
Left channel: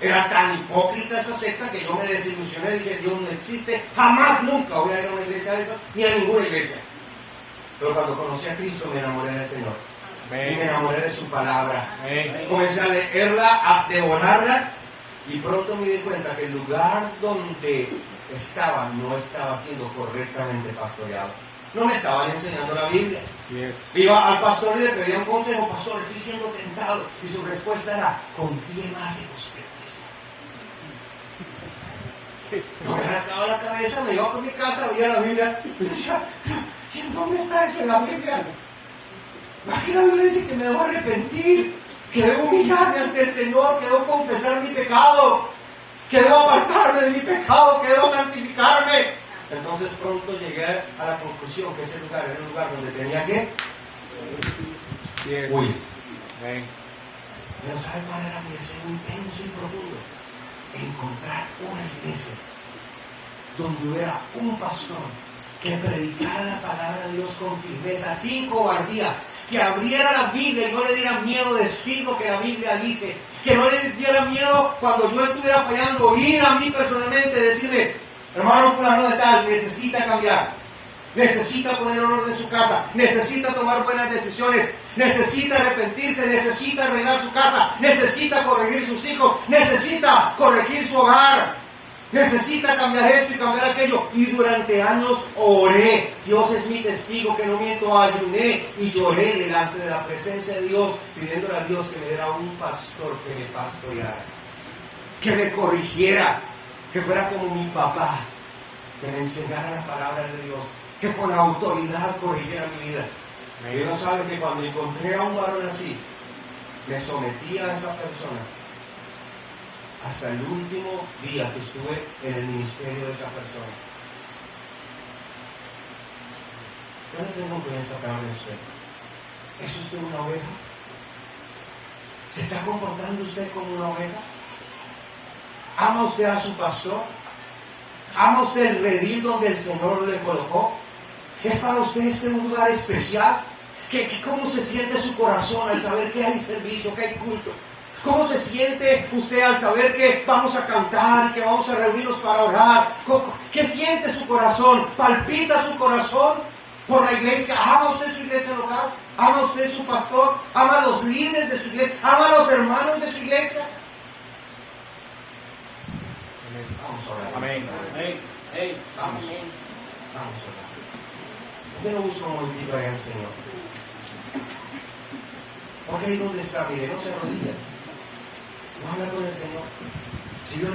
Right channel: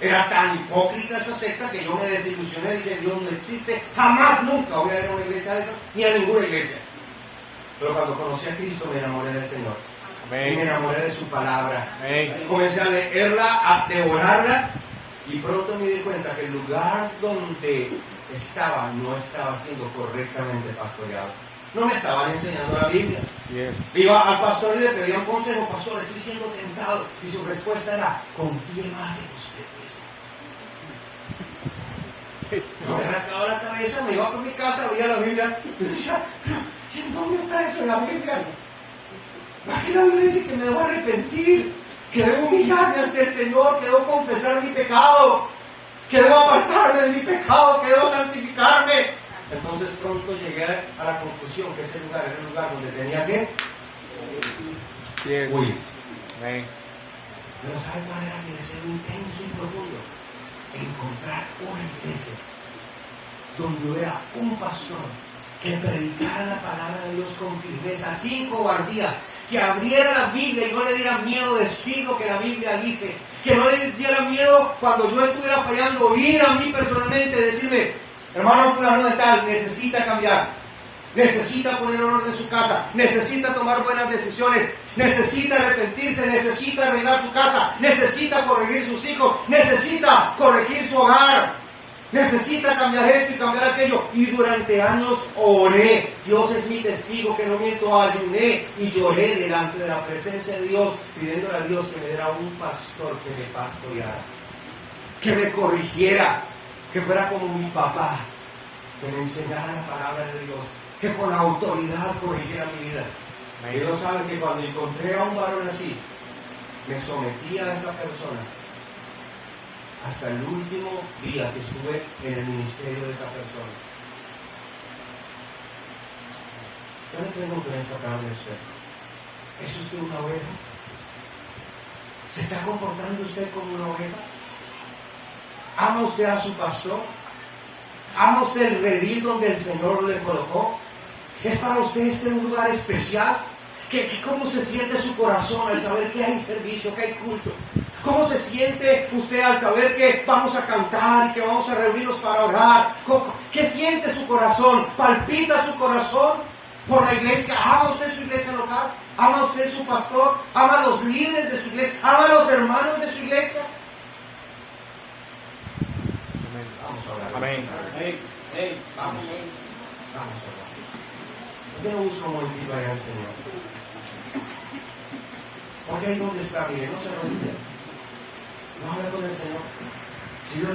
Era tan hipócrita esa secta que yo me desilusioné, dije, Dios no existe, jamás, nunca voy a ir a una iglesia de esas, ni a ninguna iglesia. Pero cuando conocí a Cristo me enamoré del Señor. Y me enamoré de su palabra. Comencé a leerla, a devorarla, y pronto me di cuenta que el lugar donde estaba no estaba siendo correctamente pastoreado. No me estaban enseñando la Biblia. Iba al pastor y le pedía un consejo: pastor, estoy siendo tentado. Y su respuesta era: confíe más en usted mismo. No me rascaba la cabeza, me iba por mi casa, veía la Biblia y decía: ¿dónde está eso en la Biblia? Aquí la Biblia dice que me debo arrepentir, que debo humillarme ante el Señor, que debo confesar mi pecado, que debo apartarme de mi pecado, que debo santificarme. Entonces pronto llegué a la conclusión que ese lugar era el lugar donde tenía que huir. Pero ¿sabe cuál era mi deseo intenso y profundo? Encontrar una iglesia donde hubiera un pastor que predicara la palabra de Dios con firmeza, sin cobardía, que abriera la Biblia y no le diera miedo decir lo que la Biblia dice, que no le diera miedo cuando yo estuviera fallando, ir a mí personalmente y decirme: hermano fulano de tal, necesita cambiar, necesita poner orden en su casa, necesita tomar buenas decisiones, necesita arrepentirse, necesita arreglar su casa, necesita corregir sus hijos, necesita corregir su hogar, necesita cambiar esto y cambiar aquello. Y durante años oré. Dios es mi testigo que no miento, ayuné y lloré delante de la presencia de Dios, pidiéndole a Dios que me diera un pastor que me pastoreara, que me corrigiera, que fuera como mi papá, que me enseñara la palabra de Dios, que con autoridad corrigiera mi vida. Dios sabe que cuando encontré a un varón así, me sometí a esa persona hasta el último día que estuve en el ministerio de esa persona. Yo no tengo con esa carne de usted. ¿Es usted una oveja? ¿Se está comportando usted como una oveja? ¿Ama usted a su pastor? ¿Ama usted el redil donde el Señor le colocó? ¿Es para usted este un lugar especial? ¿Cómo se siente su corazón al saber que hay servicio, que hay culto? ¿Cómo se siente usted al saber que vamos a cantar y que vamos a reunirnos para orar? ¿Qué siente su corazón? ¿Palpita su corazón por la iglesia? ¿Ama usted su iglesia local? ¿Ama usted su pastor? ¿Ama a los líderes de su iglesia? ¿Ama a los hermanos de su iglesia? Vamos a orar. Amén. Vamos a orar. Yo no busco un momentito allá al Señor. Porque ahí donde está, mire, no se rodilla. No habla con el Señor. Si Dios